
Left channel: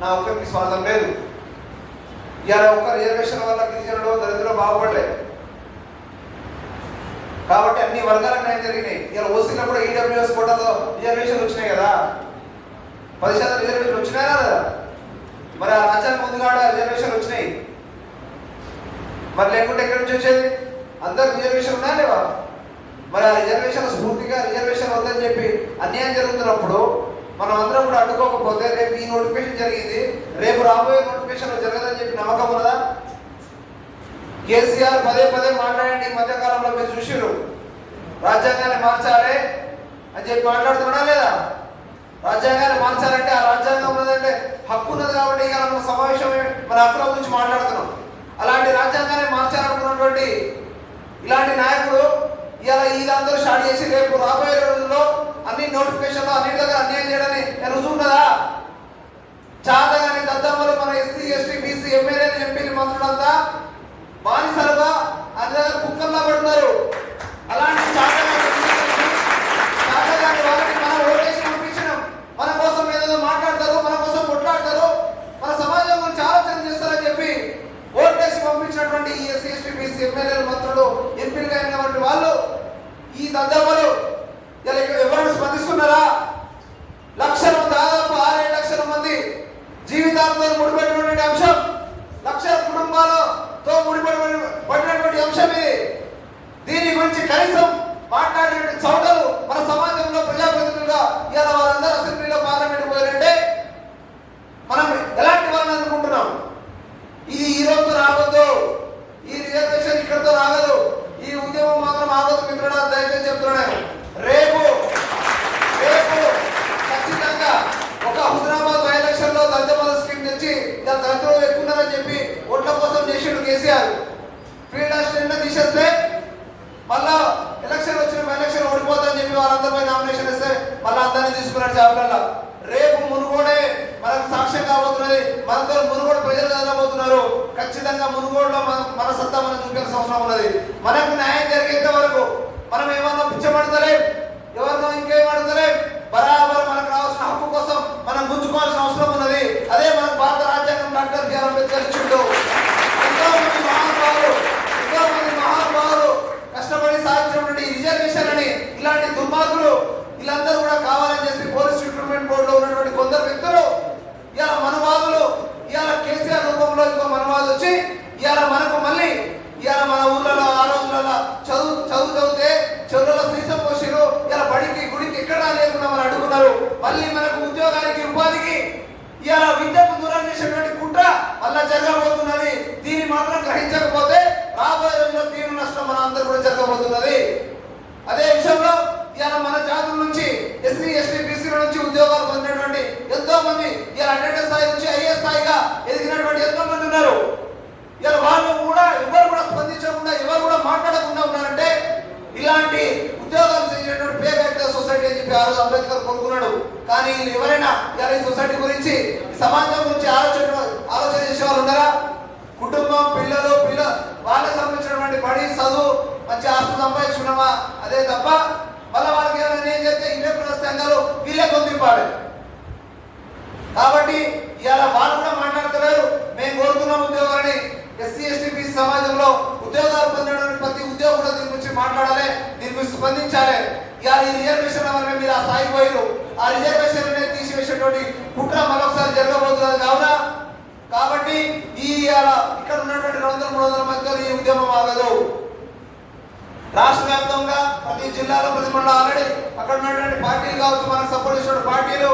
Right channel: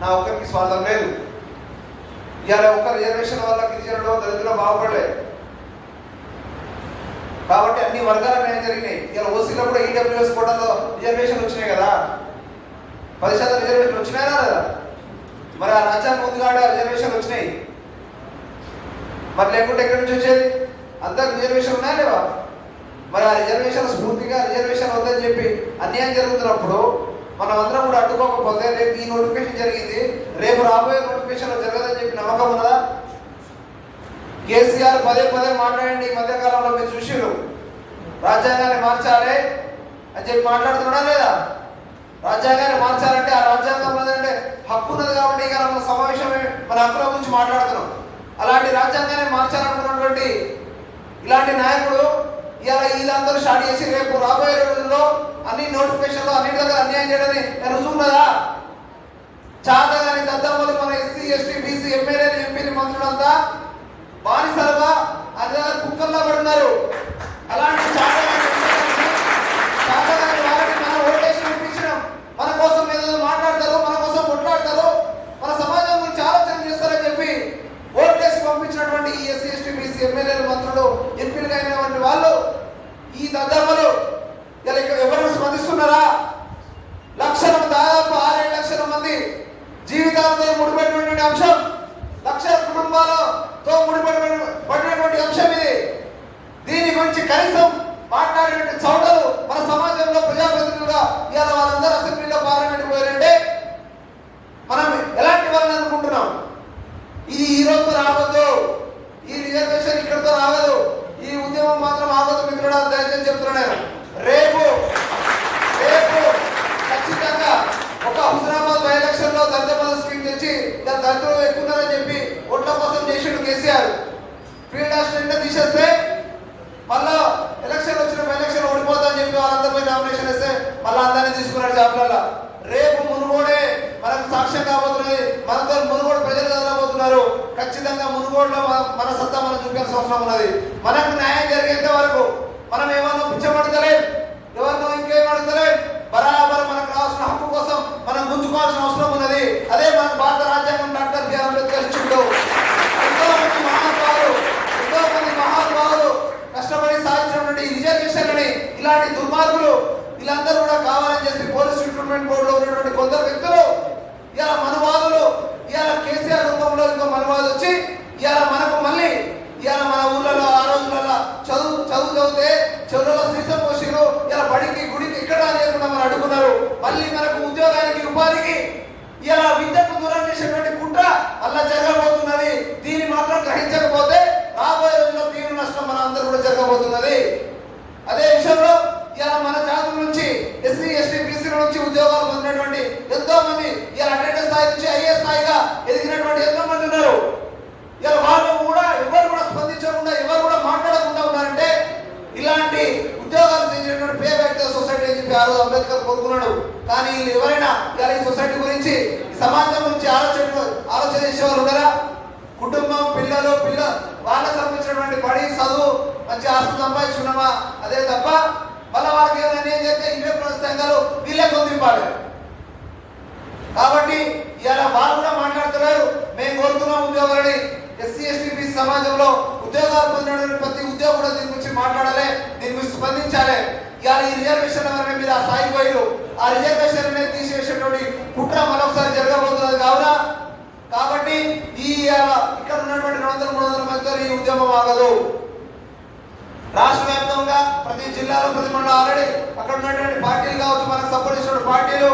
నా ఒక్కరికి స్వార్థం లేదు. ఇవాళ ఒక్క రిజర్వేషన్ వల్ల గిరిజనులు దళితులు బాగుపడలేదు. కాబట్టి అన్ని వర్గాలకు న్యాయం జరిగినాయి. ఇలా ఓసీలో కూడా ఈడబ్ల్యూఎస్ కోటాలో రిజర్వేషన్లు వచ్చినాయి కదా, 10% రిజర్వేషన్లు వచ్చినాయా లేదా? మరి ఆ రాజ్యాంగం ఉంది కాబట్టి రిజర్వేషన్లు వచ్చినాయి. మరి లేకుంటే ఎక్కడి నుంచి వచ్చేది? అందరికి రిజర్వేషన్ ఉన్నాయా లేవా? మరి ఆ రిజర్వేషన్ స్ఫూర్తిగా రిజర్వేషన్ వద్దని చెప్పి అన్యాయం జరుగుతున్నప్పుడు మనం అందరం కూడా అడ్డుకోకపోతే రేపు ఈ నోటిఫికేషన్ జరిగింది, రేపు రాబోయే నోటిఫికేషన్ జరగదని చెప్పి నమ్మకం ఉన్నదా? కేసీఆర్ పదే మాట్లాడండి. ఈ మధ్యకాలంలో మీరు చూసిరు, రాజ్యాంగాన్ని మార్చాలి అని చెప్పి మాట్లాడుతున్నాడా లేదా? రాజ్యాంగాన్ని మార్చాలంటే ఆ రాజ్యాంగం ఉన్నదంటే హక్కు ఉన్నది కాబట్టి ఇక మన సమావేశం మన హక్కుల గురించి మాట్లాడుతున్నాం. అలాంటి రాజ్యాంగాన్ని మార్చాలనుకున్నటువంటి ఇలాంటి నాయకుడు ఇలా వీళ్ళందరూ స్టార్ట్ చేసి రేపు రాబోయే రోజుల్లో అన్ని నోటిఫికేషన్లో అన్నిటి దగ్గర అన్యాయం చేయడని రుజువు ఉన్నదా? చాతగాని దద్దమ్మలు మన ఎస్సీ ఎస్టీ బీసీ ఎమ్మెల్యేలు ఎంపీలు మంత్రులంతా బానిసలుగా అందరూ కుక్కల్లా పడుతున్నారు. అలాంటి చాతగాని వాళ్ళకి మనం ఓటేసి పంపించినాం. మన కోసం ఏదో మాట్లాడతారు, మన కోసం కొట్లాడతారు, మన సమాజం గురించి ఆలోచన చేస్తారని చెప్పి ఓటేసి పంపించినటువంటి ఈ ఎస్సీ ఎస్టీ బీసీ ఎమ్మెల్యేలు మంత్రులు ఎంపీలుగా అయినటువంటి వాళ్ళు ఈ దద్దమ్మలు ఎవరైనా స్పందిస్తున్నారా? దాదాపు 6-7 లక్షల మంది జీవితాలతో ముడిపడినటువంటి అంశం, లక్షల కుటుంబాలతో ముడిపడినటువంటి అంశం ఇది. దీని గురించి కనీసం మాట్లాడినటువంటి చౌటలు మన సమాజంలో ప్రజాప్రతినిధులుగా ఇవాళ వాళ్ళందరూ అసెంబ్లీలో పార్లమెంట్ పోయారంటే మనం ఎలాంటి వాళ్ళని అనుకుంటున్నాం? ఇది ఈ రోజుతో రావద్దు, ఈ రిజర్వేషన్ ఇక్కడితో రాగదు, ఈ ఉద్యమం మాత్రం ఆగదు మిత్రుడా, దయచేసి చెప్తున్నాను. రేపు ఖచ్చితంగా ఇలా దళితులు ఎక్కువ ఉన్నారని చెప్పి ఓట్ల కోసం చేసిండు కేసీఆర్. ఫీల్డ్ అసిస్టెంట్ తీసేస్తే మళ్ళా ఎలక్షన్ వచ్చిన ఎలక్షన్ ఓడిపోతామని చెప్పి వాళ్ళందరిపై నామినేషన్ వేస్తే మళ్ళీ అందరినీ తీసుకున్నాడు జాబ్లలో. రేపు మునుగోడే మనకు సాక్ష్యం కాబోతున్నది. మనతో మునుగోడు ప్రజలు చదవబోతున్నారు. ఖచ్చితంగా మునుగోడులో మన సత్తా మనం చూపాల్సిన అవసరం ఉన్నది. మనకు న్యాయం జరిగేంత వరకు మనం ఏమన్నా పిచ్చబడతలేం, ఎవరినో ఇంకేం అడతలేం. బరాబర్ మనకు రావాల్సిన హక్కు కోసం మనం గుంజుకోవాల్సిన అవసరం ఉన్నది. అదే మనకు భారత రాజ్యాంగం డాక్టర్ బిఆర్ అంబేద్కర్ ఇచ్చిండు. ఎంతో మంది మహానుభావులు కష్టపడి సాధించినటువంటి రిజర్వేషన్లని ఇలాంటి దుర్మార్గులు వీళ్ళందరూ కూడా కావాలని చెప్పి పోలీస్ రిక్రూట్మెంట్ బోర్డులో ఉన్నటువంటి కొందరు వ్యక్తులు ఇవాళ మనవాదులు ఇవాళ కేసీఆర్ రూపంలో ఇంకో మనవాదు వచ్చి ఇవాళ మనకు మళ్ళీ ఇవాళ మన ఊర్లలో ఆ రోజులలో చదివితే చెరువుల సీసం పోసిరు. ఇలా బడికి గుడికి ఎక్కడ లేకుండా మనం అడుగున్నారు. మళ్ళీ మనకు ఉద్యోగానికి ఉపాధికి ఇవాళ విద్యకు దూరం చేసేటువంటి కుట్ర అలా జరగబోతున్నది. దీన్ని మాత్రం గ్రహించకపోతే రాబోయే రోజుల్లో తీవ్ర నష్టం మన అందరూ కూడా జరగబోతున్నది. అదే విషయంలో ఇవాళ మన జాతుల నుంచి ఎస్సీ ఎస్టీ బీసీల నుంచి ఉద్యోగాలు పొందినటువంటి ఎంతో మంది ఇవాళ అటెండెన్స్ స్థాయి నుంచి ఐఏఎస్ స్థాయిగా ఎదిగినటువంటి ఎంతో మంది ఉన్నారు. ఇవాళ వాళ్ళు కూడా ఎవరు కూడా స్పందించకుండా ఎవరు కూడా మాట్లాడకుండా ఉన్నారంటే ఇలాంటి ఉద్యోగాలు చేసినటువంటి పే బ్యాక్ సొసైటీ అని చెప్పి ఆ రోజు అంబేద్కర్ కోరుకున్నాడు. కానీ వీళ్ళు ఎవరైనా ఇవాళ ఈ సొసైటీ గురించి ఈ సమాజం గురించి ఆలోచన చేసే వాళ్ళు ఉన్నారా? కుటుంబం పిల్లలు వాళ్ళకి సంబంధించినటువంటి బడి చదువు మంచి ఆస్తులు సంపాదించుకున్నామా అదే తప్ప మళ్ళీ వాళ్ళకి ఏమైనా ఏం చేస్తే ఇవే సంఘాలు వీళ్ళే పొందింపాలి. కాబట్టి ఇవాళ వాళ్ళు కూడా మాట్లాడుతున్నారు. మేము కోరుతున్నాం ఉద్యోగాలని. ఎస్సీ ఎస్టీ బీసీ సమాజంలో ఉద్యోగాలు పొందినటువంటి ప్రతి ఉద్యోగం కూడా దీని గురించి మాట్లాడాలి, దీని గురించి స్పందించాలి. ఇవాళ ఈ రిజర్వేషన్ వల్ల మీరు ఆ స్థాయికి పోయారు. ఆ రిజర్వేషన్ అనేది తీసివేసేటువంటి కుట్ర మరొకసారి జరగబోతున్నది కావున కాబట్టి ఈ ఇక్కడ ఉన్నటువంటి 200-300 మందితో ఈ ఉద్యమం ఆగదు. రాష్ట్ర వ్యాప్తంగా ప్రతి జిల్లాలో ప్రతి మండలం ఆల్రెడీ అక్కడ ఉన్నటువంటి పార్టీలు కావచ్చు, మనకు సపోర్ట్ చేసిన పార్టీలు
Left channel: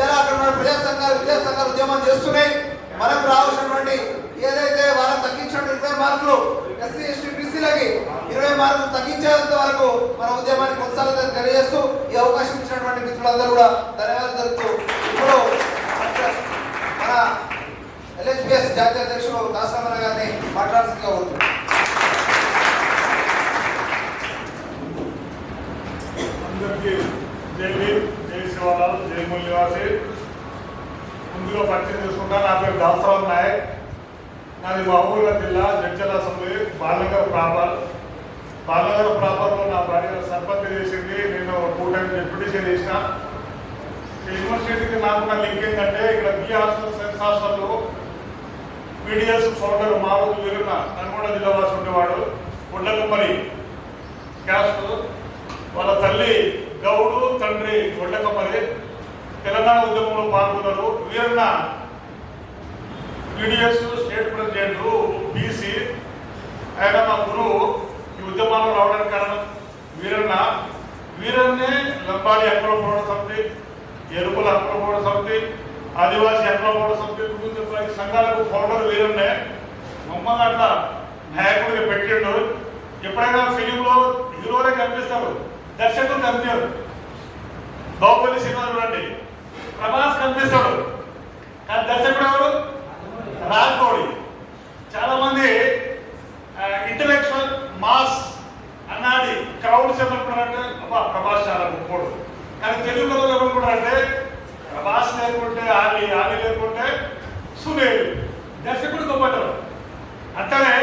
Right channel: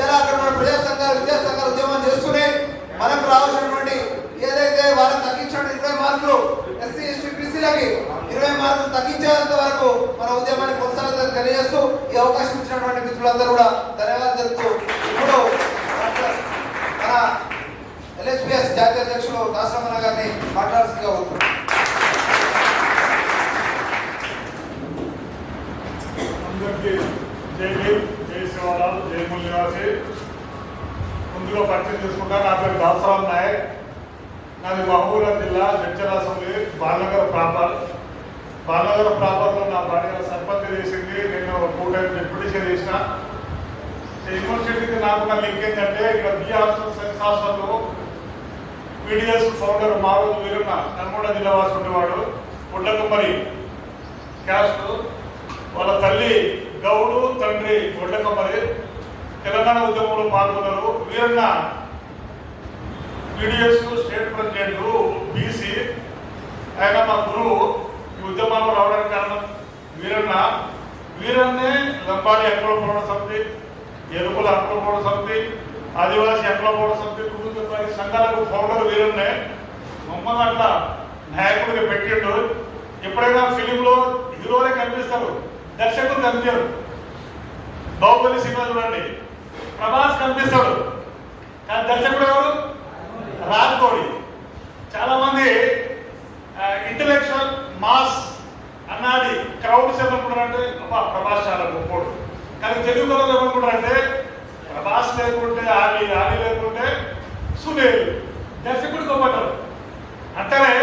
ఇలా అక్కడ ఉన్న ప్రజా సంఘాలు విద్యా సంఘాలు ఉద్యమం చేస్తున్నాయి. మనకు రావాల్సినటువంటి ఏదైతే వాళ్ళకి తగ్గించిన 20 మార్కులు ఎస్సీ ఎస్టీ బీసీలకి 20 మార్కులు తగ్గించేంత వరకు మన ఉద్యమాన్ని కొనసాగుతుందని తెలియజేస్తూ ఈ అవకాశం ఇచ్చినటువంటి మిత్రులందరూ కూడా ధన్యవాదాలు తెలుపుతూ ఇప్పుడు మన ఎల్హెచ్పిఎస్ జాతీయ అధ్యక్షులు దాసరమణ గారిని మాట్లాడాల్సిందిగా కోరుతున్నాను. అందరికీ జై భీమ్, జై శివలాల్, జై మూల్ నివాసి. ముందుగా పరిచయం చేసుకుంటా. నా పేరు దాసరామ్ నాయక్. నాది మహబూబాబాద్ జిల్లా జడ్చర్ల అసెంబ్లీ బాలనగర్ ప్రాపర్లో నా భార్య సర్పంచ్ చేసింది. నేను 2 టైమ్స్ డిప్యూటీషన్ చేసిన. యూనివర్సిటీకి నాకున్న లింక్ ఏంటంటే ఇక్కడ బి హాస్టల్ సైన్స్ హాస్టల్లో పీడిఎస్ ఫౌండర్ మారోజు వీరన్న నల్గొండ జిల్లా వాసి ఉండేవాడు. ఒడ్లకమ్మరి క్యాస్ట్. వాళ్ళ తల్లి గౌడు, తండ్రి ఒడ్లకమ్మరి. తెలంగాణ ఉద్యమంలో పాల్గొన్నారు. Veeranna PDS state president, BC. ఆయన మా గురువు. ఈ ఉద్యమాల్లో రావడానికి కారణం వీరన్నే లంబాడి హక్కుల పోరాట సమితి, ఎరుకుల హక్కుల పోరాట సమితి, ఆదివాసీ హక్కుల పోరాట సమితి సంఘాలకు ఫౌండర్ వీరన్నే. మమ్మల్ని అట్లా నాయకుడిగా పెట్టిండు. ఎప్పుడైనా ఫిలింలో హీరోలే కనిపిస్తారు, దర్శకులు కనిపించారు. బాహుబలి సినిమా చూడండి, ప్రభాస్ కనిపిస్తాడు కానీ దర్శకుడు ఎవరు? రాజ్కోడి. చాలా మంది ఇంటలెక్చువల్ మాస్ అన్నది క్రౌడ్స్ ఏమనుకుంటారంటే అబ్బా ప్రభాస్ చాలా గొప్పోడు. కానీ తెలుగు కథలు ఏమనుకుంటారంటే ప్రభాస్ లేకుంటే ఆలీ లేకుంటే సునీల్. దర్శకుడు గొప్పటారు. అంటనే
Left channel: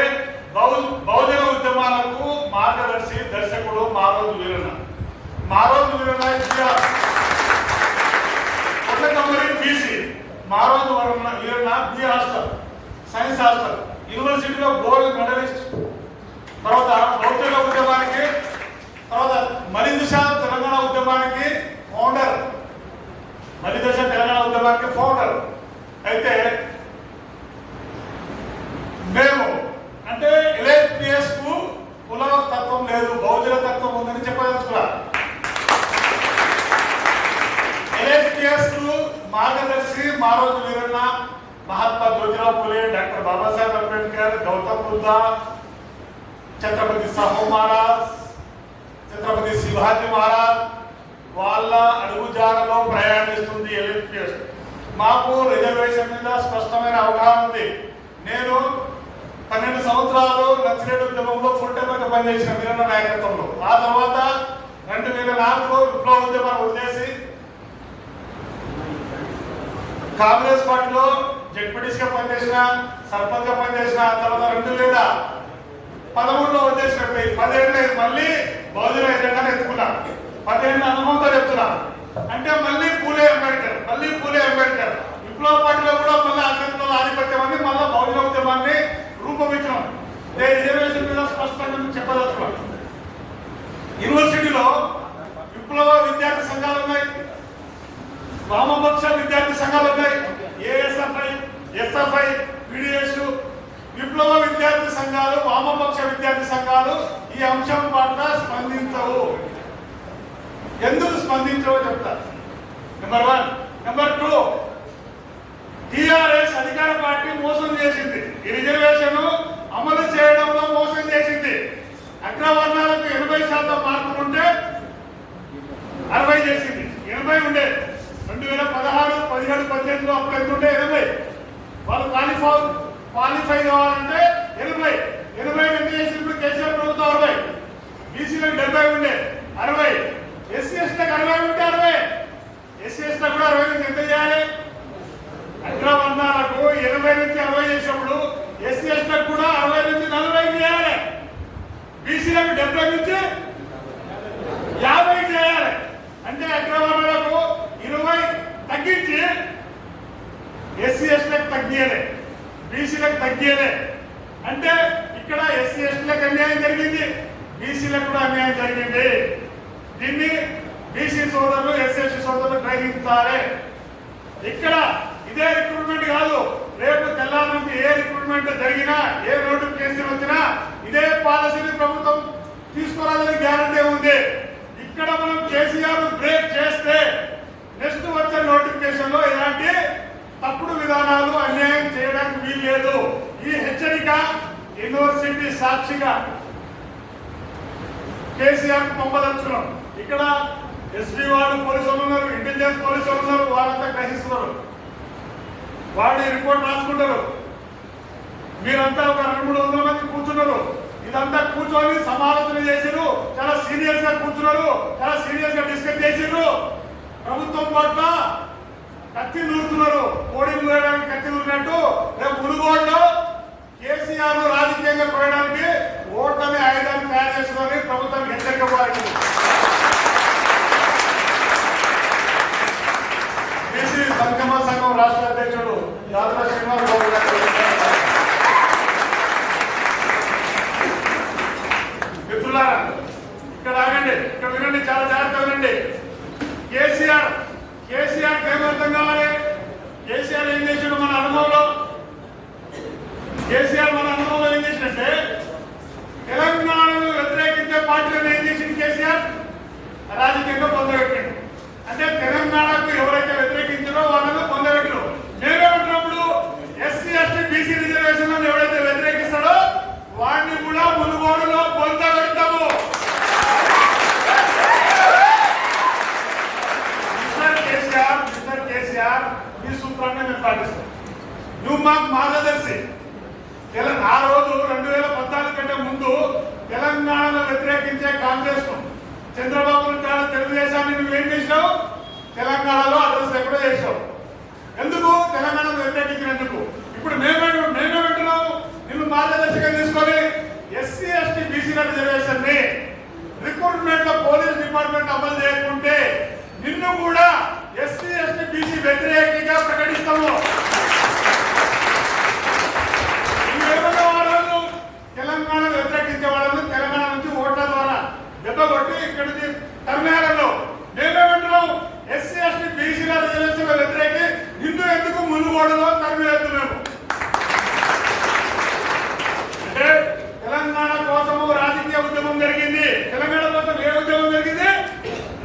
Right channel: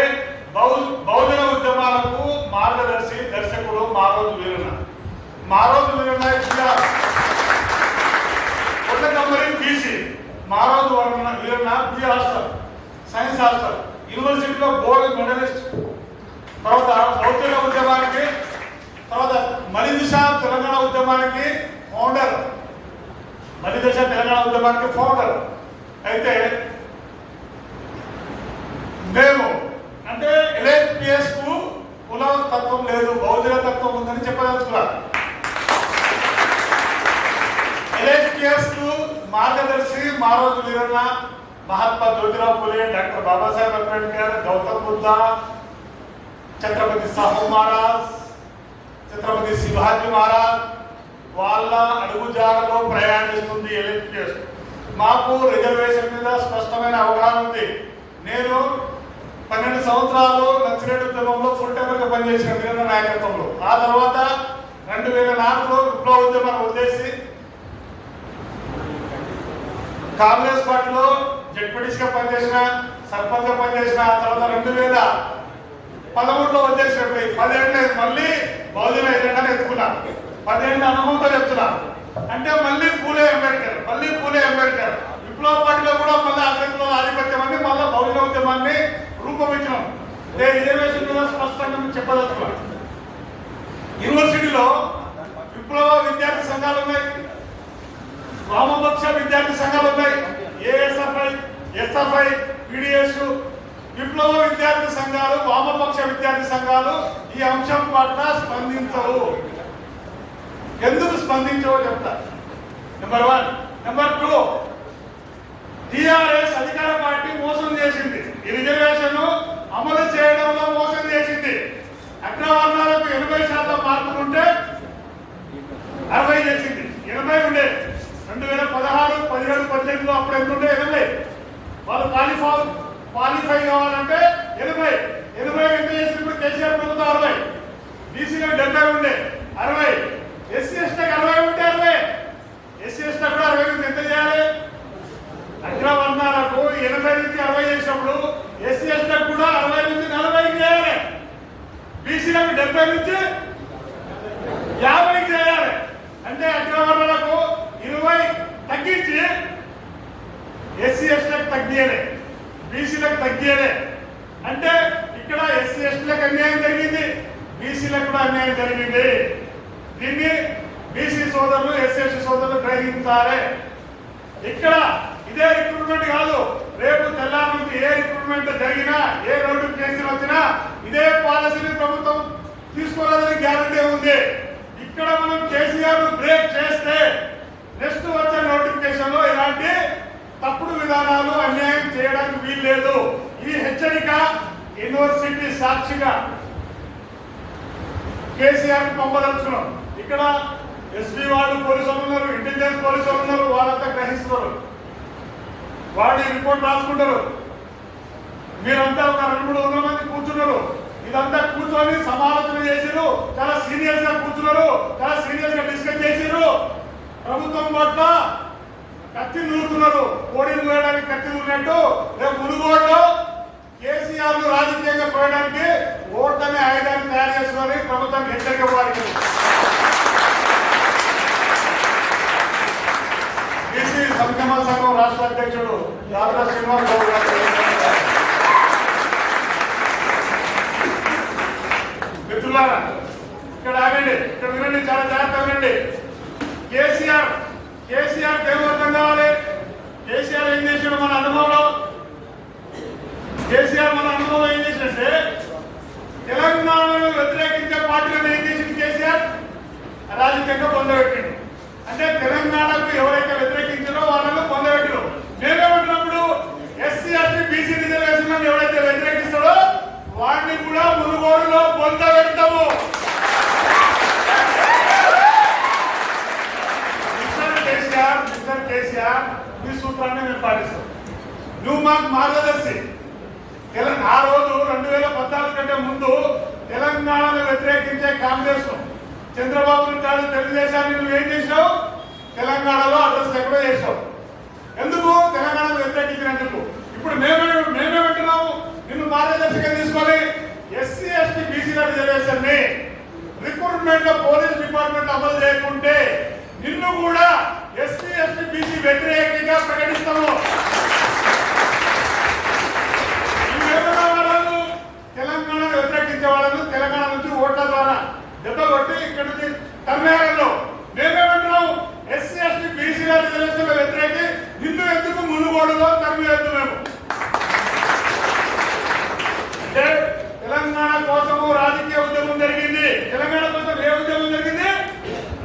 బహుజన ఉద్యమాలకు మార్గదర్శి దర్శకుడు మారోజు వీరన్న. కొట్టకమ్మరి BC, Maroju Veeranna B hostel science hostel, యూనివర్సిటీలో గోల్డ్ మెడలిస్ట్. తర్వాత బౌద్ధ ఉద్యమానికి, తర్వాత మలిదశ తెలంగాణ ఉద్యమానికి ఫౌండర్. అయితే మేము అంటే ఎల్హెచ్పిఎస్ కు కుల తత్వం లేదు, బౌద్ధ తత్వం ఉందని చెప్పదలుచుకున్నా. ఎల్హెచ్పిఎస్ కు మార్గదర్శి మారోజు వీరన్న, మహాత్మా జ్యోతిరావు ఫులే, డాక్టర్ బాబాసాహెబ్ అంబేద్కర్, గౌతమ్ బుద్ధ, ఛత్రపతి సాహు మహారాజ్, ఛత్రపతి శివాజీ మహారాజ్. వాళ్ళ అడుగుజాడలో ప్రయాణిస్తుంది ఎల్హెచ్పిఎస్. మాకు రిజర్వేషన్ మీద స్పష్టమైన అవగాహన ఉంది. నేను 12 సంవత్సరాలు నక్సలైట్ ఉద్యమంలో ఫుల్ టైమర్గా పనిచేసిన వీరన్న నాయకత్వంలో. ఆ తర్వాత 2004లో విప్లవ ఉద్యమాన్ని వదిలేసి కాంగ్రెస్ పార్టీలో జడ్పీటీసీగా పనిచేసిన, సర్పంచ్గా పనిచేసిన. ఆ తర్వాత 2013లో వదిలేసినట్టు 10 ఏళ్ళు మళ్ళీ బహుజన ఎజెండాని ఎత్తుకున్నా. 10 ఏళ్ళ అనుభవంతో చెప్తున్నా. అంటే మళ్ళీ పూలే అంబేద్కర్ విప్లవ పార్టీలో కూడా మళ్ళీ అగ్రకుల ఆధిపత్యం అని మళ్ళీ బహుజన ఉద్యమాన్ని రూపొందించినాం. రిజర్వేషన్ మీద స్పష్టంగా చెప్పదలుచుకున్నాం. యూనివర్సిటీలో విప్లవ విద్యార్థి సంఘాలు ఉన్నాయి, వామపక్ష విద్యార్థి సంఘాలు ఉన్నాయి, ఏఎస్ఎఫ్ఐ, ఎస్ఎఫ్ఐ, పిడిఎస్. విప్లవ విద్యార్థి సంఘాలు, వామపక్ష విద్యార్థి సంఘాలు ఈ అంశం పట్ల స్పందించవు. ఎందుకు స్పందించవో చెప్తారు. నెంబర్ 1. నెంబర్ 2, టిఆర్ఎస్ అధికార పార్టీ మోసం చేసింది. ఈ రిజర్వేషన్ అమలు చేయడంలో మోసం చేసింది. అగ్రవర్ణాలకు 80% మార్కులు ఉంటే 60 చేసింది. 80 ఉండే 2016, 17, 18లో అప్పుడు ఎంత ఉండే 80. వాళ్ళు క్వాలిఫై కావాలంటే 80 ఎంత చేసి ఇప్పుడు కేసీఆర్ ప్రభుత్వం 60. బీసీలకు 70 ఉండే 60. ఎస్సీ ఎస్టీలకు 60 ఉంటే 60. ఎస్సీ ఎస్టీలకు కూడా 60 నుంచి ఎంత చేయాలి? అగ్రవర్ణాలకు 80 నుంచి 60 చేసినప్పుడు ఎస్సీ ఎస్టీలకు కూడా 60 నుంచి 40 చేయాలి. బీసీలకు 70 నుంచి 50 చేయాలి. అంటే అగ్రవర్ణాలకు 20 తగ్గించి ఎస్సీ ఎస్టీలకు తగ్గియలే, బీసీలకు తగ్గియలే. అంటే ఇక్కడ ఎస్సీ ఎస్టీలకు అన్యాయం జరిగింది, బీసీలకు కూడా అన్యాయం జరిగింది. దీన్ని బీసీ సోదరులు, ఎస్సీ ఎస్టీ సోదరులు గ్రహించాలి. ఇక్కడ ఇదే రిక్రూట్మెంట్ కాదు, రేపు తెల్లారి నుంచి ఏ రిక్రూట్మెంట్ జరిగినా, ఏ నోటిఫికేషన్ వచ్చినా ఇదే పాలసీని ప్రభుత్వం తీసుకోవాలని గ్యారంటీ ఉంది. ఇక్కడ మనం కేసీఆర్ బ్రేక్ చేస్తే నెక్స్ట్ వచ్చే నోటిఫికేషన్ లో ఇలాంటి తప్పుడు విధానాలు, అన్యాయం చేయడానికి వీలు లేదు. ఈ హెచ్చరిక యూనివర్సిటీ సాక్షిగా కేసీఆర్ పంపదలుచుకున్నాం. ఇక్కడ ఎస్పీ వాళ్ళు పోలీసులు ఉన్నారు, ఇంటెలిజెన్స్ పోలీసులు ఉన్నారు, వాళ్ళంతా గ్రహిస్తున్నారు, వాళ్ళు రిపోర్ట్ రాసుకుంటారు. మీరంతా ఒక 200-300 మంది కూర్చున్నారు. ఇదంతా కూర్చొని సమాలోచన చేసారు, చాలా సీరియస్ గా కూర్చున్నారు, చాలా సీరియస్ గా డిస్కస్ చేసారు. ప్రభుత్వం పట్ల కత్తి నూరుతున్నారు. కోడిని కోయడానికి కత్తి నూరినట్టు రేపు మునుగోడులో కేసీఆర్ రాజకీయంగా కోయడానికి ఓట్లనే ఆయుధాన్ని తయారు చేసుకొని ప్రభుత్వం హెచ్చరిక వారికి. బీసీ సంక్షేమ సంఘం రాష్ట్ర అధ్యక్షుడు యాదవ శ్రీనివాస్ గౌడ్ గారు. మిత్రులారా, ఇక్కడ ఆగండి, ఇక్కడ వినండి, చాలా జాగ్రత్తగా వినండి. కేసీఆర్ ఏం అర్థం కావాలి? కేసీఆర్ ఏం చేశాడు మన అనుభవంలో? కేసీఆర్ మన అనుభవంలో ఏం చేసినట్టే తెలంగాణను వ్యతిరేకించే పార్టీలను ఏం చేసింది కేసీఆర్? రాజకీయంగా పొందబెట్టిండు. అంటే తెలంగాణకు ఎవరైతే వ్యతిరేకించారో వాళ్ళను పొందబెట్టారు. మేమేమంటున్నప్పుడు ఎస్సీ ఎస్టీ బీసీ రిజర్వేషన్ ఎవరైతే వ్యతిరేకిస్తాడో వాడిని కూడా మునుగోడులో పొందబెడతాము. మిస్టర్ కేసీఆర్ ఈ సూత్రాన్ని మేము పాటిస్తాం. నువ్వు మాకు మార్గదర్శి. ఆ రోజు 2014 కంటే ముందు తెలంగాణను వ్యతిరేకించే కాంగ్రెస్ చంద్రబాబు నాయుడు తెలుగుదేశాన్ని నువ్వేం చేసావు? తెలంగాణలో అడ్రస్ ఎక్కడో చేసావు. ఎందుకు? తెలంగాణను వ్యతిరేకించినందుకు. ఇప్పుడు మేమేమంటున్నాము? నిన్ను మార్గదర్శిగా తీసుకొని ఎస్సీ ఎస్టీ బీసీల రిజర్వేషన్ ని రిక్రూట్మెంట్ లో పోలీస్ డిపార్ట్మెంట్ అమలు చేయకుంటే నిన్ను కూడా ఎస్సీ ఎస్టీ బీసీ వ్యతిరేకంగా ప్రకటిస్తాము. నువ్వేమన్నా వాళ్ళు తెలంగాణ వ్యతిరేకించే వాళ్ళను తెలంగాణ నుంచి ఓట్ల ద్వారా దెబ్బ కొట్టి ఇక్కడ నుంచి తరిమేయాలలో మేమేమంటున్నాం? ఎస్సీ ఎస్టీ బీసీల రిజర్వేషన్ వ్యతిరేకి నిన్ను ఎందుకు మునుగోడులో తరిమేయద్దు మేము. అంటే తెలంగాణ కోసము రాజకీయ ఉద్యమం జరిగింది. తెలంగాణ కోసం ఏ ఉద్యమం జరిగింది?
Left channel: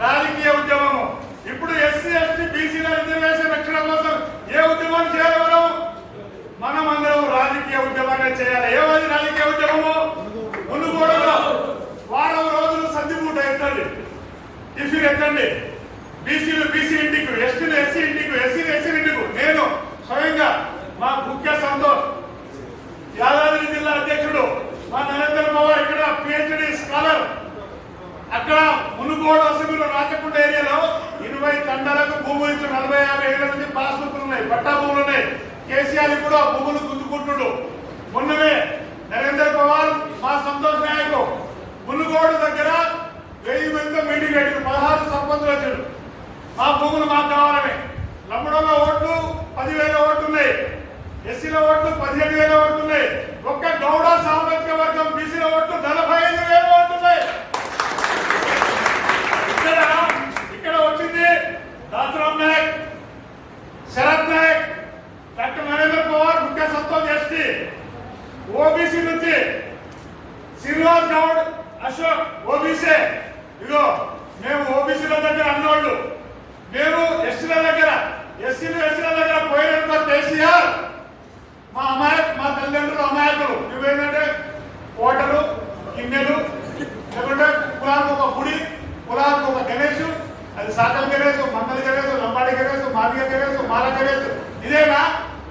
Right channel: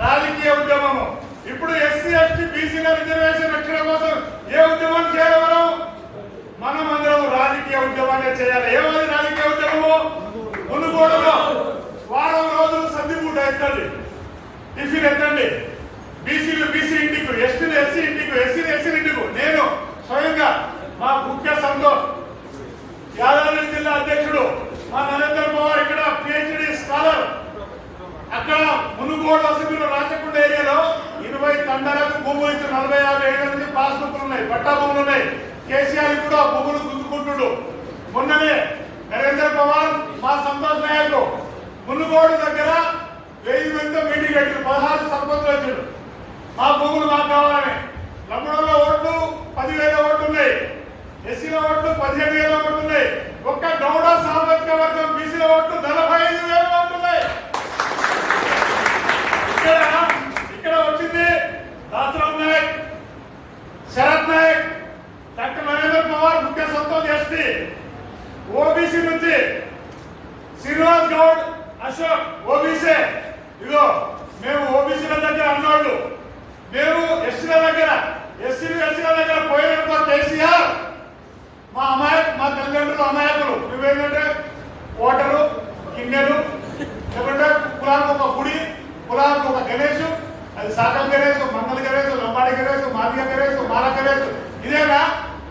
రాజకీయ ఉద్యమము. ఇప్పుడు ఎస్సీ ఎస్టీ బీసీల రిజర్వేషన్ రక్షణ కోసం ఏ ఉద్యమం చేయాలి? మనం అందరం రాజకీయ ఉద్యమాన్ని చేయాలి. ఏమది రాజకీయ ఉద్యమము? మునుగోడులో వారం రోజులు సంధిపూట ఎత్తండి, టిఫిన్ ఎత్తండి. బీసీలు బీసీ ఇంటికి, ఎస్టీలు ఎస్సీ ఇంటికి, ఎస్సీలు ఎస్సీ ఇంటికి. ఏళ్ల నుంచి పాస్బుక్లు ఉన్నాయి, పట్టా భూములు ఉన్నాయి. కేసీఆర్ ఇప్పుడు ఆ భూములు గుంజుకుంటుడు. మొన్ననే నరేంద్ర పవార్ మా సంతోష్ నాయక్ మునుగోడు దగ్గర 1000 మందితో మీటింగ్ పెట్టారు. 16 సర్పంచులు వచ్చాడు. మా భూములు మాకు కావాలని. లమ్మడోళ్ళ ఓట్లు 10,000 ఓట్లు ఉన్నాయి, ఎస్సీల ఓట్లు 15,000 ఓట్లు ఉన్నాయి. ఒక్క గౌడ సామాజిక వర్గం బీసీల ఓట్లు 45,000 ఓట్లు ఉన్నాయి. ఇక్కడ వచ్చింది దాసరామ్ నాయక్, శరత్ నాయక్, డాక్టర్ నరేంద్ర పవార్, ముఖ్య సంతోష్ ఎస్టీ, ఓబీసీ నుంచి శ్రీనివాస్ గౌడ్, అశోక్ ఓబీసీ. ఇదో మేము ఓబీసీల దగ్గర అన్నోళ్ళు, మేము ఎస్సీల దగ్గర ఎస్సీల దగ్గర పోయినప్పుడు కేసీఆర్ మా తల్లిదండ్రులు అమాయకులు. నువ్వేంటంటే ఓటరు, గిన్నెలు, లేకుంటే కులానికి ఒక గుడి, కులానికి ఒక గణేష్, అది సాకల్ గణేష్, మంగళ గణేష్, లంబాడి గణేష్, మాదిగ గణేష్, మాల గణేష్. ఇదేనా?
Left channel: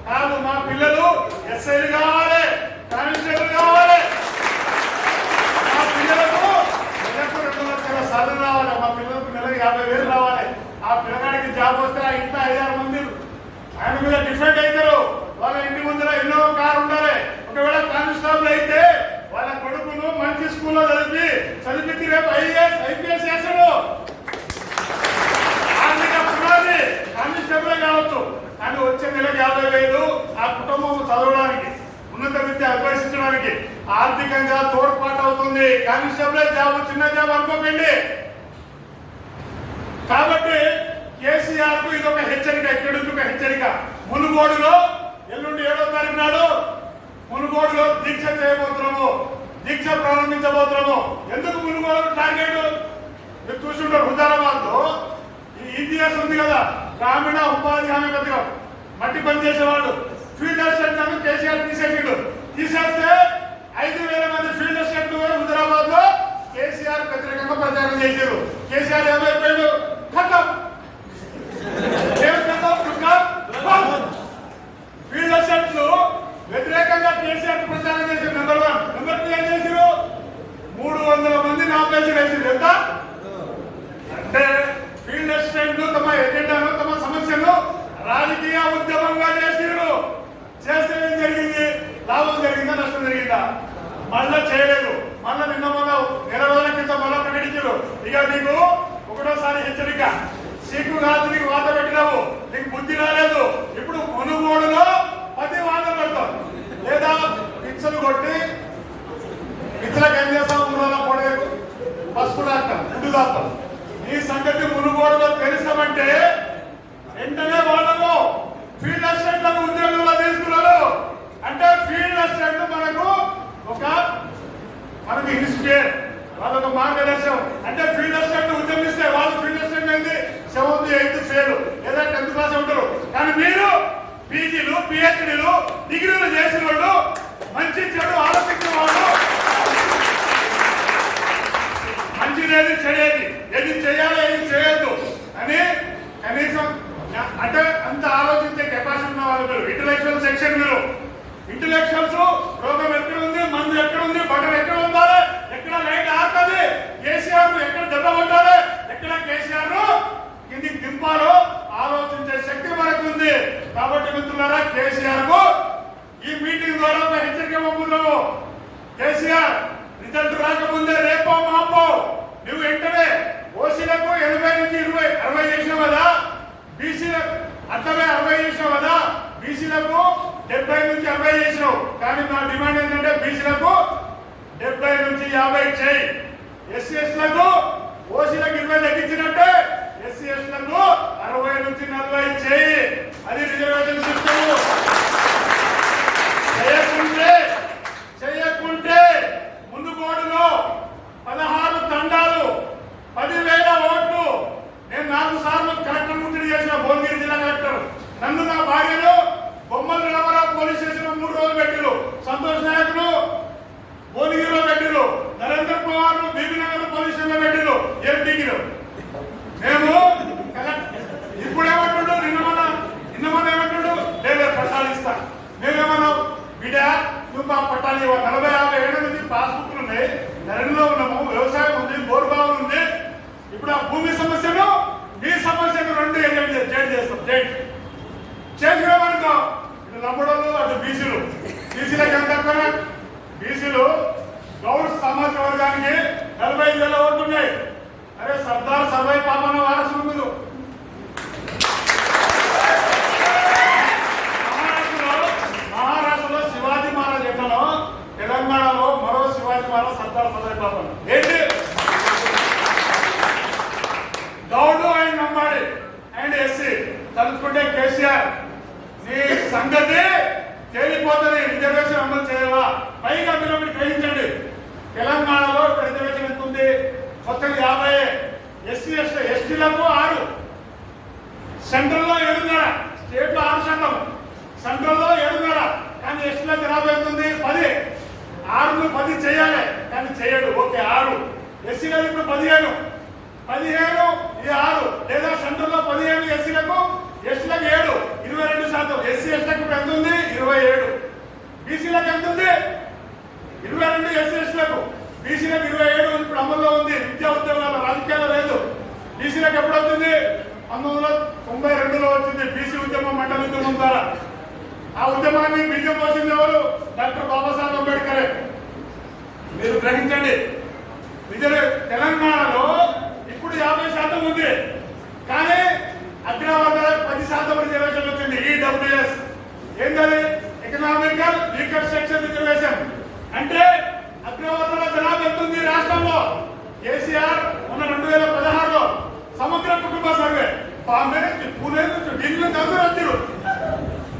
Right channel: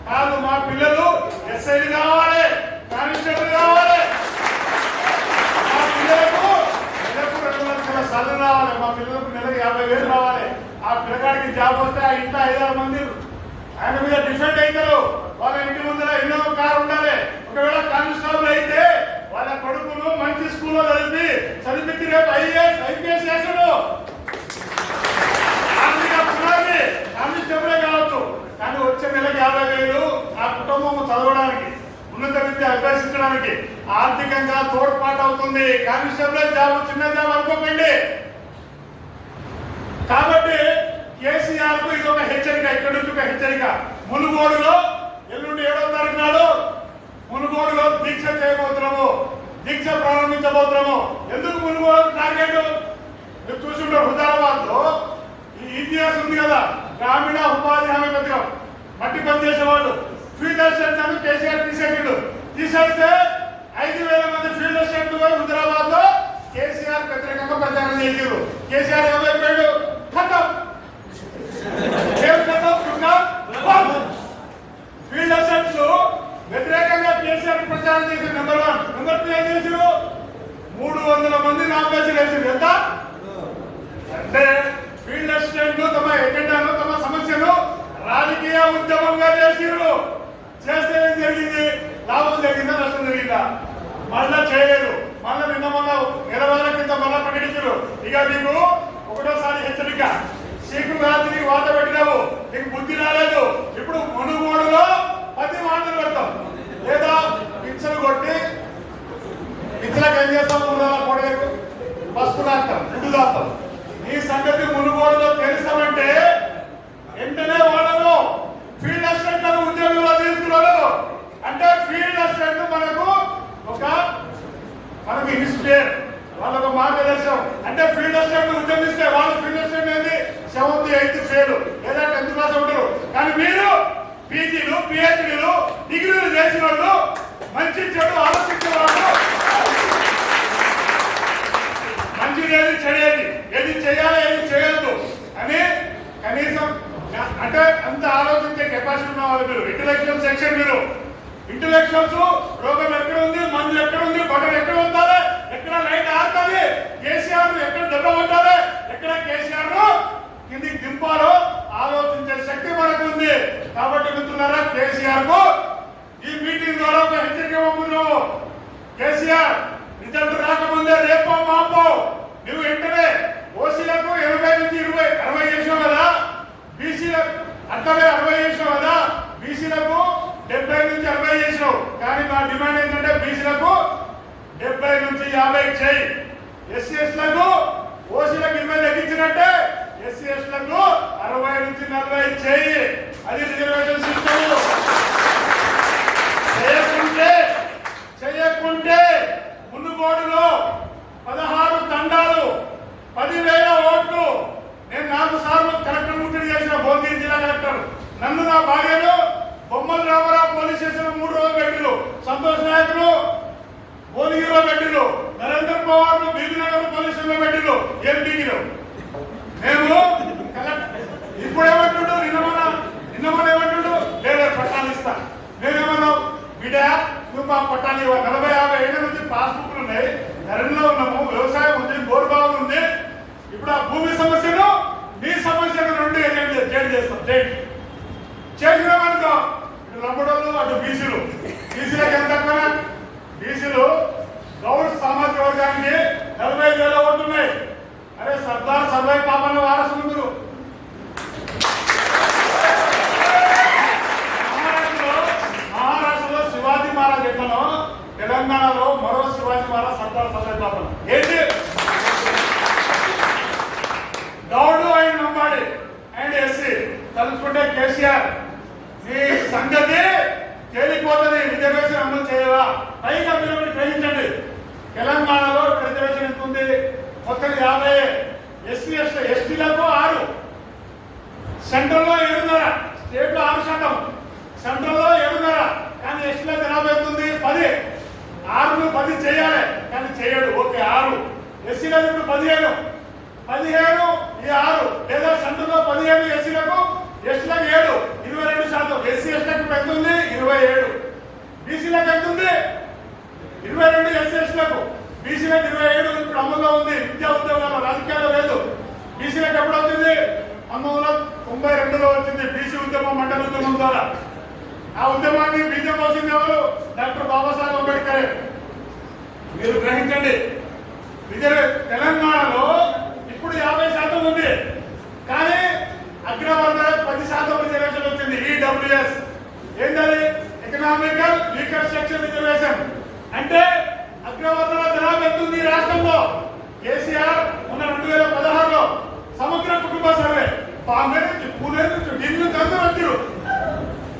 కాదు. మా పిల్లలు ఎస్ఐలు కావాలి, కానిస్టేబుల్ కావాలి. మా పిల్లలకు నెలకు 2 లక్షల సర్లు రావాలి. మా పిల్లలకు నెలకు 50,000 రావాలి. ఆ పిల్లగాడికి జాబ్ వస్తే ఆ ఇంట్లో 5-6 మంది ఆయన మీద డిఫెండ్ అవుతారు. వాళ్ళ ఇంటి ముందర ఎన్నో కారు ఉండాలి. ఒకవేళ కానిస్టేబుల్ అయితే వాళ్ళ కొడుకును మంచి స్కూల్లో చదివించి రేపు IPS చేస్తాడు. పునాది కానిస్టేబులే కావచ్చు. కానీ వచ్చే నెలకు 50,000 ఆ కుటుంబం చదవడానికి, ఉన్నత విద్య అభ్యసించడానికి ఆర్థికంగా తోడ్పాటు అవుతుంది. కానిస్టేబులే జాబ్ చిన్న జాబ్ అనుకోకండి. కాబట్టి కేసీఆర్ కు ఇది ఒక హెచ్చరిక. ఇక్కడ నుంచి ఒక హెచ్చరిక. మునుగోడులో ఎల్లుండి 7వ తారీఖు నాడు మునుగోడులో దీక్ష చేయబోతున్నాము, దీక్ష ప్రారంభించబోతున్నాము. ఎందుకు మునుగోడు టార్గెట్? మీరు చూసుంటారు, హుజారాబాద్ లో ఈజీఎస్ ఉంది కదా, గ్రామీణ ఉపాధి హామీ పథకం. మట్టి పని చేసేవాళ్ళు ఫీల్డ్ అసిస్టెంట్ అని కేసీఆర్ తీసేసాడు. తీసేస్తే 5,000 మంది ఫీల్డ్ అసిస్టెంట్ హుజారాబాద్ లో కేసీఆర్ వ్యతిరేకంగా ప్రచారం చేశారు. కేసీఆర్ ఏమైపోయాడు? ఖతం. ఫీల్డ్ అసిస్టెంట్స్ వ్యతిరేకంగా కేసీఆర్ ప్రచారం చేశారు. నెంబర్ 1. నెంబర్ 2 ఏం చేశారు? 300 మంది నామినేషన్ వేసారు. ఎంత అంటే ఫీల్డ్ అసిస్టెంట్ తమ ఎజెండాను, తమ సమస్యను రాజకీయ ఉద్యమంగా చేసిరు. చేస్తే ఏం జరిగింది? లాభం జరిగిందా, నష్టం జరిగిందా? మళ్ళా చేయలేదు. మళ్ళా నిన్న మొన్న 2 రోజుల కింద మళ్ళా ప్రకటించారు. ఇక నీకు ఒకటోసారి హెచ్చరిక, సీకు కాదు, నీకు వాత పెట్టినావు, నీకు బుద్ధి రాలేదు. ఇప్పుడు మునుగోడులో 10 వాటలు పెడతాం, లేదా పిచ్చలు కొట్టి పిచ్చలకు ఏం చేస్తాం? ఊళ్ళో పొడవేకు పసుపు లాక్తాం, గుడ్డు దాస్తాం. ఈ సంగతి మునుగోడులో తెలుసామంటే వెంటనే వాళ్ళను ఫీల్డ్ అసిస్టెంట్లను ఉద్యోగంలో తీసుకున్నాడు. అంటే ఫీల్డ్ అసిస్టెంట్ మనకు ఇన్స్పైర్, వాళ్ళొక మార్గదర్శనం. అంటే ఫీల్డ్ అసిస్టెంట్ ఉద్యమిస్తే వాళ్ళు ఫీల్డ్ అసిస్టెంట్ ఏంది 7th 8th ఫెయిల్ లేదా 10th క్లాస్ ఉంటారు. కానీ మీరు PGలు PhDలు డిగ్రీలు చేసిన వాళ్ళు, మంచి చెడు ఆలోచించే వాళ్ళు, మంచిదేది చెడేది, ఏది చేయాలి ఏది చేయొద్దు అని కనీసం అంటే అంత ఆలోచించే కెపాసిటీ ఉన్న వాళ్ళు మీరు. ఇంటలెక్చువల్ సెక్షన్ మీరు. ఇంటలెక్చువల్స్ రోగం ఎక్కడ ఉంది, మందు ఎక్కడ ఉంది, బటన్ ఎక్కడ ఉండాలి, ఎక్కడ లైట్ ఆడుతుంది, కేసీఆర్ ఎక్కడ దెబ్బ కొట్టాలి, ఎక్కడ కేసీఆర్ కిందికి దింపాలో ఆలోచించే శక్తి మనకు ఉంది. కాబట్టి మిత్రులారా, కేసీఆర్ కు ఈ మీటింగ్ ద్వారా ఒక హెచ్చరిక పంపుతున్నాము. కేసీఆర్ రిజల్ట్ రాకముందే రేపో మాపో నువ్వు వెంటనే ఓసీలకు 80 నుంచి 60 చేసావు కదా, బీసీలకు అట్లనే 60 చేసావు కదా, బీసీలకు 70 నుంచి 60 చేసినావు. కానీ మా డిమాండ్ ఏంటంటే బీసీలకు 70 నుంచి 50 చేయి. SC/STలకు ఓసీలకు 20 తగ్గించినట్టే SC/STలకు 60 నుంచి 40 చేయి. అది రిజర్వేషన్ సిస్టమ్. చేయకుంటే మునుగోడులో 16 తండాలు 10,000 ఓట్లు. నేను 4 సార్లు కలెక్టర్ ముట్టడి చేసిన భువనగిరి జిల్లా కలెక్టర్. నన్ను నా భార్యను బొమ్మల రామారావు పోలీస్ స్టేషన్ 3 రోజులు పెట్టిరు. సంతోష్ నాయకులు భువనగిరిలో పెట్టిరు. నరేంద్ర పవార్ బీబీనగర్ పోలీస్ స్టేషన్ పెట్టిరు. ఎంపీకి మేము ఇప్పుడేమంటుండో నిన్న ఏమంటుండో లేదు పట్టాలు ఇస్తా. మేమేమన్నాం, బిడ్డ నువ్వు మా పట్టాలు ఇవ్వ. 40-50 ఏళ్ల నుంచి పాస్బుక్లు ఉన్నాయి, నరంలో ఉన్నాము, వ్యవసాయం ఉంది, బోర్బావులు ఉంది. ఇప్పుడు ఆ భూమి సమస్యను నీ సమస్యను 2 చేంజ్ చేస్తాం. చేసినామనుకో ఇటు లంబడోళ్ళు అటు బీసీలు. బీసీలకు ఎంత తక్కువ? బీసీలు గౌడ్ సామాజిక వర్గానికి 45,000 ఓట్లు ఉన్నాయి. అరే సర్దార్ సర్వై పాపన్న వారసులు మీరు. మహారాష్ట్రలో శివాజీ మహారాజ్ ఎట్లనో తెలంగాణలో మరో శివాజీ మహారాజ్ సర్దార్ సర్వై పాపన్న. ఏంటి గౌడు అండ్ లంబాడి అండ్ ఎస్సీ తలుచుకుంటే కేసీఆర్ నీ సంగతి తేలిపోతుంది. రిజర్వేషన్ అమలు చేయవా? పైగా మీరు ఒకటి గ్రహించండి, తెలంగాణలో రిజర్వేషన్ ఎంత ఉంది? మొత్తం 50. ఎస్సీ ఎస్టీలకు 6, సెంట్రల్లో 7.5, స్టేట్ లో 6%, సెంట్రల్లో 7.5. కానీ ఎస్టీలకు జనాభా ఎంత ఉంది? 10. 6ను 10 చేయాలి కానీ చేయడు. ఓకే 6. ఎస్సీలకు ఇప్పుడు 15 ఈ 6 లేదా సెంట్రల్లో 15 ఎస్సీలకు, ఎస్టీలకు 7, 22%. ఎస్సీ ఎస్టీలకు ఇప్పుడు ఎంత ఉంది? 27. బీసీలకు ఎంత ఉంది? 22 ఎస్సీ ఎస్టీలకు. బీసీలకు 27 ఇప్పుడు అమల్లో ఉంది. విద్యా ఉద్యోగాలు రాజకీయాలు లేదు. బీసీలకు ఎప్పుడు వచ్చింది? 1992లో వచ్చింది బీసీ ఉద్యమం, మండల ఉద్యమం ద్వారా. ఆ ఉద్యమాన్ని బీజం పోసింది ఎవరు? డాక్టర్ బాబాసాహెబ్ అంబేద్కరే. మీరు గ్రహించండి, తెలంగాణలో ఇప్పుడు 50% ఉంది కానీ అగ్రవర్గాల 10% రిజర్వేషన్ వచ్చింది. ఈడబ్ల్యూఎస్ ఏంటది? Economical weaker section reservation. అంటే అగ్రవర్గాల జనాభా ఎంత ఉంది రాష్ట్రంలో? కేసీఆర్ ఉన్న 2016లో సమగ్ర కుటుంబ సర్వే, బాంబే నుంచి పూణే నుంచి ఢిల్లీ నుంచి అందరూ వచ్చారు.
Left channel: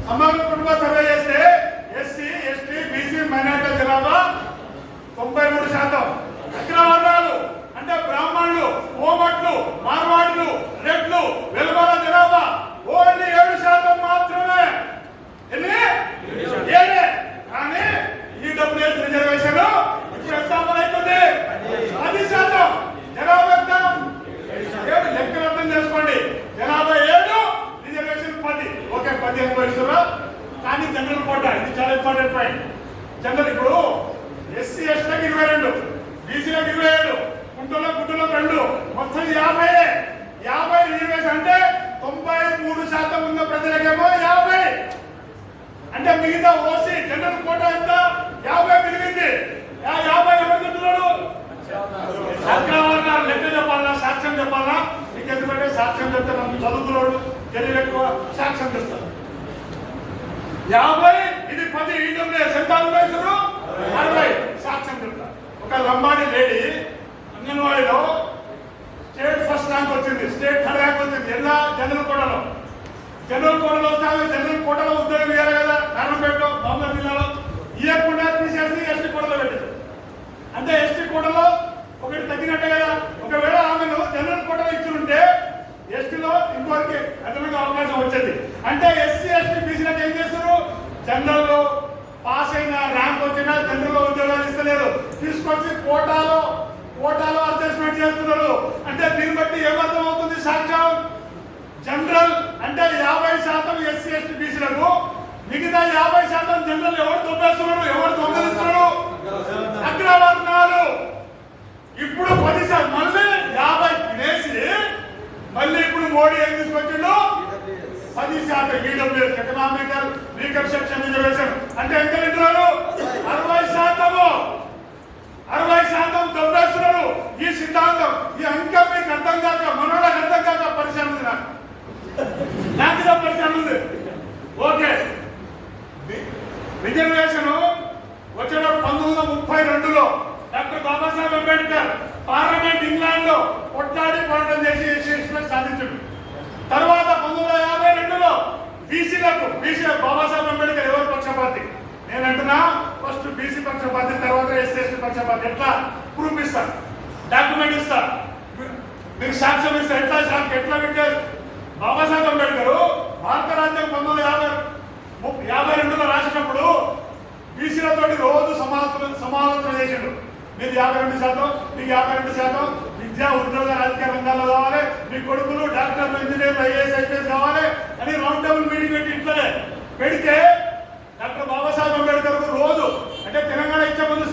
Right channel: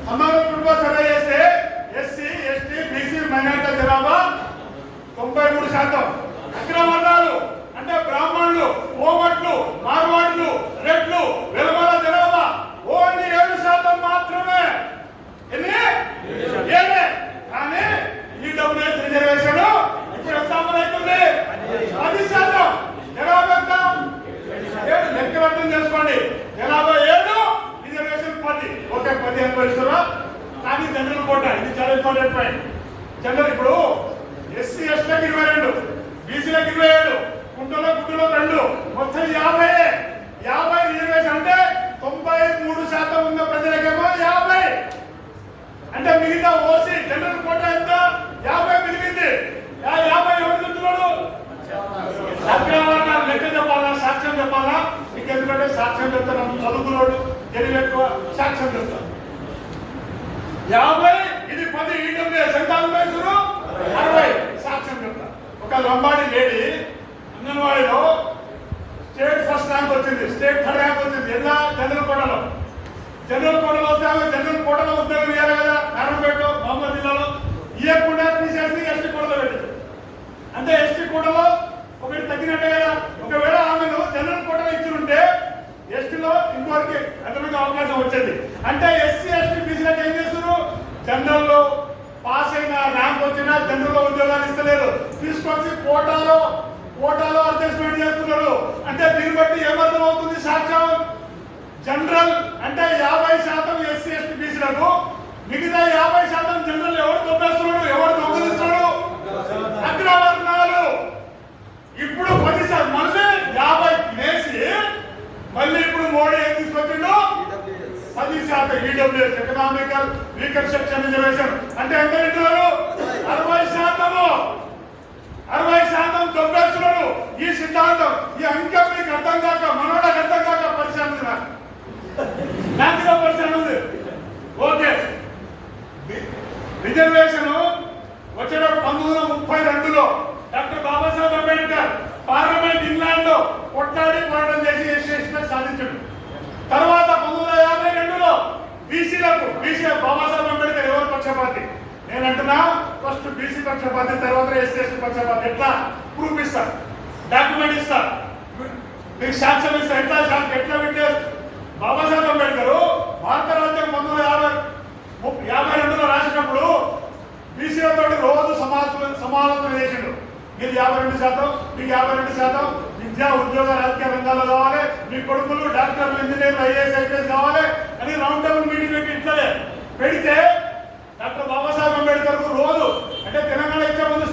సమగ్ర కుటుంబ సర్వే చేస్తే ఎస్సీ ఎస్టీ బీసీ మైనారిటీ జనాభా 93%. అగ్రవర్గాలు అంటే బ్రాహ్మణులు, కోమట్లు, మార్వాడులు, రెడ్లు, వెలమల జనాభా ఓన్లీ 7% మాత్రమే. ఎన్ని? 7. కానీ ఈడబ్ల్యూఎస్ రిజర్వేషన్ ఇప్పుడు ఎంత అమలవుతుంది? 10%. జనాభా ఎంత? 7. లెక్కలు అర్థం చేసుకోండి. జనాభా 7, రిజర్వేషన్ 10. ఓకే 10 అనుభవిస్తున్నా. కానీ జనరల్ కోటా, ఇది చాలా ఇంపార్టెంట్ పాయింట్. జనరల్ ఇప్పుడు ఎస్సీ ఎస్టీలకు 22, బీసీలకు 27, గుంటలో 2, మొత్తం 50. 50 రిజర్వేషన్ అంటే 93% ఉన్న ప్రజలకేమో 50. అంటే మిగతా ఓసీ జనరల్ కోటా ఎంత? 50 మిగిలింది. 50 ఎవరు తింటున్నాడు? అగ్రవర్ణాలు. లెక్క చెప్పాలా? సాక్ష్యం చెప్పాలా? మీకు ఎందుకంటే సాక్ష్యం చెప్తాను, చదువుకున్నాడు, తెలివి ఎక్కువ, సాక్ష్యం చెప్తాను. 50 ఇది 10. ఈడబ్ల్యూఎస్ ఎంత అనుభవిస్తారు? 60. సాక్ష్యం చెప్తా. ఒక లంబాడి లేడీ అంగన్వాడీలో స్టేట్ ఫస్ట్ ర్యాంక్ వచ్చింది, స్టేట్ థర్డ్ ర్యాంక్ వచ్చింది. ఎలా? జనరల్ కోటలో. జనరల్ కోటలో వస్తే జనరల్ కోటలో ఉద్యోగం ఇవ్వాలి కదా. నారాయణపేటలో, బాంబే జిల్లాలో ఇవ్వకుండా తీసేసి ఎస్టీ కోటలో పెట్టారు. అంటే ఎస్టీ కోటలో ఒకటి తగ్గినట్టే కదా. ఒకవేళ ఆమెను జనరల్ కోటలో ఇచ్చుంటే ఎస్టీలో ఇంకోరికి అదనంగా అవకాశం వచ్చేది. అంటే ఎస్సీ ఎస్టీ బీసీలకు ఏం చేస్తారు? జనరల్లో పాస్ అయిన ర్యాంక్ వచ్చినా జనరల్లో ఉద్యోగాలు ఇస్తలేరు, తీసుకొచ్చి కోటాలో అడ్జస్ట్మెంట్ చేస్తున్నారు. అంటే దీన్ని బట్టి ఏమర్థం అవుతుంది? సాక్ష్యం జనరల్ అంటే 50% ఎస్సీ ఎస్టీ బీసీలకు, మిగతా 50% జనరల్ ఎవరు దొబ్బేస్తున్నాడు? ఎవరు దొంగలిస్తున్నాడు? అగ్రవర్ణాలు. ఇప్పుడు 10% మళ్ళీ 50 వేసి మళ్ళీ ఇప్పుడు మోడీ ఏం తీసుకొచ్చిండు? 10% EWS economical weaker section reservation. అంటే ఎంత తింటున్నారు? 60% దొబ్బేస్తున్నారు. ఈ సిద్ధాంతం ఈ అంకె మీకు అర్థం కాక, మనోళ్ళకి అర్థం కాక పరిశ్రమ ఉంది. నాకు పరిశ్రమ ఉంది. ఓకే రిజర్వేషన్ వచ్చినప్పుడు 1932లో doctor Babasaheb Ambedkar parliament England లో కొట్లాడి పోరాటం చేసి సాధించాడు. తర్వాత 1952లో బీసీలకు బాబాసాహెబ్ అంబేద్కర్ ఎవరు పక్షపాతి? నేను అంటున్నా ఫస్ట్ బీసీ పక్షపాతి, తర్వాత ఎస్సీ ఎస్టీ పక్షపాతి. ఎట్లా ప్రూఫ్ ఇస్తా, డాక్యుమెంట్ ఇస్తా, మీకు సాక్ష్యం ఇస్తా. ఎట్లా పెట్టారు? బాబాసాహెబ్ అంబేద్కర్ భారత రాజ్యాంగం 1952లో రాసినప్పుడు బీసీలతో రోజు సమాలోచన చేసిండు. మీరు 52%, మీకు 52%, విద్యా ఉద్యోగ రాజకీయ రంగాల్లో కావాలి, మీ కొడుకులు డాక్టర్లు, ఇంజనీర్లు, ఐఏఎస్ ఐపీఎస్ కావాలి అని రౌండ్ టేబుల్ మీటింగ్ పెట్టి ఇట్లనే పెడితే డాక్టర్ బాబాసాహెబ్ అంబేద్కర్ రోజు అంటే తెలంగాణ ఇచ్చే ముందు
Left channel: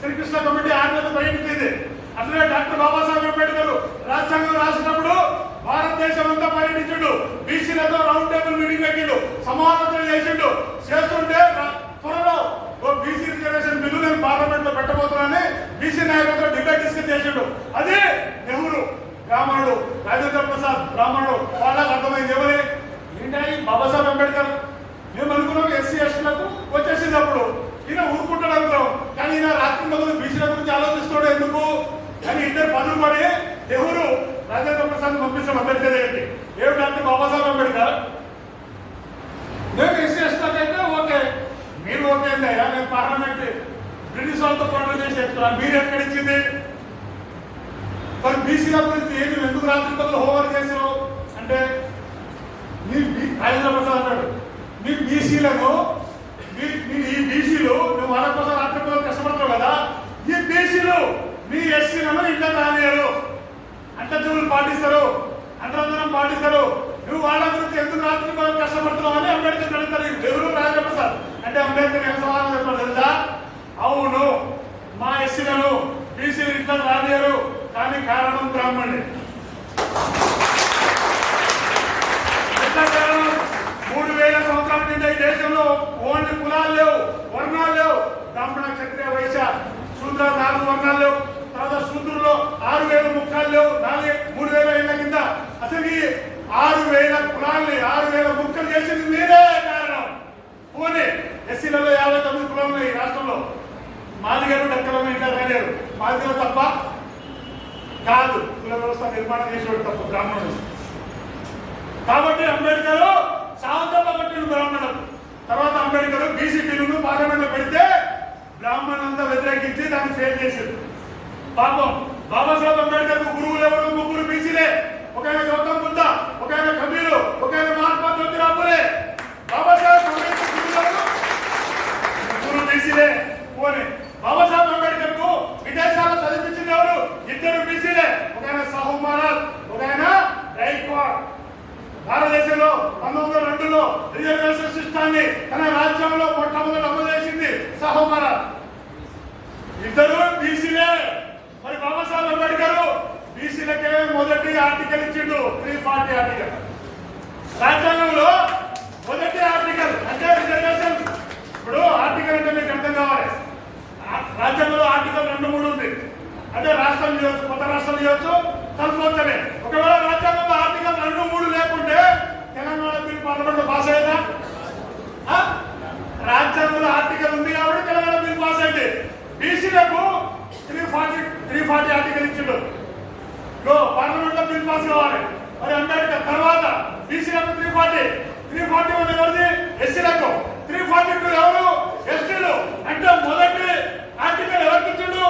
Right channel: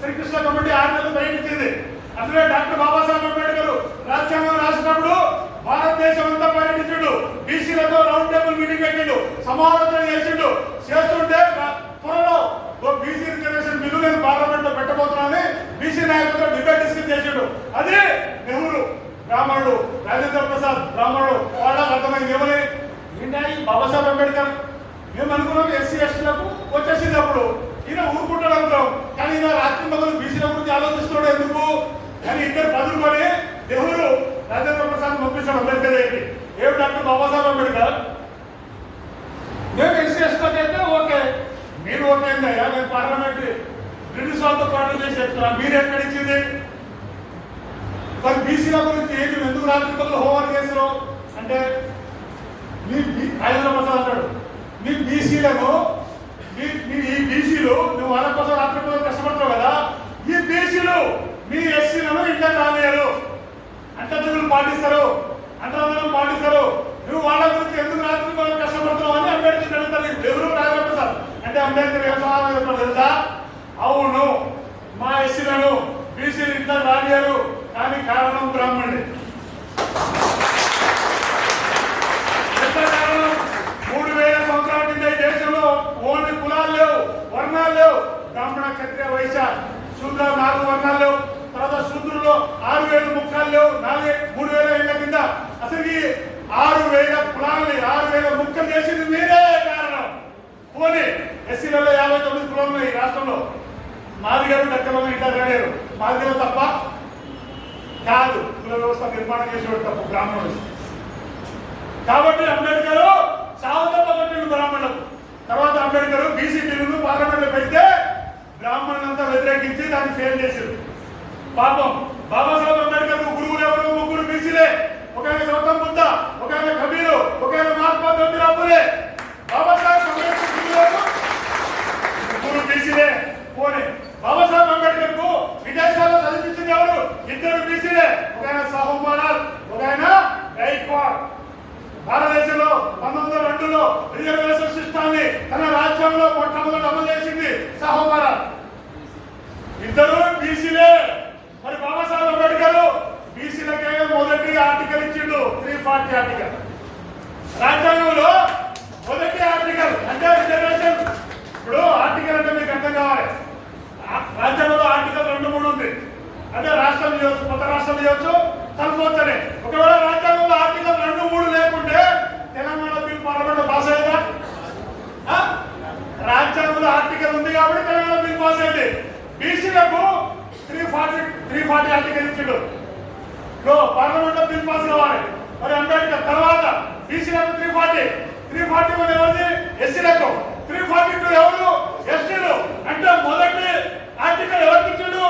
శ్రీకృష్ణ కమిటీ 6 నెలలు బయటించింది. అట్లనే డాక్టర్ బాబాసాహెబ్ అంబేద్కర్ రాజ్యాంగం రాసినప్పుడు భారతదేశం అంతా పర్యటించాడు, బీసీలతో రౌండ్ టేబుల్ మీటింగ్ పెట్టిండు. సమాలోచన చేసిండు. చేస్తుంటే త్వరలో బీసీ రిజర్వేషన్ బిల్లు నేను పార్లమెంట్ లో పెట్టబోతున్నానని బీసీ నాయకులతో డిబేట్ డిస్కస్ చేసిండు. అదే నెహ్రూ బ్రాహ్మణుడు, రాజేంద్ర ప్రసాద్ బ్రాహ్మణుడు. వాళ్ళకి అర్థమైంది ఏమని, ఏంటి బాబాసాహెబ్ అంబేద్కర్ మేము అనుకున్నాం ఎస్సీ ఎస్టీలకు వచ్చేసింది. అప్పుడు ఈయన ఊరుకుంటాడు అనుకున్నాం, కానీ ఈయన రాత్రి మొదలు బీసీల గురించి ఆలోచిస్తున్నాడు ఎందుకు కానీ ఇద్దరు బదులు పడి నెహ్రూ రాజేంద్ర ప్రసాద్ పంపిస్తాడు అంబేద్కర్ ఏంటి ఏమిటంటే బాబాసాహెబ్ అంబేద్కర్ మేము ఎస్సీ ఎస్టీలకు అయితే ఓకే, మీరు ఓకే అయ్యా, నేను పార్లమెంట్ బ్రిటిష్ వాళ్ళతో పోరాటం చేసి చెప్తున్నా, మీరు ఎక్కడిచ్చింది మరి బీసీల గురించి ఏది ఎందుకు రాత్రి మొదలు హోంవర్క్ చేసారు అంటే రాజేంద్ర ప్రసాద్ అంటాడు, మీ బీసీలను ఈ బీసీలు నువ్వు వాళ్ళ కోసం రాత్రి మొదలు కష్టపడతావు కదా, ఈ బీసీలు మీ ఎస్సీలను ఇంట్లో రానియరు, అంటజులు పాటిస్తారు, అంతరందరం పాటిస్తారు, నువ్వు వాళ్ళ గురించి ఎందుకు రాత్రి మొదలు కష్టపడుతున్నావు అని అంబేద్కర్ అడుగుతారు. ఎవరు రాజేంద్ర ప్రసాద్ అంటే అంబేద్కర్ ఏం సమాధానం చెప్తాడు తెలుసా, అవును మా ఎస్సీలను బీసీలు ఇంట్లో రానియరు, కానీ కారణం బ్రాహ్మణుడే. ఎట్లా కారణం? 3000 సంవత్సరాల కింద ఈ దేశంలో ఓన్లీ కులాలు లేవు, వర్ణాలు లేవు. బ్రాహ్మణ, క్షత్రియ, వైశ్య, శూద్ర 4 వర్ణాలు లేవు. తర్వాత శూద్రుల్లో 6000 ముఖాలు లేవు. 3000 ఏళ్ల కింద అసలు ఈ 6000 కులాలని 6000 ముక్కలు చేసింది మీరే కారణం. పోనీ ఎస్సీలలో 59 కులాలు ఉన్నాయి ఈ రాష్ట్రంలో. మాదిగలు లెక్కలో ఇంకా లేరు, మాదిగలు తప్ప కాదు, కుల వ్యవస్థ నిర్మాణం చేసేవాడు తప్ప బ్రాహ్మణుడు. కాబట్టి అంబేద్కర్ సాగుతప్పట్టిండు బ్రాహ్మణులకు. తర్వాత అంబేద్కర్ బీసీ బిల్లును పార్లమెంట్ లో పెడితే బ్రాహ్మణులంతా వ్యతిరేకించి దాన్ని ఫెయిల్ చేశారు. పాపం బాబాసాహెబ్ అంబేద్కర్ గురువులు ఎవరు? 3 బీసీలే. ఒక ఆయన గౌతమ్ బుద్ధ, ఒక ఆయన కబీరు, ఒక ఆయన మహాత్మా జ్యోతిరావు ఫులే. బాబాసాహెబ్ అంబేద్కర్ గురువులు 3 బీసీలే. పోనీ బాబాసాహెబ్ అంబేద్కర్ కు విదేశాల్లో చదివించింది ఎవరు? 2 బీసీలే. ఒక ఆయన సాహు మహారాజ్, ఒక ఆయన గైక్వాడ్. భారతదేశంలో 1902లో రిజర్వేషన్ సిస్టాన్ని తన రాజ్యంలో మొట్టమొదటి అమలు చేసింది సాహు మహారాజ్. 2 బీసీలే. మరి బాబాసాహెబ్ అంబేద్కర్ బీసీలకే మొదటి ఆర్టికల్ ఇచ్చిండు, 340 ఆర్టికల్. రాజ్యాంగంలో మొదటి ఆర్టికల్ అంటే రిజర్వేషన్. ఇప్పుడు ఆర్టికల్ అంటే మీకు అర్థం కావాలి. రాజ్యాంగంలో ఆర్టికల్ 2, 3 ఉంది. అంటే రాష్ట్రం చేయవచ్చు, కొత్త రాష్ట్రం చేయవచ్చు, కలుపుకొచ్చనే. ఒకవేళ రాజ్యాంగంలో ఆర్టికల్ 2, 3 లేకుంటే తెలంగాణ బిల్ పార్లమెంట్ లో పాస్ అయ్యేదా? రాజ్యాంగంలో ఆర్టికల్ ఉంది కాబట్టి తెలంగాణ బిల్ పాస్ అయింది. బీసీలకు 340 ఆర్టికల్ ఇచ్చిండు. పార్లమెంట్ లో బిల్ పాస్ కావాలి. మరి అంబేద్కర్ తర్వాత బీసీలకు 340 ఎవరిది? ఎస్సీలకు. 342 ఎవరు? ఎస్టీలు. అంటే మొదటి ఆర్టికల్ ఎవరికి ఇచ్చిండు?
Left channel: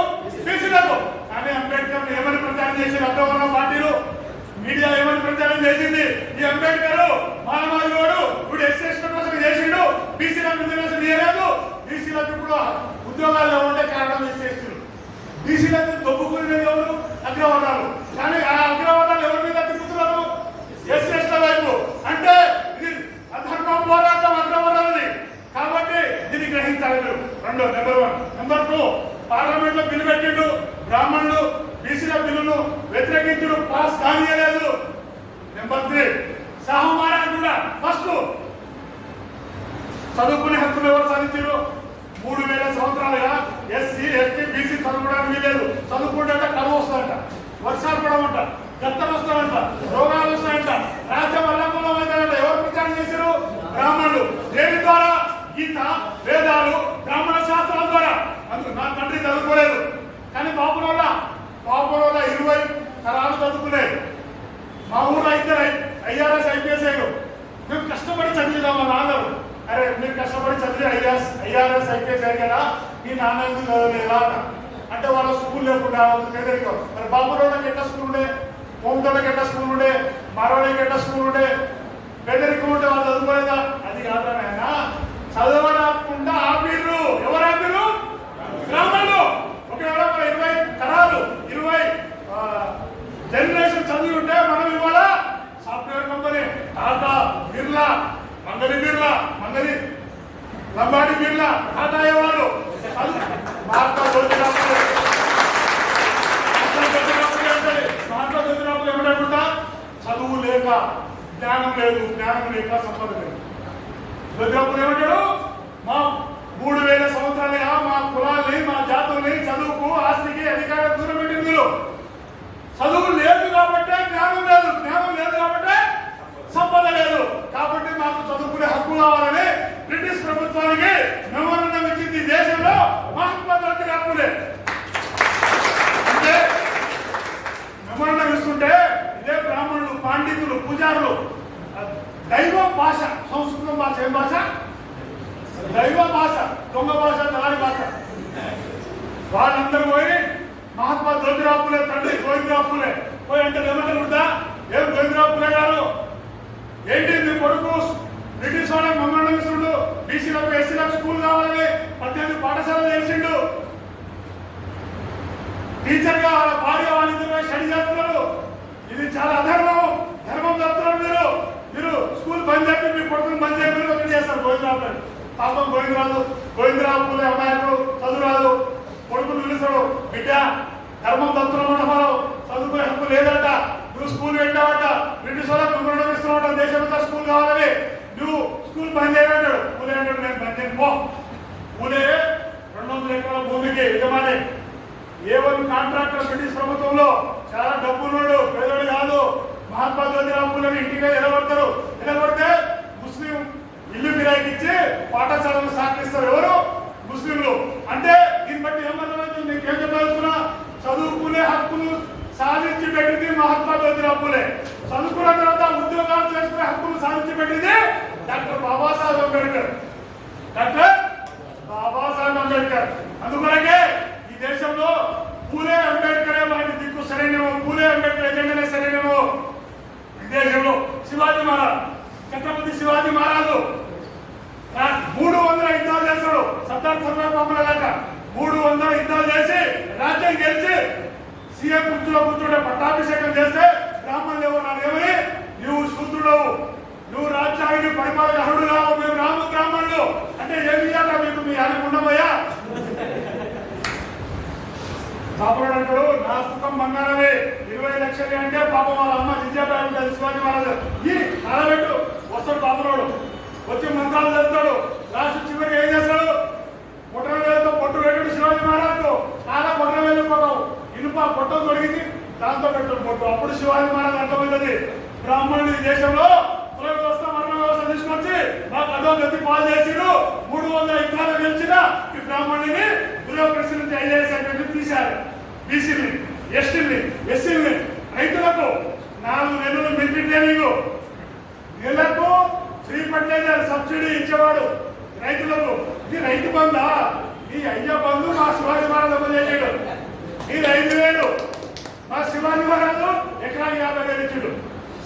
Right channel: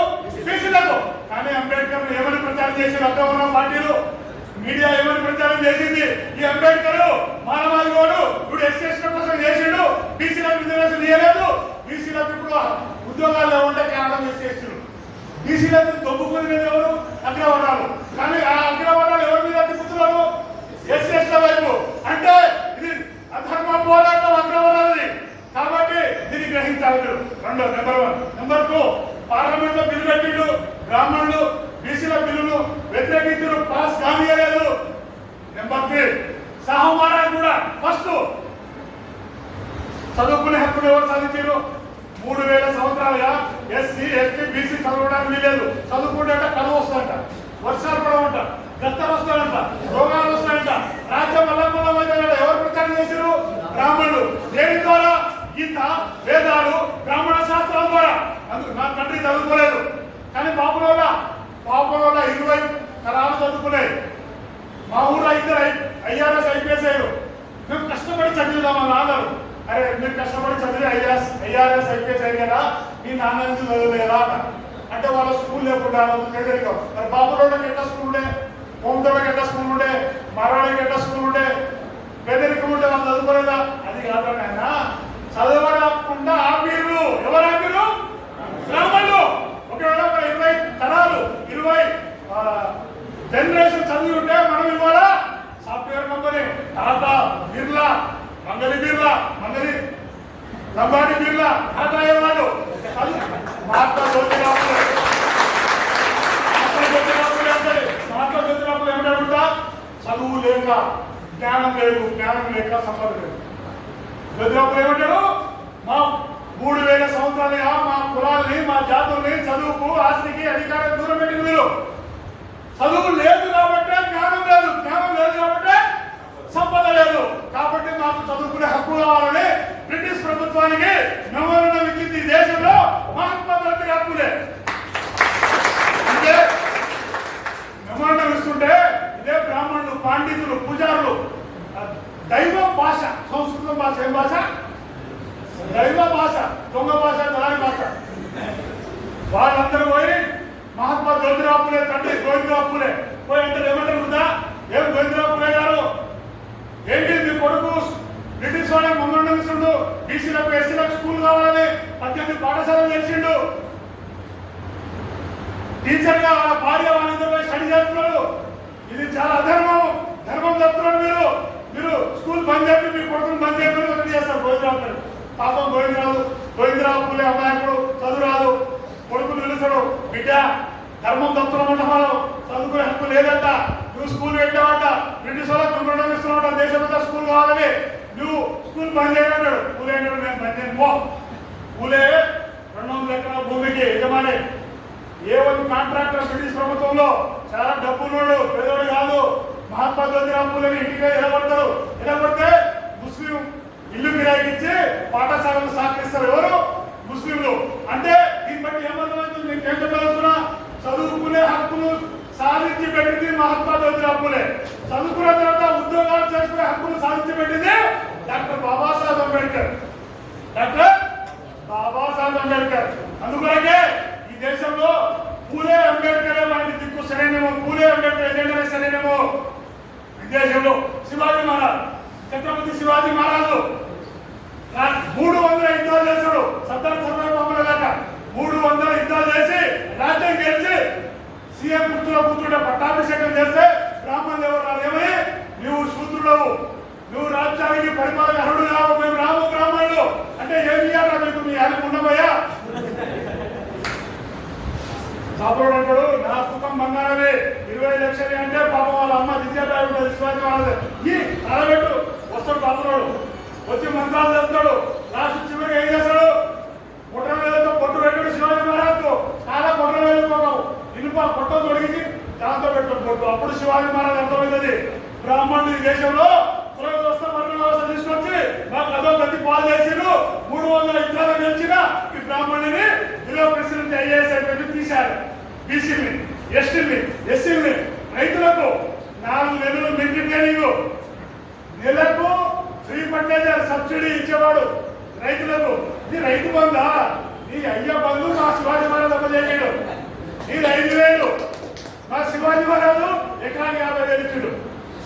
బీసీలకు. కానీ అంబేద్కర్ ఏమని ప్రచారం చేసిన అగ్రవర్ణ పార్టీలు, మీడియా ఏమని ప్రచారం చేసింది? ఈ అంబేద్కర్ మానవాళిలోడు, ఇప్పుడు ఎస్సీ ఎస్టీ కోసం చేసిండు, బీసీలకు రిజర్వేషన్ ఇవ్వలేదు. బీసీలకు ఇప్పుడు ఉద్యోగాల్లో ఉండే కారణం ఎస్సీ ఎస్టీలు. బీసీలకు దొబ్బుకునేది ఎవరు? అగ్రవర్ణాలు. కానీ ఆ అగ్రవర్ణాలు ఎవరి మీద తిప్పుతున్నారు? ఎస్సీ ఎస్టీ వైపు. అంటే ఇది అధర్మ పోరాటం అగ్రవర్ణాలది. కాబట్టి దీన్ని గ్రహించాలి మీరు. నెంబర్ 1. నెంబర్ 2, పార్లమెంట్ లో బిల్లు పెట్టిండు, బ్రాహ్మణులు బీసీల బిల్లును వ్యతిరేకించు, పాస్ కానియలేదు. నెంబర్ 3, సాహు మహారాజ్ కూడా ఫస్ట్ చదువుకునే హక్కులు ఎవరు సాధించారు? 3000 సంవత్సరాలుగా ఎస్సీ ఎస్టీ బీసీ చదువుకోవడానికి వీలేదు. చదువుకుంటే కరువు వస్తాయంట, వర్షాలు పడవంట, గత్తం వస్తాయంట, రోగాలు వస్తాయంట, రాజ్యం అల్లకొల్లమైందంట. ఎవరు ప్రచారం చేశారు? బ్రాహ్మణులు. దేని ద్వారా? గీత, వేదాలు, బ్రాహ్మణ శాస్త్రాల ద్వారా. అందుకు నా తండ్రి చదువుకోలేదు, కానీ బాపురోళ్ళ 20 తరాలు చదువుకున్నాయి. మా ఊళ్ళో 2 IRS IPS అయ్యారు. మేము కష్టపడి చదివిదామని అన్నారు. అరే మీరు కష్టపడి చదివి IRS IPS అయ్యారు కదా, మీ నాన్న ఎందుకు చదవలేదా అంటే వాళ్ళ స్కూల్ లేకుండా పేదరికం. మరి బాపురోళ్ళకి ఎట్లా స్కూల్ ఉండే, కోమటోళ్ళకి ఎట్లా స్కూల్ ఉండే, మార్వాడికి ఎట్లా స్కూల్ ఉండే, పేదరికం ఉంటే వాళ్ళు చదువుకోలేదా? అది కాదు నాయన, చదవకుండా ఆపిర్రు. ఎవరు ఆపిర్రు? బ్రాహ్మణులు. ఒకవేళ 20 తరాలు 20 జనరేషన్ చదివి ఉంటే మనం ఇవాళ సాఫ్ట్వేర్ కంపెనీ టాటా, బిర్లా, మంగళి లంబాడి బిర్లా, టాటా అయ్యేవాళ్ళు. మహాత్మా జ్యోతిరావు ఏమిటంటా? చదువు లేక జ్ఞానం లేక సంపద లేదు. జ్యోతిరావు ఏమంటాడు? మా 3000 సంవత్సరాలుగా మా కులాల్ని మా జాతుల్ని చదువుకు ఆస్తికి అధికారం దూరం పెట్టింది మీరు. చదువు లేదు కాబట్టి జ్ఞానం లేదు, జ్ఞానం లేదు కాబట్టి సంపద లేదు. కాబట్టి మాకు చదువుకునే హక్కు కావాలని బ్రిటిష్ ప్రభుత్వానికి మెమోరండం ఇచ్చింది. దేశంలో మహాత్మా గాంధీ హక్కులే. అంటే మెమోరండం ఇస్తుంటే ఇదే బ్రాహ్మణులు, పండితులు, పూజారులు దైవ భాష, సంస్కృతం భాష, ఏం భాష? దైవ భాష, దొంగ భాష, దళారి భాష. వాళ్ళందరూ పోయి మహాత్మా జ్యోతిరావు పూలే తండ్రి గోవిందరావు పూలే పోయి అంటే ఏమంటారు? ఏం గోవిందరావు పూలే గారు ఏంటి మీ కొడుకు బ్రిటిష్ వాళ్ళ మమ్మల్ని ఇస్తుండు, బీసీలకు ఎస్సీలకు స్కూల్ కావాలని 18 పాఠశాలలు చేసిండు. టీచర్ గా వాళ్ళ భార్య వాళ్ళిద్దరు స్టడీ చేస్తున్నారు. ఇది చాలా అధర్మం, ధర్మం చెప్తున్నారు మీరు. మీరు స్కూల్ బంద్ చేసి మీ కొడుకుని బంద్ చేయమని ఒకటి చేస్తారు గోవిందరావు గారు. పాపం గోవిందరావు పూలే అమ్మాయిప్పుడు చదువు రాదు, కొడుకుని పిలుస్తాడు, బిడ్డ ధర్మం తప్పుతున్నమాట, మనం చదువుకునే హక్కు లేదంట, నువ్వు స్కూల్ పెట్టావంట, బ్రిటిష్ వాళ్ళకి నువ్వు ఇస్తున్నావు, దేశమంతా స్కూల్ కావాలని నువ్వు స్కూల్ బంద్ చేయమంటాడు. పూలే అంటాడు, నేను బంద్ చేయను పో. పూలే 200 ఎకరాల భూమికి యజమాని. ఏ1 కాంట్రాక్టర్ బ్రిటిష్ ప్రభుత్వంలో చాలా డబ్బులున్నాడు, పేదోడు కాదు. మహాత్మా జ్యోతిరావు పూలేని ఇంటిగా ఎలగొడతారు. ఎలగొడితే ముస్లిం ఇల్లు కిరాయికి ఇచ్చి పాఠశాలను సాగిస్తారు. ఎవరు? ముస్లింలు. అంటే దీన్ని బట్టి ఏమర్థమవుతుంది? మీకు ఏం చెప్పదలుచుకున్నా? చదువుకునే హక్కులు సాధించి పెట్టింది మహాత్మా జ్యోతిరావు పూలే. చదువుకున్న తర్వాత ఉద్యోగాలు చేసుకునే హక్కులు సాధించి పెట్టింది డాక్టర్ బాబాసాహెబ్ అంబేద్కర్. డాక్టర్ బాబాసాహెబ్ అంబేద్కర్. అందుకొరకే ఈ దేశంలో పూలే అంబేద్కరే మనకి దిక్కు సరైనమో, పూలే అంబేద్కర్ ఎజెండానే సరైనమో. విదేశంలో శివాజీ మహారాజ్, ఛత్రపతి శివాజీ మహారాజు 300 యుద్ధాలు చేశాడు. సర్దార్ సర్దార్ బాబుల దాకా 300 యుద్ధాలు చేసి రాజ్యం గెలిచి సీఎం గుర్తులో కూర్చుంటే పట్టాభిషేకం చేస్తే బ్రాహ్మణులు ఎవరు ఏమని, నువ్వు శూద్రుడవు, నువ్వు రాజ్యానికి పరిపాలన అర్హుడు కావు, మేము రాము బ్రాహ్మణులు అంటే ఏం చేయాలా మీకు? మీ ఆయన ఉండబోయా? పాపడు అంటాడు, నా సుఖం బంగారమే, 20 లక్షలు అంటే పాపం వాళ్ళ అమ్మ విద్యాబాయి ఉంటుంది. శివాజీ మహారాజు ఈ అరబెట్టు వస్తాడు పాపరోడు, వచ్చి మంత్రాలు చేస్తాడు. లాస్ట్ చివరికి ఏం చేస్తాడు? పొట్ట వేలతో పొట్టు పెట్టాడు శివాజీ మహారాజు. చాలా పొట్ట వేలుకోవడం ఇనుప పొట్ట తొడిగించి దాంతో పెట్టాడు పొట్టు. అప్పుడు శివాజీ మహారాజు అర్థమవుతుంది, బ్రాహ్మణులు ఈ దేశంలో కుల వ్యవస్థ, వర్ణ వ్యవస్థ తీసుకొచ్చి నాకు అదో గతి పాలు చేసిరు. 300 యుద్ధాలు గెలిచిన ఈ బ్రాహ్మణుని బ్యూరోక్రసీ నుంచి ఐఏఎస్ అయిపోయి తీశారు. బీసీని, ఎస్సీని, రైతులకు 4 నెలలు మిలిటరీ ట్రైనింగ్, నెలకు ఫ్రీ ఫర్టిలైజర్ సబ్సిడీ ఇచ్చేవాడు రైతులకు. ఇది రైతు బంధా? ఈ అయ్య బంధు మా శివాజీ మహారాజు అమ్మచేసాడు. ఇది 5,000, మా శివాజీ మహారాజు ఎకరానికి 50,000 ఇచ్చాడు.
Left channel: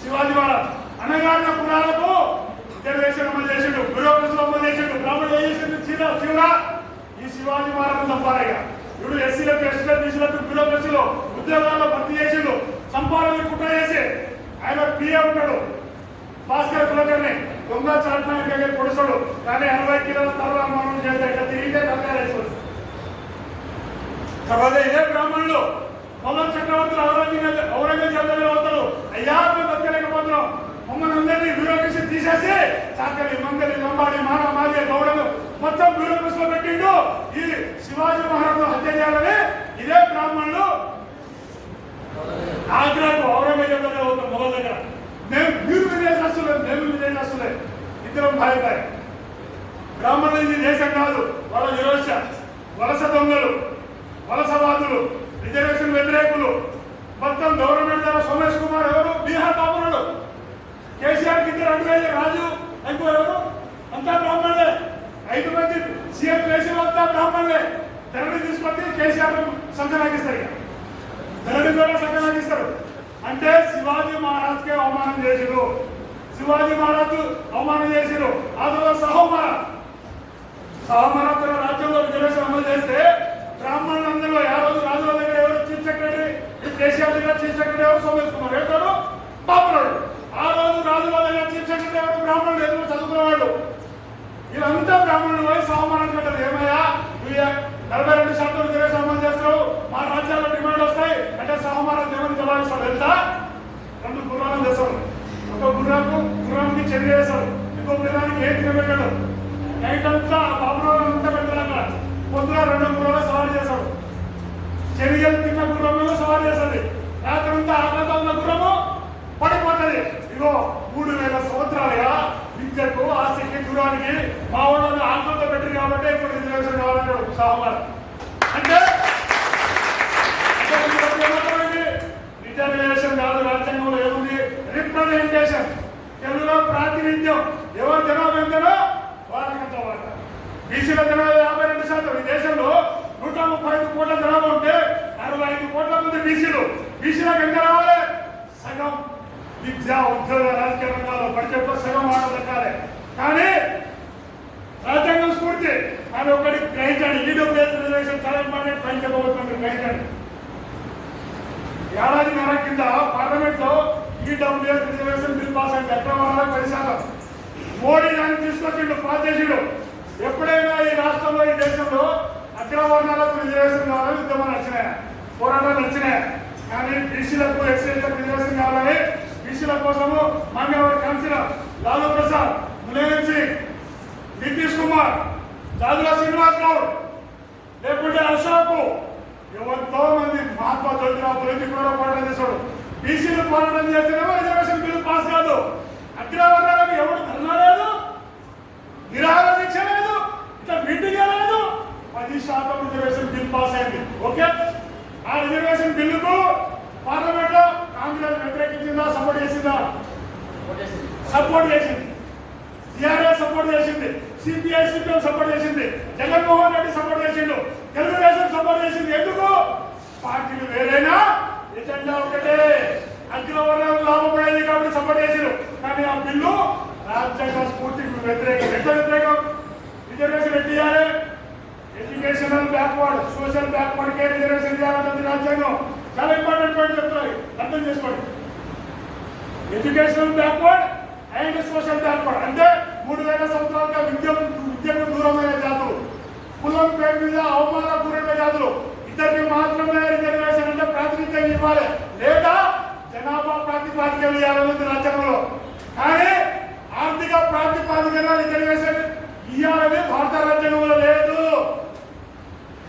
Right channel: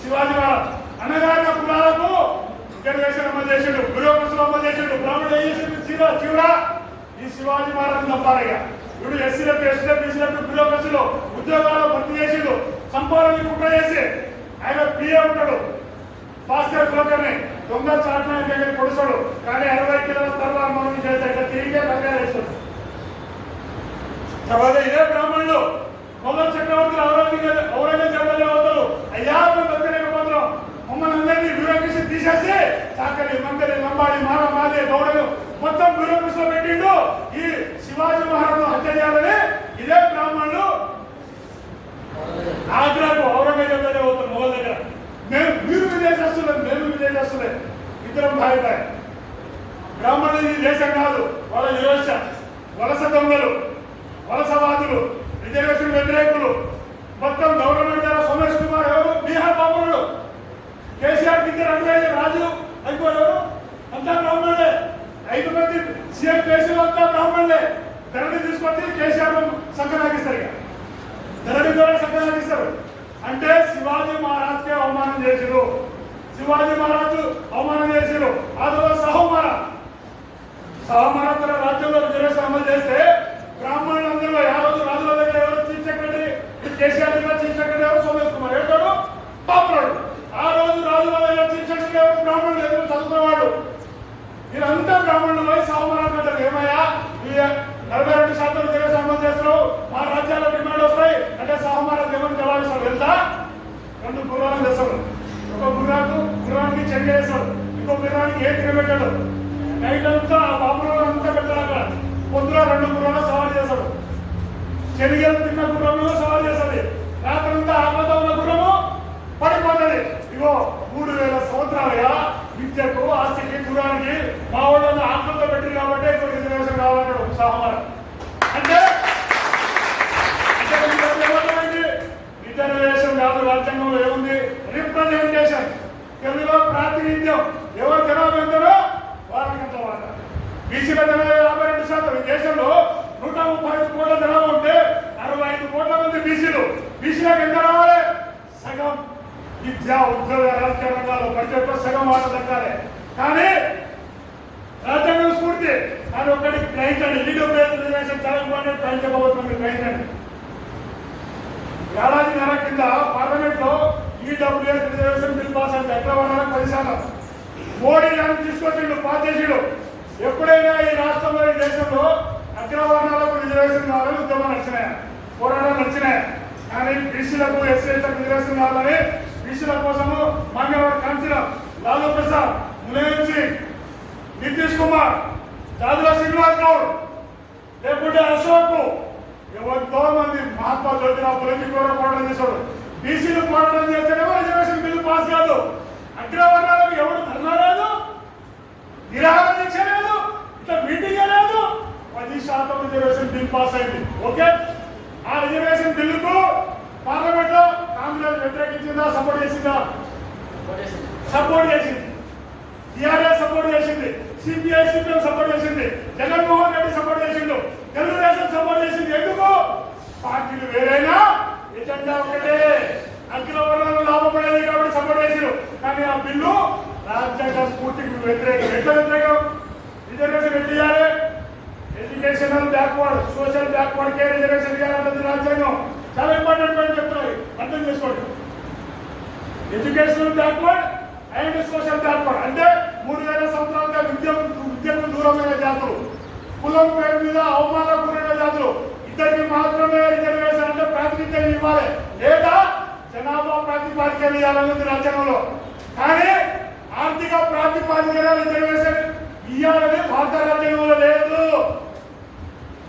శివాజీ మహారాజు అన్నగారిన కులాలకు రిజర్వేషన్ అమలు చేసాడు, బ్యూరోక్రసీలు అమలు చేసాడు. బ్రాహ్మణులు ఏం చేసాడు? చివరా ఈ శివాజీ మహారాజు తప్పాలిగా ఇప్పుడు ఎస్సీలకు, ఎస్టీలకు, బీసీలకు బ్యూరోక్రసీలో ఉద్యోగాల్లో భర్తీ చేసాడు. సంపాదనని కుట్ర చేసి ఆయన పిఏ ఉంటాడు, భాస్కర్ కులకర్ని దొంగ చాట్ల పొడుస్తాడు. కానీ 60 కిలోల తర్వాత మనం చేస్తే ఇట్లా తిరిగే తరగతి వేస్తాడు. తర్వాత ఇదే బ్రాహ్మణులు మొదటి చక్రవర్తులు ఔరంగజేబు అవుతారు. అయ్యా దక్కలేకపోతున్నాం, మమ్మల్ని అందరినీ బ్యూరోక్రసీ తీసేసి చాకలి, మంగలి, లంబాడి, మాది, గౌడలు మొత్తం బ్యూరోక్రసీలో పెట్టిండు. ఈ శివాజీ మహారాజు హత్య చేయాలని ఇదే బ్రాహ్మణులు ఆగ్రాకు ఔరంగజేబు అవుతారు మొగల దగ్గర. మీరు విజయదస్తులే, మేము విజయదస్తులే, ఇద్దరం భార్య. బ్రాహ్మణులు ఇది దేశం కాదు, వాళ్ళ విరోచ, వలస దొంగలు, వలసవాదులు, రిజర్వేషన్ వ్యతిరేకులు. మొత్తం గవర్నమెంట్ ద్వారా సోమేష్ కుమార్ ఎవరు? బీహార్ బాబులు. కేసీఆర్ కింద 2,000 రాజు అయిపోయారు, అంతా బ్రాహ్మణులే. 5 మంది సీఎం కేసీఆర్ అంతా బ్రాహ్మణులే. ధరణి తీసుకొచ్చి కేసీఆర్ సంకనాకిస్తారు. ఇక ధరణి ద్వారా సంకనాకిస్తారు. అంటే శివాజీ మహారాజ్కే అవమానం చేసిరు. శివాజీ మహారాజు అవమానం చేసిరు. ఆ తర్వాత సహోమహారాజ్ తన రాజ్యంలో రిజర్వేషన్ అమలు చేస్తే బ్రాహ్మణులందరూ ఆ రోజు రాజుల దగ్గర ఎవరు చీఫ్ సెక్రటరీ? కేసీఆర్ దగ్గర చీఫ్ సెక్రటరీ ఎవరు? సోమేష్ కుమార్. ఏటాడు? బాపురాడు. ఆ రోజు రాజుల దగ్గర చీఫ్ సెక్రటరీ ఎవరు? బ్రాహ్మణులు, ఎదురు చదువుకునేవాడు. వీళ్ళంతా బ్రాహ్మణులు పోయి సహోమహారాజ్ అంటారు, ఏమయ్యా 42% రిజర్వేషన్ అమలు చేస్తారు, మా రాజ్యాల్లో డిమాండ్ వస్తాయి అంటే సహోమహారాజ్ ఏమని జవాబిస్తాడు? వెళ్తా 2 గుర్రాలను తెస్తాడు. ఒక గుర్రానికి చెల్లి వేస్తాడు, ఇంకో పిల్లలకి ఏం తినబెట్టాడు. నైట్ అంతా బాబులో అంతా పెట్టాడు. అక్కడ పొద్దున 2 గుర్రాలు సవాల్ చేశాడు. శనిగలు తిన్న గుర్రము సవాల్ చేస్తుంది. రాత్రి అంతా ఆకలితో ఉన్న గుర్రము పడిపోతుంది. ఇగో 3000 సంవత్సరాలుగా విద్యకు, ఆస్తికి, దూరానికి మా వాళ్ళని ఆకలితో పెట్టింది కాబట్టి ఇప్పుడు రిజర్వేషన్ కావాలంటాడు సహమారు. అంటే రిజర్వేషన్ కాదు, రాజ్యాంగంలో ఏముంది? రిప్రజెంటేషన్. తెలుగులో ప్రాతినిధ్యం. ఎవరు జనాభా ఎంతనో వాళ్ళకంత వాళ్ళ. బీసీల జనాభా 52%. ఈ దేశంలో 135 కోట్ల జనాభా ఉంటే 65 కోట్ల మంది బీసీలు. బీసీలకు ఎంత రావాలి? సగం. విద్య, ఉద్యోగ, రాజకీయ రంగాల్లో బడ్జెట్లో సగం వాట దక్కాలి. కానీ రాజ్యాంగం స్ఫూర్తి అని ఒకటి గ్రహించండి. ఈడబ్ల్యూఎస్ రిజర్వేషన్ తెలంగాణ గ్రహించబోతుంది. గ్రహించండి. ఏడాదిన్నర కింద పార్లమెంట్ లో ఈడబ్ల్యూఎస్ రిజర్వేషన్ బిల్ పాస్ అయింది. అక్రమాలకు 10%. మోడీ దాన్ని తీసుకొచ్చిండు, పాస్ చేసిండు. ఎప్పుడైనా ఈ రాష్ట్రంలో, ఈ దేశంలో అగ్రవర్ణాలకు రిజర్వేషన్ కావాలని ఉద్యమం నడిచినాయి, పోరాటాలు నడిచినాయి. కానీ బీసీలకు, ఎస్సీలకు రిజర్వేషన్ కావాలని బీసీల కోసము మాన్యవర్ కౌన్సిలర్ లాలూ ప్రసాద్, ములాయం సింగ్, నితీష్ కుమార్, జాజుల శ్రీనివాస్ గౌడ్, లేకుంటే అశోక్, ఎంతో మంది మహాత్మా జ్యోతిరావు పూలే పోరాటం చేశాడు. బీసీలు పోరాటం చేస్తేనేమో రిజర్వేషన్ బిల్లు పాస్ కాదు. అగ్రవర్ణాలకు ఎవరు ధర్నా లేదు, నిరాహార దీక్ష లేదు, ఇట్లా మీటింగ్ లేదు. 10% రిజర్వేషన్ బిల్ పాస్ అయింది. ఓకే, ఆ రిజర్వేషన్ బిల్లుకు పార్లమెంట్ లో కాంగ్రెస్ వ్యతిరేకించిందా, సపోర్ట్ చేసిందా? సపోర్ట్ చేసింది. టీఆర్ఎస్ సపోర్ట్ చేసింది, సిపిఐ సిపిఎం సపోర్ట్ చేసింది, జగన్మోహన్ రెడ్డి సపోర్ట్ చేసిండు, తెలుగుదేశం సపోర్ట్ చేసింది. ఎందుకు? పార్టీలు వేరైనా ఎజెండా ఒకటే, అగ్రవర్ణాలు లాభపడేది కాబట్టి సపోర్ట్ చేసిండు. కానీ ఆ బిల్లు రాజ్యాంగ స్ఫూర్తికి వ్యతిరేకం. ఎట్లా వ్యతిరేకం? రిజర్వేషన్ ఎట్ చేయాలి? ఎడ్యుకేషనల్ బ్యాక్వర్డ్, సోషల్ బ్యాక్వర్డ్ కే రిజర్వేషన్ చేయాలంటే రాజ్యాంగం. చాలా ఇంపార్టెంట్ పాయింట్ చెప్తున్నాయి, అర్థం చేసుకోండి. Educational backward and social backward అంటే 3000 సంవత్సరాలుగా విద్యకు దూరమైన జాతులు, కులం పేరు మీద అవమాన గురైన జాతులు, ఇద్దరికి మాత్రమే రిజర్వేషన్ అంటే ప్రాతినిధ్యం ఇవ్వాలి, లేదా జనాభా ప్రాతిపాదికన ఇవ్వాలనేది రాజ్యాంగంలో. కానీ ఆర్థిక ప్రాతిపాదికన రిజర్వేషన్ ఇవ్వాలని భారత రాజ్యాంగంలో లేదు.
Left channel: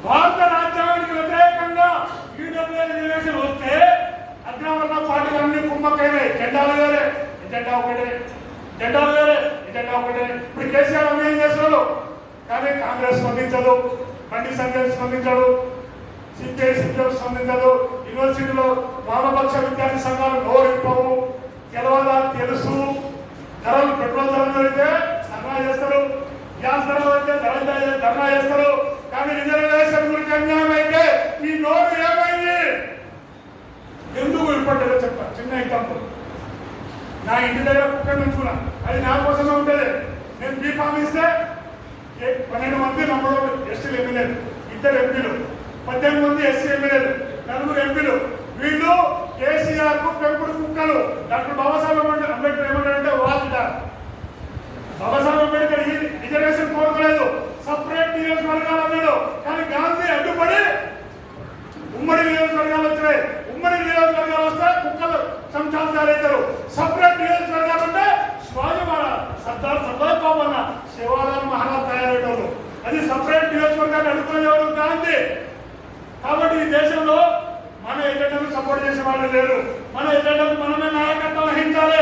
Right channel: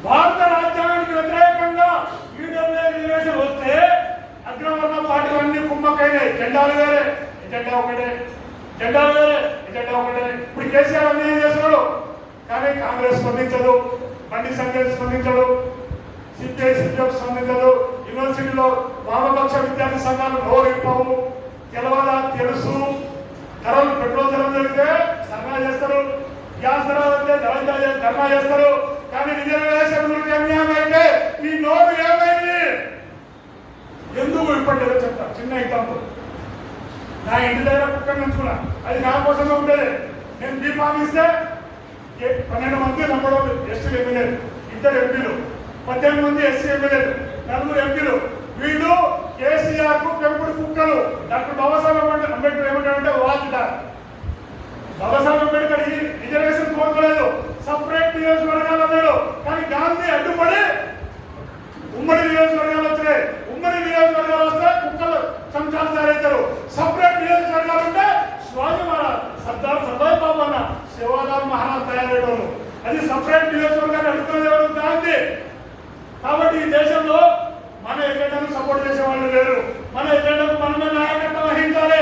భారత రాజ్యాంగానికి వ్యతిరేకంగా ఈడబ్ల్యూఎస్ రిజర్వేషన్ వస్తే అగ్రవర్ణ పార్టీలు అన్ని కుమ్మకైనాయి. జెండాలు వేరే, ఎజెండా ఒకటే, జెండాలు వేరే, ఎజెండా ఒకటే. ఇప్పుడు కేసీఆర్ అన్యాయం చేస్తున్నాడు, కానీ కాంగ్రెస్ స్పందించదు, బండి సంజయ్ స్పందించడు, సిపిఐ సిపిఎం స్పందించదు. యూనివర్సిటీలో వామపక్ష విద్యార్థి సంఘాలు నోరిప్పవు. తెలవాలా తెలుసు. ధరలు, పెట్రోల్ ధరలు పెడితే ధర్నా చేస్తారు, గ్యాస్ ధరలు పెడితే ధర్నా చేస్తారు. కానీ రిజర్వేషన్ గురించి అన్యాయం అయితే మీ నోరు ఏమైంది? ఎందుకు ఇప్పటిలో చెప్తా. చిన్న ఎగ్జాంపుల్, నా ఇంటి దగ్గర కుక్కర్ నుంచుకున్నా, అది నా కోసమే ఉంటుంది. నేను బీఫామ్ ఇస్తే 12 మంది నమ్మడం ఎస్టీలు ఎమ్మెల్యేలు, 2 ఎంపీలు, 18 మంది ఎస్సీ ఎమ్మెల్యేలు, 4 ఎంపీలు. వీళ్ళు కేసీఆర్ కు పెంపుడు కుక్కలు. డాక్టర్ బాబాసాహెబ్ అంబేద్కర్ ఏమంటారంటే వాచ్డాగ్. బాబాసాహెబ్ అంబేద్కర్ ఈ రిజర్వేషన్ కోరుకోలేదు, సపరేట్ నియోజకవర్గాలు అన్నాడు. కానీ గాంధీ అడ్డుపడి ఉమ్మడి నియోజకవర్గాలు వచ్చినాయి. ఉమ్మడి నియోజకవర్గాలు వస్తే కుక్కలు సంచాలు తయారవుతారు. సపరేట్ నియోజకవర్గాలు ఉంటే స్వామివాడ సర్దార్ బాబు అన్న శివరాం మహారాజ్ తయారయ్యేవాళ్ళు. అది సపరేట్ నియోజకవర్గాన్ని అడ్డుకునేవాడు గాంధీ. కాబట్టి ఈ దేశంలో మన ఎజెండాను సపోర్ట్ చేసే వాళ్ళు లేరు. మన ఎజెండాకు మనమే నాయకత్వం వహించాలి,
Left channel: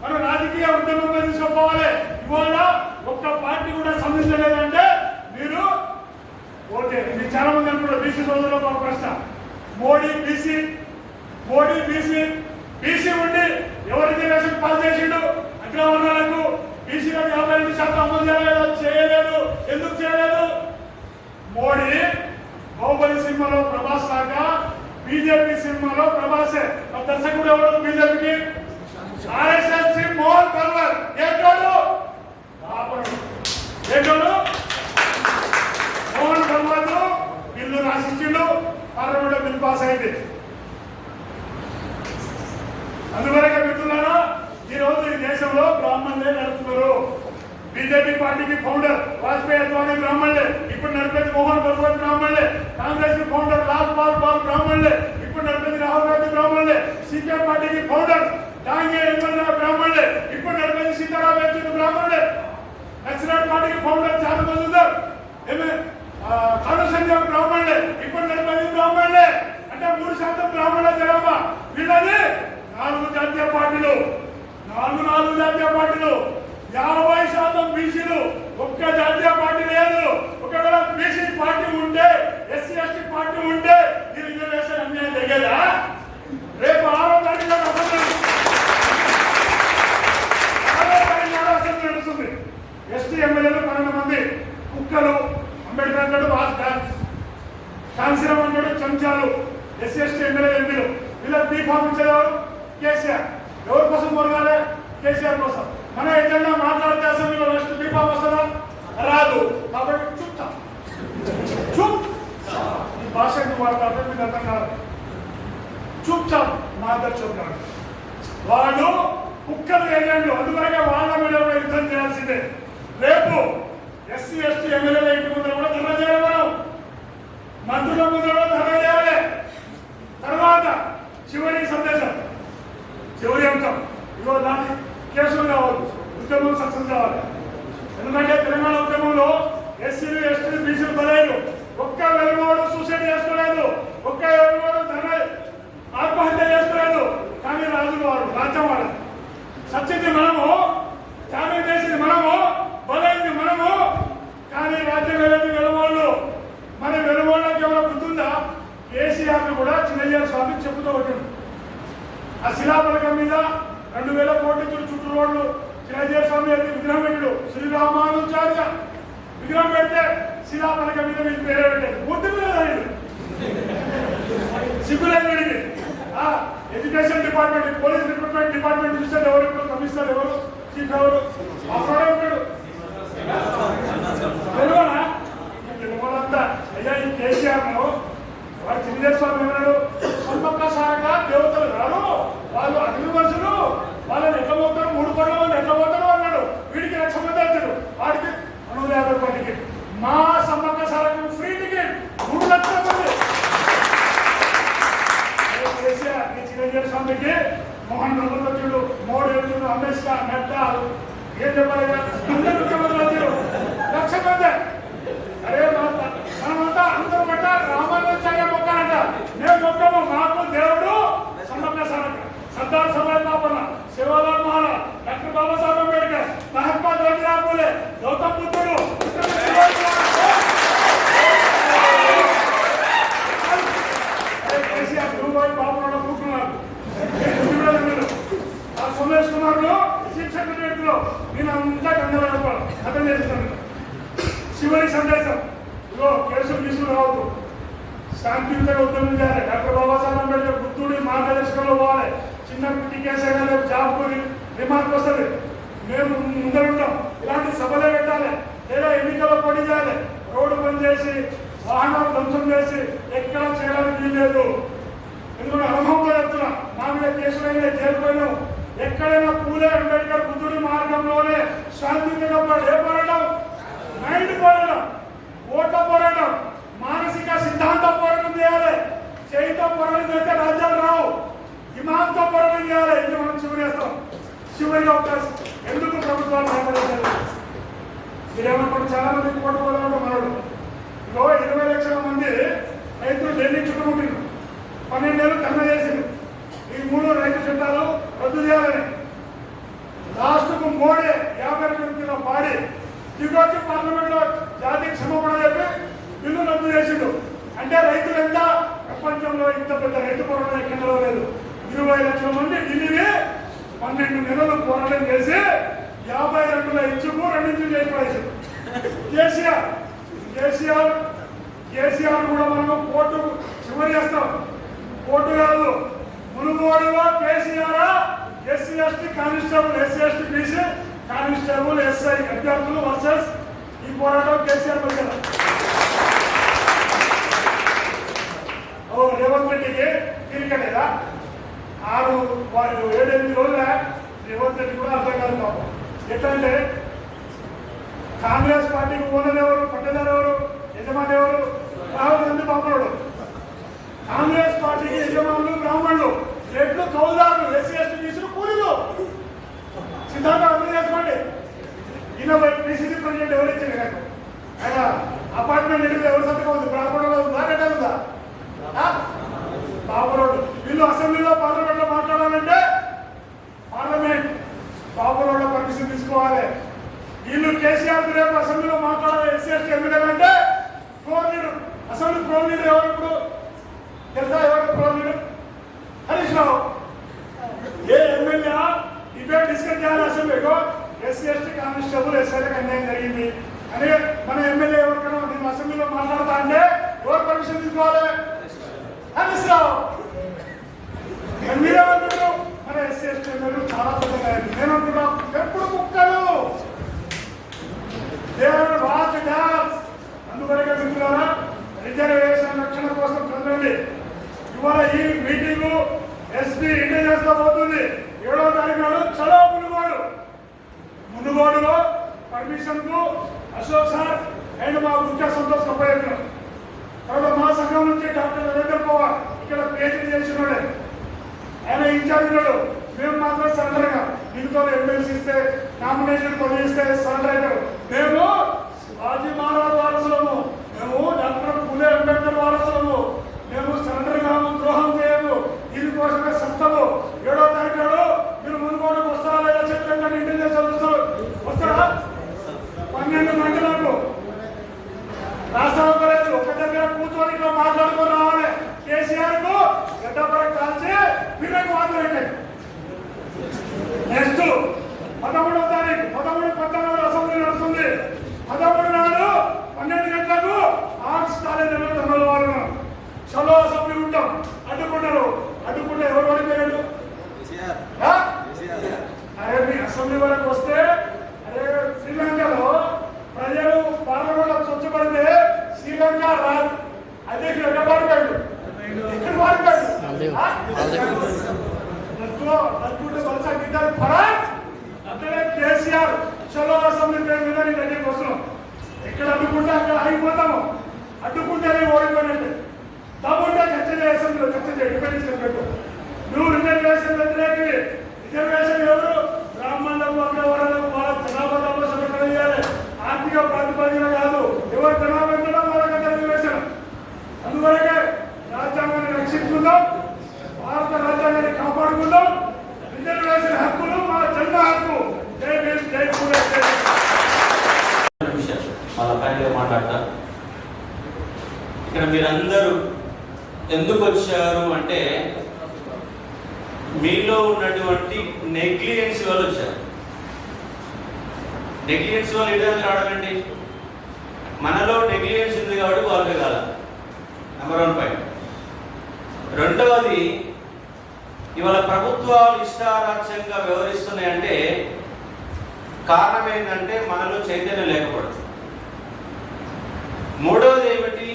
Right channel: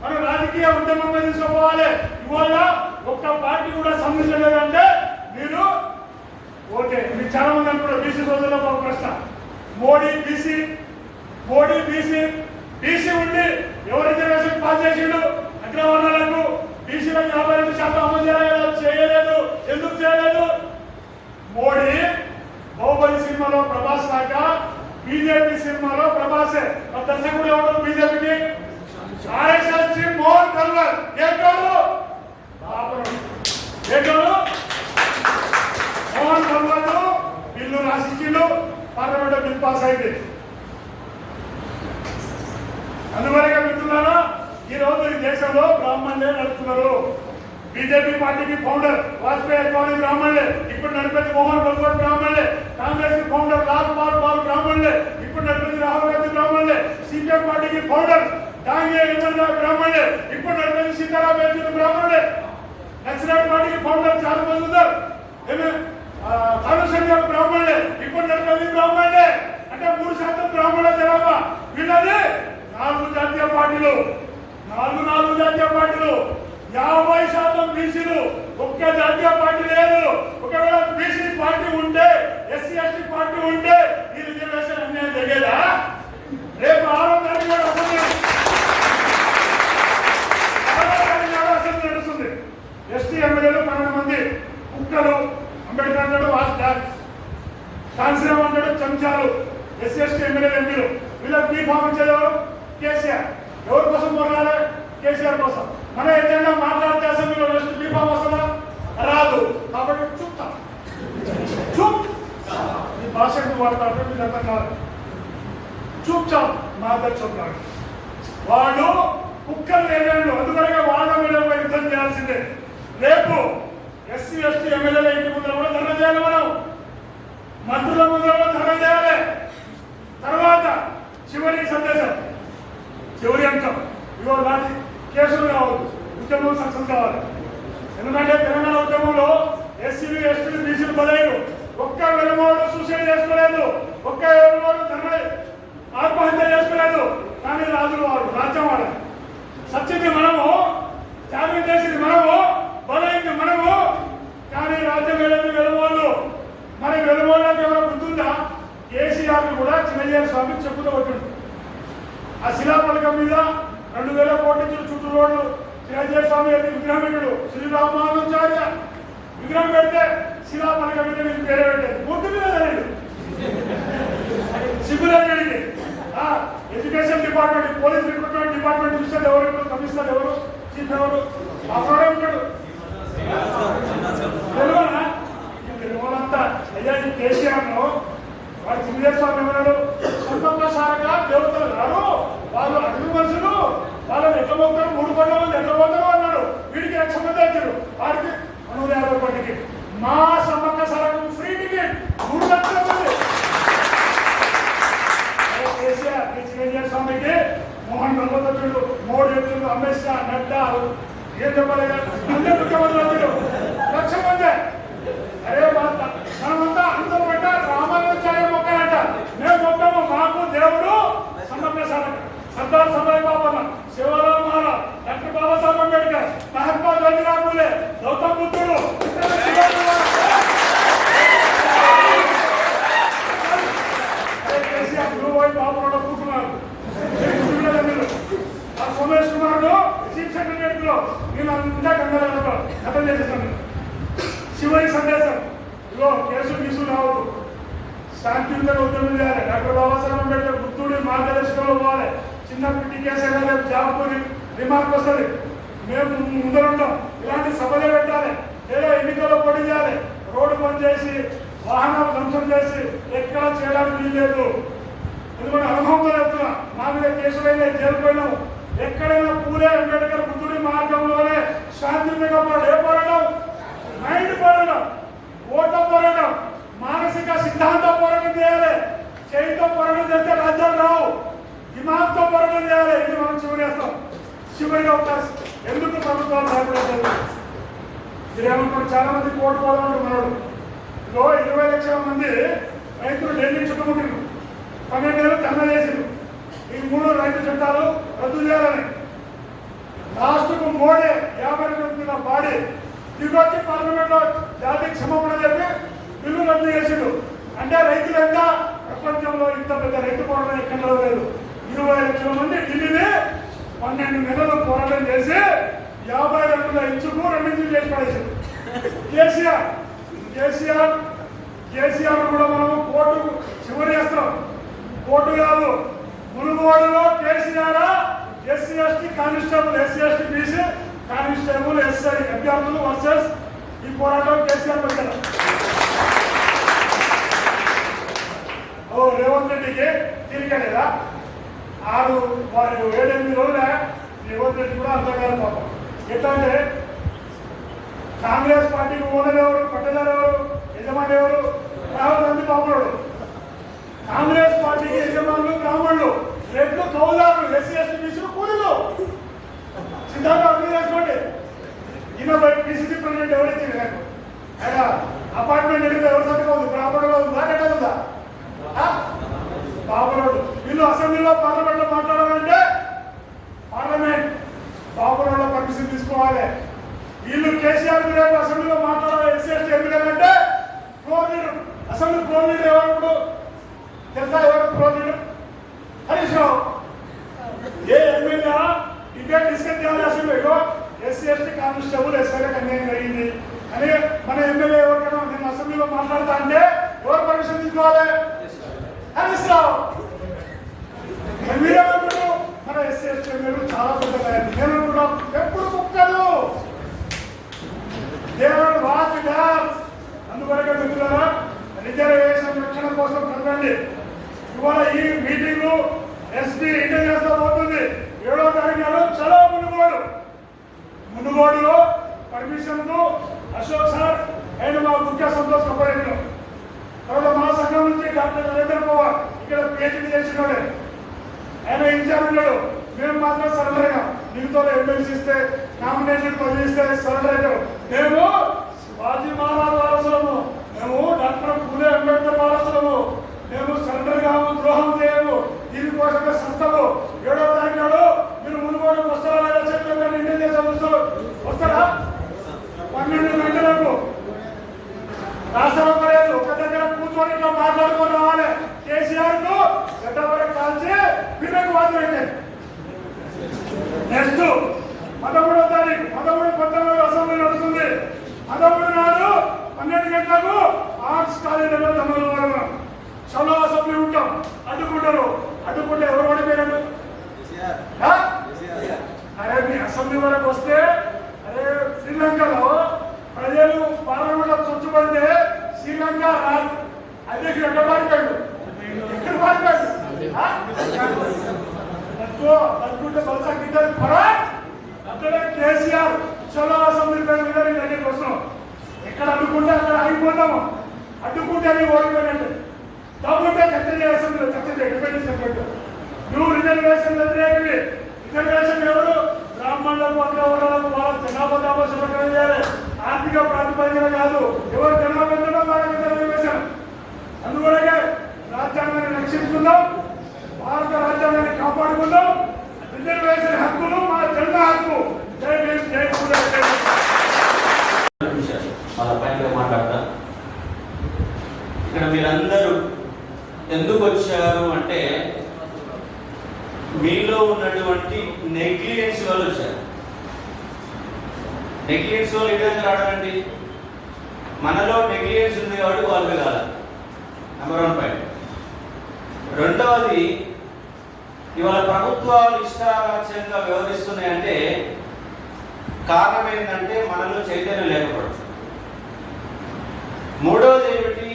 మనం రాజకీయ ఉద్యమం మీద తీసుకోవాలి. ఇవాళ ఒక్క పార్టీ కూడా స్పందించలేదంటే మీరు ఓకే. మీకు చాలా మంది అనుకుంటారు బీసీ సోదరులు. ఒక ప్రశ్న, మోడీ బీసీ బీసీ ఉండి ఎవరు రిజర్వేషన్ పాస్ చేసిండు? అగ్రవర్ణాలకు బీసీలో 52% అమలు చేయలేదు. ఎందుకు చేయలేదు? మోడీ బాహుబలి సినిమాలో ప్రభాస్ లాగా బీజేపీ సినిమాలో ప్రభాసే. దర్శకుడు ఎవరు బీజేపీకి? ఆర్ఎస్ఎస్ మోహన్ కల్వర్. ఏంటోడు మోహన్ కల్వర్ బిల్లు రాసిచ్చిండు, పార్లమెంట్ బిల్ పాస్ అయింది. అందువల్ల మిత్రులారా, ఈ రోజు ఈ దేశంలో బ్రాహ్మణులే నడుపుతున్నారు. బీజేపీ పార్టీకి ఫౌండర్ వాజ్పేయి అద్వానీ బ్రాహ్మణులే, ఇప్పుడు నడిపేది మోహన్ కల్వర్ బ్రాహ్మణులే. కాంగ్రెస్ కి ఫౌండర్ లాల్ పాల్ బ్రాహ్మణులే, ఇప్పుడు నడిపేది రాహుల్ గాంధీ బ్రాహ్మణులే. సిపిఎం పార్టీకి ఫౌండర్ డాంగే ఎమ్మెల్యే బ్రాహ్మణుడే, ఇప్పుడు నడిపేది సీతారాం యేచూరి బ్రాహ్మణుడే, నక్సలైట్ పార్టీకి ఫౌండర్ చారు మజుందార్ కాళేశ్వర బ్రాహ్మణుడే, ఇప్పుడు నడిపేది బ్రాహ్మణుడే. అంటే 3% బ్రాహ్మణ జనాభా. వీళ్ళది 4 జాతీయ పార్టీలు, 4 జాతీయ పార్టీలు, 50% బీసీలు, ఒక్క జాతీయ పార్టీ లేదు. ఒకవేళ బీసీ పార్టీ ఉంటే, ఎస్సీ ఎస్టీ పార్టీ ఉంటే ఈ రిజర్వేషన్ అన్యాయం జరిగేదా? రేపు 6వ తారీఖు అసెంబ్లీ నడుస్తుంది. ఎస్టీ ఎమ్మెల్యేలు 12 మంది కుక్కలు, అంబేద్కర్ అంటాడు కాన్సీరామ్ అంటాడు చెంచాలు, ఎస్సీ ఎస్టీ ఎమ్మెల్యే ఎంపీలు. వీళ్ళకి బీఫామ్ ఇచ్చేవారు కేసీఆర్. ఎవరి కోసం కొరగాలి? కేసీఆర్ కోసం. మన ఎజెండా మాట్లాడితే అసెంబ్లీలో నెక్స్ట్ బీఫామ్ వస్తుందా? రాదు. కాబట్టి చూపుతా చూప్ ఈ భాష ఎందుకు వాడతారంటే మీకు అర్థం కాదు. చూపుచాం మా దగ్గర చూపుతారు. వాళ్ళు కుక్కలు ఏజెంట్లు, అందుకనే వాళ్ళ మీద యుద్ధం చేయాల్సిందే. రేపు ఎస్సీ ఎస్టీ ఎమ్మెల్యేల ఇంటి ముందర కూడా ధర్నా చేయాలి, మనం మంత్రుల ముందర కూడా ధర్నా చేయాలి. తర్వాత చివరి సందేశం, చివరి అంశం, ఇవాళ దాని కేసులు కావద్దు, ఉద్యమం సక్సెస్ కావాలి. ఎందుకంటే తెలంగాణ ఉద్యమంలో ఎస్సీలు ఎస్టీలు బీసీలు బలైరు. ఒక్క వెలుమోడు సూసైడ్ చేసుకోలేదు, ఒక్క వెలుమోడు ధర్నా ఆత్మహత్య చేసుకోలేదు. కానీ రాజులు వాడు రాజ్యం వాడాలి. సత్యది మనము, త్యాగం చేసింది మనము, బలైంది మనము. కానీ రాజ్యం వెళ్ళింది వెలుమోళ్ళు. మరి వెలుమోళ్ళకి ఎవరో గుర్తుందా? కేసీఆర్ కూడా చిన్నజీఆర్ స్వామి చెప్పుతూ ఉంటుంది. ఆ శిలాపలకం మీద 2000 కోట్ల చుట్టూ రోడ్లు చిన్నజీఆర్ స్వామి విగ్రహం పెట్టాడు. శ్రీరామానుచార్య విగ్రహం పెడితే శిలాపలకం మీద మీకు పేరే పెట్టాడు. ముద్దు మీద తెలియదు సిగ్గులేండి. Education department, police recruitment department చూస్తే ఎవరు కమిషనర్, ఎవరు చీఫ్, ఎవరు అక్కడే ఉంటాడు. తెలుగునా? తెలుగులంతా అయ్యా ఈ కేసీఆర్ లో వాడు చిన్నజీఆర్ స్వామి ఏమన్నాడు? సన్మక్కసారగా దేవతలు కాదు, వాళ్ళు అగ్ని మనుషులు, వాళ్ళని ఎట్లా పోతారు, 3 కోట్ల మంది ఎట్లా పోతారు అన్నాడు. వీడికి 1,00,000 మంది వచ్చాడు, వాడికి 250 రూపాయల టికెట్. మా సమ్మక్కసారకు ఫ్రీ టికెట్ 3 లక్షల మంది. కేసీఆర్ చిన్నజీఆర్ స్వామికి మోహన్ రంగోత్రుడు, మోడీ వచ్చుడు, అమిత్ షా, నడ్డా ఏం చెప్పాలి, అందరూ ముఖ్యమంత్రులు వచ్చారు, 1,00,000 మంది. అరే మనమంతా అందరూ పెట్ట రామానుజాచార్య మొక్కాలంట. మేము మొక్కము, మాకు దేవుడు సమ్మక్కసారక్క, సర్దార్ సర్దార్ బాబన్న, శివలాల్ మహారాజ్, డాక్టర్ బాబాసాహెబ్ అంబేద్కర్, మహాత్మా జ్యోతిరావు పూలే, గౌతమ్ బుద్ధుడు, కేసీఆర్ గురువు బాబు కూర్చున్నారు. సోమేష్ కుమార్ చీఫ్ సెక్రటరీ వీళ్ళంతా కంగారు అర్థం చేసేసాను. చివరి సందేశం, ఇగో కేసులు తీసుకుని రావద్దు, శాంతియుతంగా ఉద్యమం చేయాలి. డాక్టర్ బాబాసాహెబ్ అంబేద్కర్ బుద్ధుడి మార్గదర్శకంలో పోవాలి. చిన్న పిట్టి కేసు అయినా జాబ్ రిమార్క్ వస్తుంది, మేము ముందరుంటాం. ఇలాంటి సభలే పెట్టాలి, లేదా ఎన్నికల్లో పోటీ చేయాలి. రోడ్డు బంద్ చేసి వాహనాలు ధ్వంసం చేసి ఎక్కడ చేయడానికి వీల్లేదు. ఎందుకంటే అనుభవంతో చెప్తున్నా, నా మీద కేసులైనా జైలుపోయినాం. ఎక్కడైనా పూలే అంబేద్కర్ బుద్ధుడి మార్గంలోనే శాంతియుతంగా ఏ పోరాటం, మైండ్ పోరాటం, ఓట్ల పోరాటం, మానసిక సిద్ధాంత పోరాటం చేయాలి. చేయితో పోరాటం చేస్తే రాజ్యాలు రావు, దిమాగ్తో పోరాటం చేయాలి. ఇది మనం చివరి చేస్తాం. చివరిగా అవకాశం ఎందుకు ప్రభుత్వాలు సహకరించాలి? మీరేమనుకుంటే చాలా మంది కోర్టు వాళ్ళు మనడు. ఇగో 20 లక్షల మంది రైతులు ఢిల్లీ చుట్టుముట్టిండ్రు, 12 ఏళ్ళు ధర్నా చేసిండ్రు. ఈ 3 రైతు చట్టాలు రద్దు చేయాలని. లాస్ట్కు మోడీ 50 మంది పాడి దిగొచ్చి పార్లమెంట్ లో జాతి క్షమాపణ చెప్పి బిల్లు రద్దు చేసిండు. అంటే రైతులు ఎంత, ప్రపంచంలో ఇంత పెద్ద రైతు పోరాటం ఎక్కడ లేదు. 20 లక్షల మంది ఢిల్లీని 12 నెలలు పోరాటం చేసి 50 గంటల ఇచ్చుకు 2 ఇంచులు చేసి పడేసాడు. కేసీఆర్ కూడా మనము కోర్టు చివరి చేస్తాం. కోర్టు కాదు, మునుగోడులో KCR SC ST constable, SC ST BC constable, SI అభ్యర్థులు వర్సెస్ ఈ పోరాటం కేసీఆర్ పడిగా. రేవంత్ రెడ్డికి తిరిగలేదా? 7-8 రోజులే రేవంత్ రెడ్డి కూడా అర్థం కాదు పాపం. ఎట్లంటే కాంగ్రెస్ పార్టీకి ఓనర్ ఎవరు, పట్టదారు ఎవరు, యజమాని ఎవరు? రాహుల్ గాంధీ బాబుడు. కాంగ్రెస్ పార్టీకి యజమానులు బ్రాహ్మణులు, రెడ్లు కౌలుదారులు ఎస్సీ ఎస్టీ బీసీలు కూలీలు సిద్ధాంతం అర్థం చేసుకోండి. ఈయన పీసీసీ ప్రెసిడెంట్ ఎవరు ఇచ్చింది నాకు ఆయన అపార్ట్మెంట్ ఎదుగుతా ఎవరు సంతకం ఉంది? బ్రాహ్మణుడు ఉందా కట్టదుందా? బాబురోడు వీళ్ళు అసెంబ్లీలో పార్లమెంట్లో మాట్లాడాలంటే పార్లమెంట్ బాబురోడ్లో పర్మిషన్ తీసుకోవాలి. వీళ్ళు కేసీఆర్ రేపు అసెంబ్లీలో మాట్లాడాలి. ఎస్సీ ఎస్టీ ఎందుకంటే floor leader assembly floor leader ఎవరు ఇప్పుడు తెలుసా? ఎవరు ఫ్లోర్ లీడర్? హరీష్ రావు. ఏ ఎమ్మెల్యే డిబేట్ డిస్కస్ చేయాలి అసెంబ్లీలో ఎస్సీ ఎస్టీ కానిస్టేబుల్ ఎస్ఐలకు అన్యాయం జరిగింది అని మన ఎమ్మెల్యే ఎవరికైనా నేను అసెంబ్లీలో మాట్లాడతా అంటే ఎవరు పర్మిషన్ తీసుకోవాలి? హరీష్ రావు. మీరేమంటారు? మన ఎస్సీ ఎస్టీ ఎమ్మెల్యేలు చాలా పెద్దగా నేనంటున్నాం ఎప్పుడు కుక్కలు దేవుడు వాచ్ డాన్స్. అందువరకే మిత్రులారా రిజర్వేషన్ రక్షణ కోసం కదండి ఇవాళ ఈ మీటింగ్ ఎస్పీ ఇంటెలిజెన్స్ లో పోతుంది. 7వ తారీఖు నాడు చలో మునుగోడులో పర్మిషన్ కు అశోక్ సార్ అండ్ మా ముఖ్య సంతోష్ ఉపయోగం. తర్వాత మా సంఘం నుంచి డాక్టర్ నరేంద్ర పవార్ ఇక్కడ పిహెచ్డీ చేసినాడే ఆయన ఇన్ఛార్జ్ ఉన్నాడు. మేము మాత్రం సరెండర్ గా మిగతా ఎమ్మెల్సీ ఇస్తే నామినేషన్ పదవి ఇస్తే సరెండర్ అవుతారు. మేము శివాజీ మహారాజ్ వారసులము, మేము డాక్టర్ పూలే అంబేద్కర్ వారసులము. మేము సరెండర్ కాము, ద్రోహం చేయము. దీనికోసమే సత్తము. 7వ తారీఖు నాడు మీరు మునుగోడుకు వస్తారా లేదా చెప్పండి. ఇంటెలిజెన్స్ వస్తారా? 12 గంటలకు రాష్ట్రం లేదు. ఒక దగ్గర కూర్చొని ఇట్లా మాట్లాడుకుని రావాలి. కేసీఆర్ కు గడ్డపై కాల్చి వీళ్ళకి వాద్యం పెట్టాయి. నెక్స్ట్ 13వ తారీఖు 13 అసెంబ్లీ నడుస్తుంది. 13 నాడు 12 గంటలకు ఆర్ట్స్ కాలేజీలో తమలో వాళ్ళు చలో అసెంబ్లీ ఉంటాం. అడ్డుకుంటారు. అడ్డుకుంటే ఎవరు ఓడిపోయారు? అరే మీ అసెంబ్లీ వరకు వస్తే అరే శ్రీలంకలో ప్రజలు పార్లమెంట్లో చొచ్చుపడితే శ్రీలంక అధ్యక్షుడు ఎక్కడ మారిపోయాడు? ఎక్కడ మారిపోయాడు? అనుకుంటే బస్సా గిద్దరు అట్లనే కేసీఆర్ చలో అసెంబ్లీ పేరు మీద నేను దగ్గరికి వస్తున్నాం. ఎక్కడ అడ్డుకుంటే అక్కడ ఆగిపోతాము. అడ్డుకుంటే అది ఓడిపోయినట్టు. తమ్ముంటే చర్చ అసెంబ్లీలో చర్చ చేయాలి. నువ్వు రిజర్వేషన్ వ్యతిరేకి. రిజర్వేషన్ ఎవరు? బ్రాహ్మణులకు అగ్రవర్ణాలకు వాళ్ళ జనాభా దామోషణ చేయాలి. ఆర్థిక ప్రాతిపదికన కాదు. ఎవరు జనాభా ఉంటుందో వాళ్ళకి రిజర్వేషన్. అందువల్లనే రాజ్యాంగాన్ని రక్షించుకుందాం. భారత రాజ్యాంగాన్ని కాపాడుకుందాం. రిజర్వేషన్ హక్కులు మా జన్మ హక్కు. జై భీమ్, జై పూలే. వాళ్ళ పైన మాట్లాడతా. ఇక్కడ మీరందరూ ఎందుకు వచ్చారు అంటే మీలో ఉన్నటువంటి నెగ్లిజెన్స్ వల్ల వచ్చారు. నెగ్లిజెన్స్ వల్ల ఎటువంటి రావడం అండి? మనలో నెగ్లిజెన్స్ ఉంది కాబట్టి వాళ్ళే కాదు. Number 1 point. రెండవది, ఇవాళ ప్రభుత్వాలు ఇష్టారాజ్యంగా వ్యవహరిస్తున్నాయంటే కారణం ఏంటంటే మనలో చైతన్యం లేకపోవడం. మూడవది ఏమిటి?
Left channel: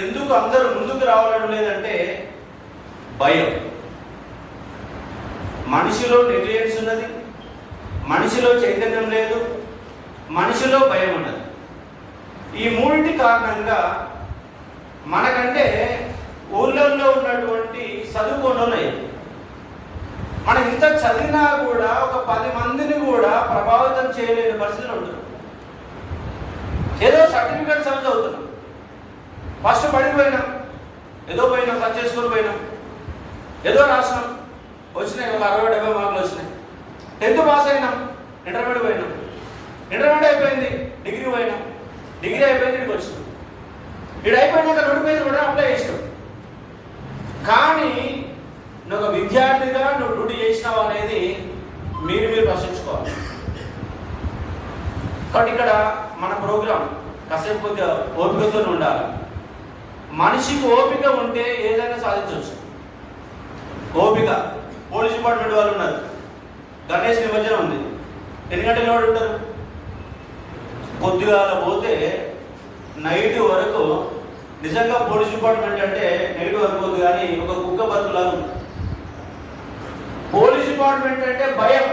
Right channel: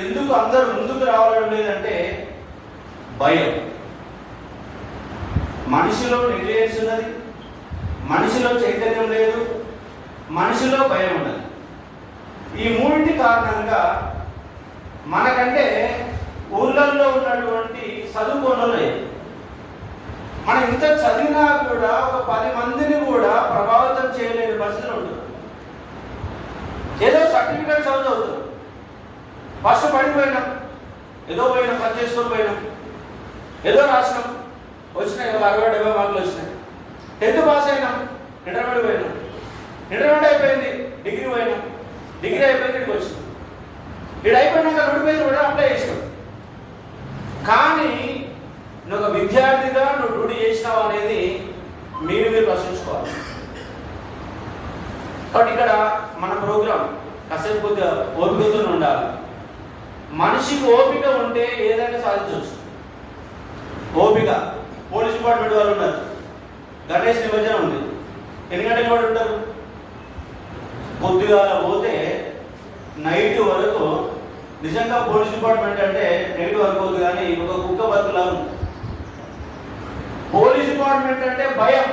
ఎందుకు అందరూ ముందుకు రావడం లేదంటే భయం. మనిషిలో నెగ్లిజెన్స్ ఉన్నది, మనిషిలో చైతన్యం లేదు, మనిషిలో భయం ఉన్నది. ఈ మూడింటి కారణంగా మనకంటే ఊళ్ళల్లో ఉన్నటువంటి చదువుకున్నలే మనం ఇంత చదివినా కూడా ఒక 10 మందిని కూడా ప్రభావితం చేయలేని పరిస్థితులు ఉంటుంది. ఏదో సర్టిఫికేట్ చదువుతున్నాం, ఫస్ట్ పడిపోయినాం, ఏదో పోయినాం, కట్ చేసుకొని పోయినాం, ఏదో రాసినాం, వచ్చినాయి ఒక 60-70 మార్కులు వచ్చినాయి. 10th పాస్ అయినాం, ఇంటర్మీడియట్ పోయినాం, ఇంటర్మీడియట్ అయిపోయింది, డిగ్రీ పోయినాం, డిగ్రీ అయిపోయింది, ఇక్కడికి వచ్చినాం. ఇది అయిపోయినాక నోటిఫికేషన్ కూడా అప్లై చేసినాం. కానీ నువ్వు ఒక విద్యార్థిగా నువ్వు డ్యూటీ చేసినావు అనేది మీరు ప్రశ్నించుకోవాలి. బట్ ఇక్కడ మన ప్రోగ్రాం కాసేపు కొద్దిగా ఓపికతో ఉండాలి. మనిషికి ఓపిక ఉంటే ఏదైనా సాధించవచ్చు. ఓపిక. పోలీస్ డిపార్ట్మెంట్ వాళ్ళు ఉన్నారు, గణేష్ నిమజ్జనం ఉంది, ఎన్ని గంటల వాడు ఉంటారు? కొద్దిగా పోతే నైట్ వరకు. నిజంగా పోలీస్ డిపార్ట్మెంట్ అంటే నైట్ వరకు కానీ ఒక కుక్క బతుకులా ఉంది. పోలీస్ డిపార్ట్మెంట్ అంటే భయం.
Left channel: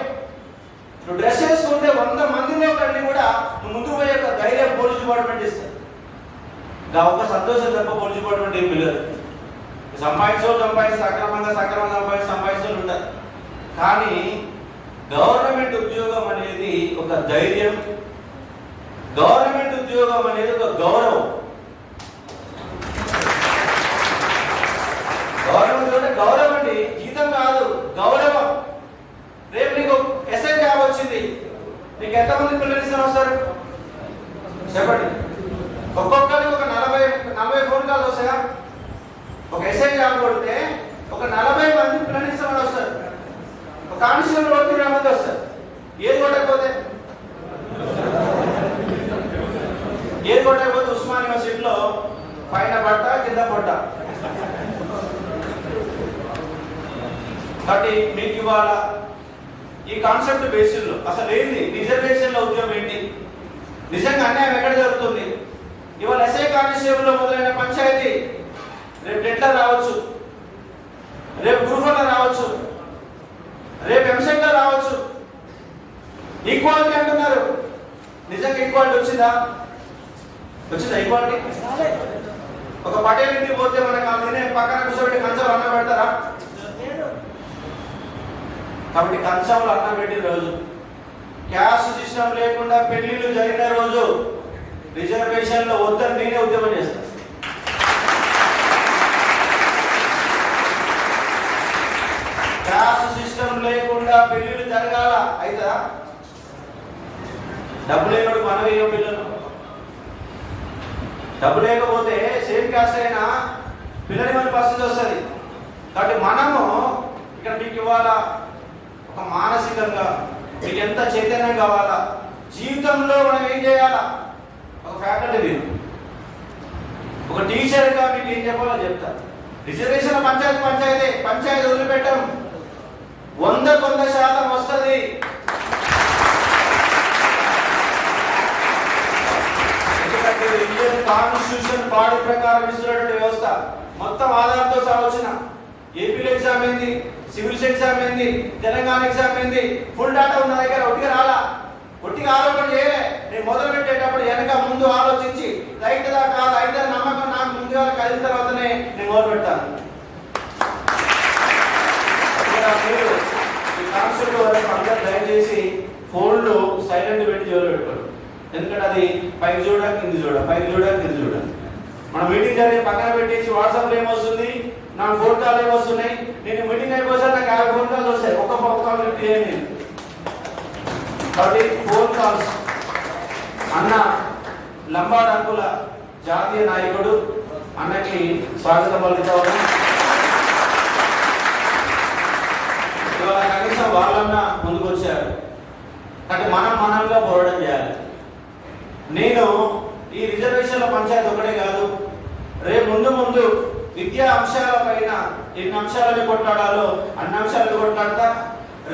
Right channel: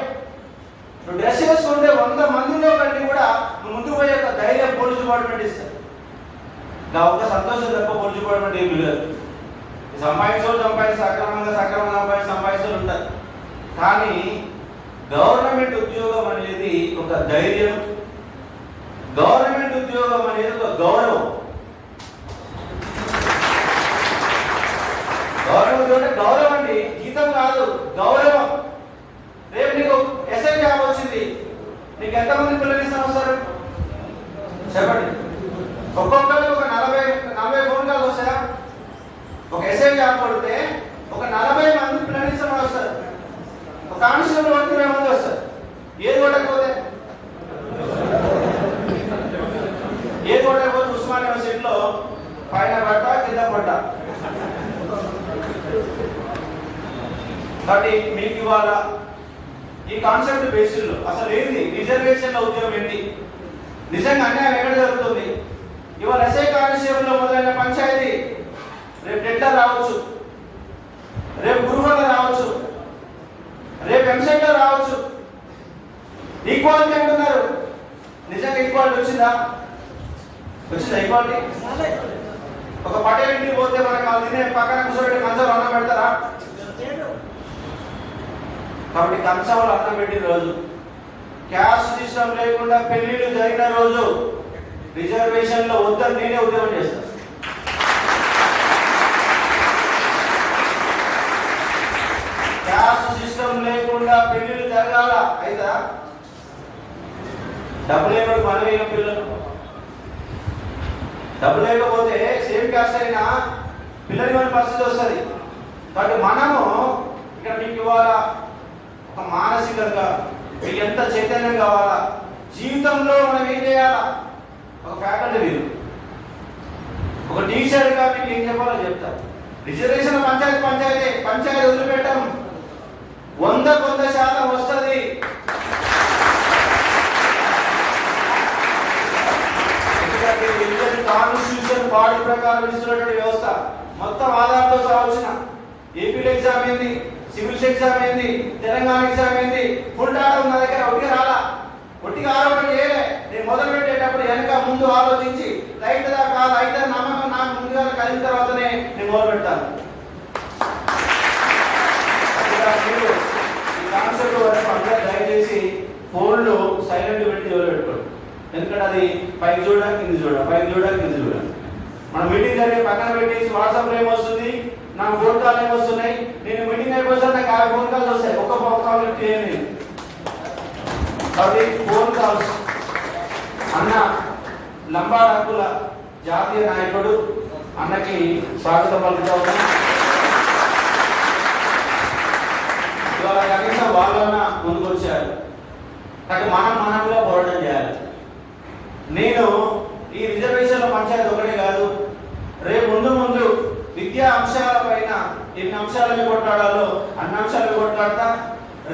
నువ్వు డ్రెస్ వేసుకుంటే 100 మందిలో కంటే కూడా నువ్వు ముందుకు పోయే ధైర్యం పోలీస్ డిపార్ట్మెంట్ ఇస్తారు. ఒక సంతోషం తప్ప పోలీస్ డిపార్ట్మెంట్ ఏం పిల్లలు. సంపాదించి సక్రమంగా సంపాదించాలి ఉంటారు. కానీ గవర్నమెంట్ ఉద్యోగం అనేది ఒక ధైర్యం, గవర్నమెంట్ ఉద్యోగం అనేది ఒక గౌరవం. గవర్నమెంట్ ఉద్యోగం అంటే గౌరవం అండి, జీతం కాదు, గౌరవం. రేపు నీకు ఎస్ఐ జాబ్ వచ్చింది, నీకు ఎంతమంది పిల్లలు ఇస్తారు వస్తారు చెప్పండి? ఒక్కొక్కరికి ఒక 40 ఫోన్ కాల్స్ వస్తాయా? ఒక ఎస్ఐ జాబ్ కొడితే ఒక 40 మంది పిల్లలు ఇస్తామని వస్తారు. ఒక కానిస్టేబుల్ కొడితే 20 మంది వస్తారు. ఏది కొట్టకపోతే ఉస్మాన్ యూనివర్సిటీలో పైన పట్ట కింద పట్ట. కాబట్టి మీకు ఇవాళ ఈ కాన్సెప్ట్ బేసిస్లో అసలు ఏంటి రిజర్వేషన్ల ఉద్యోగం ఏంటి, నిజంగా అన్యాయం ఎక్కడ జరుగుతుంది? ఇవాళ ఎస్ఐ కానిస్టేబుల్ లో మొదలైన పంచాయతీ రేపు టెంటర్ రావచ్చు, రేపు గ్రూప్ రావచ్చు, రేపు ఎంసెట్ రావచ్చు. ఈక్వాలిటీ అంటున్నారు, నిజంగా ఈక్వాలిటీ వచ్చిందా? ఈక్వాలిటీ? ఒక పటేల్ ఇంటికి పోతే మనకు అది పక్కన కూర్చోబెట్టి కంచంలో అన్నం పెడతారా? కాబట్టి కంచంలో అన్నం పెట్టిన రోజు, క్యాస్ట్ సిస్టమ్ లేకుండా పెళ్లిళ్ళు జరిగిన రోజు రిజర్వేషన్ లో వద్దని నేనే ఉద్యమం చేస్తాను. క్యాస్ట్ సిస్టమ్ లేకుండా పెళ్లిళ్ళు జరగాల అయితే డబ్బు లేకపోతే మనవేయం పిల్లలు, డబ్బు లేకపోతే సేమ్ క్యాస్ట్ అయినా పిల్లలు మన పరిస్థితి వస్తుంది. కాబట్టి మనము ఇక్కడ మీకు ఇవాళ ఒక మానసికంగా మీకు ఎంత చైతన్యం కావాలా, జీవితంలో మనం ఏం చేయాలా, ఒక ఫ్యాకల్టీ మీరు ఒక టీచర్గా మీకు ఏం చెప్పాలో చెప్తా. రిజర్వేషన్ పంచాయతీ వదిలిపెట్టాం, 100% వస్తుంది. ఎందుకంటే ఇండియన్ కాన్స్టిట్యూషన్ బాడీ ప్రకారం ఇస్తున్నటువంటి వ్యవస్థ మొత్తం ఆధారంతో సహా వచ్చిన ఏపీలో ఎగ్జామ్ ఏంది, సివిల్స్ ఎగ్జామ్ ఏంది, తెలంగాణ ఎగ్జామ్ ఏంది, ఫుల్ డాటా ఉన్న దగ్గర ఒట్టిగా రాలా, ఒట్టిగా ఆరోపణ చేయలే. నేను మొదలు పెట్టేటప్పుడు వెనక ముందు ఆలోచించి రైట్ దా కాదు అయితే నమ్మకం నాకు ముందుగా కలిగిన తర్వాతనే నేను మొదలు పెడతాను. మీరు ఈ కాన్సెప్ట్ వరకు అందరూ దయచేసి ఫోన్లు సైలెంట్ పెట్టి జోలు పెట్టుకోండి. ఎందుకంటే అది పైకి చూడడానికి కింది చూడాలి, పైకి చూడడానికి కింది చూడాలి. మనం మీటింగ్ జరిగే పక్కన పెట్టేసి వాట్సాప్లో ఏమొస్తుంది, నాకు ఫోన్ కాల్ ఏమొస్తున్నాయి, నేను మీటింగ్ అయిపోతాను నాకు 50 ఫోన్ కాల్స్ వస్తాయి, ఒక్క ఫోన్ కాల్ లిఫ్ట్ చేయను. కాబట్టి ఫోన్ కాల్స్ అన్న లంబాడంకుల జాతీయ నాయకుడు అన్నకి స్వాగతం పలుకుతా ఉన్నాం. ఇవాళ కనీసం వాళ్ళన్న ముందుకు వచ్చారు. కాబట్టి మనంగా పోరాటం చేయాలి. నేను ఈ రిజర్వేషన్ల పంచాయతీ ఒకటే కాదు, రేపు ముందు విద్యా అంశాల పైన ఎన్ని అంశాల మీద కొట్లాడాలో అన్ని అంశాల మీద కొట్లాడతా.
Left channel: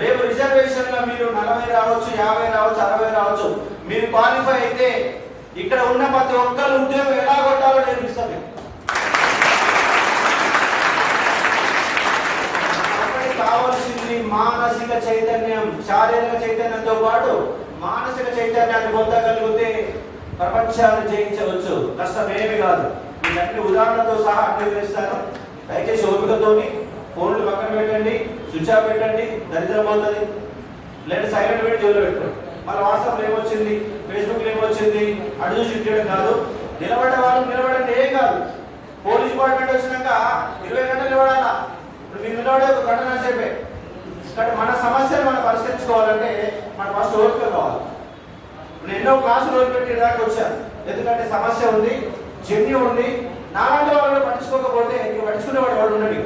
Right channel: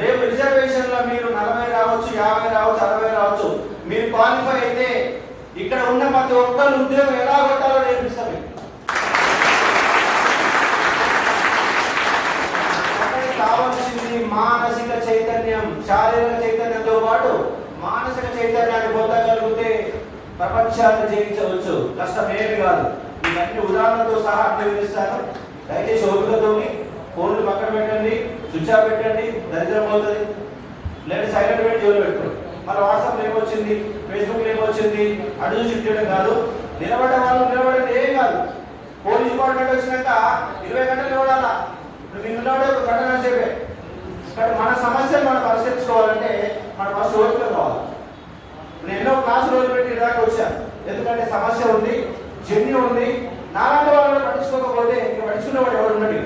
రేపు రిజర్వేషన్ లో మీరు 40 రావచ్చు, 50 రావచ్చు, 60 రావచ్చు, మీరు క్వాలిఫై అయితే ఇక్కడ ఉన్న ప్రతి ఒక్కరు ఉద్యోగం ఎలా కొట్టాలో నేర్పిస్తాను. కావాల్సింది మానసిక చైతన్యం, శారీరక చైతన్యంతో పాటు మానసిక చైతన్యాన్ని పొందగలిగితే ప్రపంచాన్ని జయించవచ్చు. కష్టం ఏమి కాదు. ఇవన్నీ ఉదాహరణతో సహా అన్వేషిస్తాను. దయచేసి ఓపికతోని ఫోన్లు పక్కన పెట్టండి, స్విచ్ ఆఫ్ పెట్టండి, దరిద్రం పోతుంది. లేదా సైలెంట్ పెట్టి జోలు పెట్టుకోండి. మళ్ళీ వాట్సాప్ ఏమొచ్చింది, ఫేస్బుక్ ఏమొచ్చింది అటు చూసి చేయడం కాదు. నిలబడ్డ వాళ్ళు నిలబడండి, ఏం కాదు. పోలీస్ డిపార్ట్మెంట్ వచ్చినాక 20 గంటలు నిలబడాలా. ఇప్పుడు మీరు నిలబడే ఒక గంట సేపే. కానీ మన సమస్యలు మనం పరిష్కరించుకోవాలంటే మన ఫస్ట్ ఓపిక కావాలి. ఇప్పుడు ఎన్నో క్లాసులు వదిలిపెట్టి దాకా వచ్చాను. ఎందుకంటే సమస్య ఉంది, జన్యు ఉంది. నాలాంటి వాళ్ళు పట్టించుకోకపోతే పట్టించుకునేవాడు ఎవరు ఉండడు.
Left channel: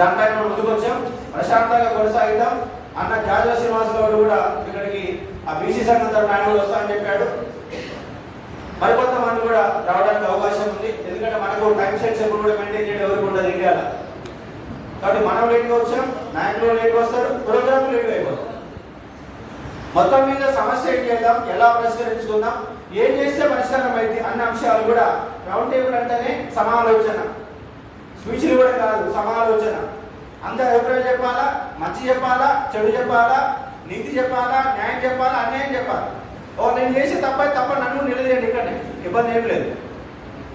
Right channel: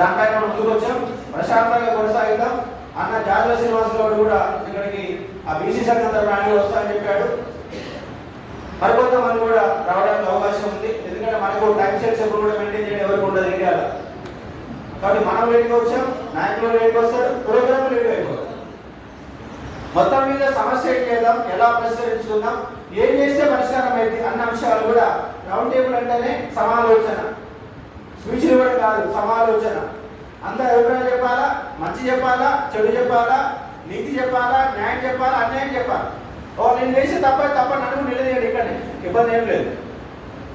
దానిపై మనం ముందుకు వచ్చాం, ప్రశాంతంగా కొనసాగిద్దాం. అన్న జాజుల శ్రీనివాసరావు కూడా ఇక్కడికి ఆ బీసీ సంఘం తరఫున ఆయన కూడా వస్తానని చెప్పాడు. మరికొంతమంది కూడా రావడానికి అవకాశం ఉంది. ఎందుకంటే మనకు టైం సెట్స్ ఎప్పుడు కూడా మెయింటైన్ చేయడం ఎవరికి ఉండదు ఇండియాలో. కాబట్టి మనం లేట్గా వచ్చాం, నాయకులు లేట్గా వస్తారు, ప్రోగ్రామ్ లేట్గా అయిపోతాం. మొత్తం మీద సమస్య ఏం చేద్దాం, ఎలా పరిష్కరించుకుందాం, ఏం చేస్తే పరిష్కారం అయింది అన్న అంశాలు కూడా రౌండ్ టేబుల్ అంటేనే సమాలోచన, స్పీచ్లు కూడా కాదు, సమాలోచన. అందరూ అభిప్రాయం చెప్పాలా, మంచి చెప్పాలా, చెడు చెప్పాలా, నీతి చెప్పాలా, న్యాయం చెప్పాలా, అన్యాయం చెప్పాలా. నేను చేసే తప్ప నన్ను నిలదీయండి, ఇక్కడనే ఇబ్బంది ఏం లేదు.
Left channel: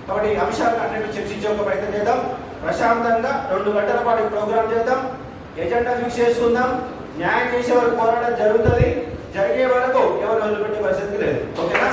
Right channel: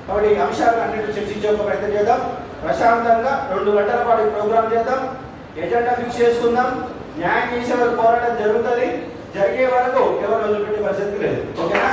కాబట్టి ఈ అంశాలను అన్నింటి చర్చించే ఒక ప్రయత్నం చేద్దాం. ప్రశాంతంగా 2 గంటల పాటు ప్రోగ్రాం చేద్దాం, ఎజెండా ఫిక్స్ చేసుకుందాం, న్యాయం చేసే వరకు పోరాటం జరుగుతుంది, జరిగే వరకు ఎవరు వదిలిపెట్టే పరిస్థితి లేదు. ఓకేనా?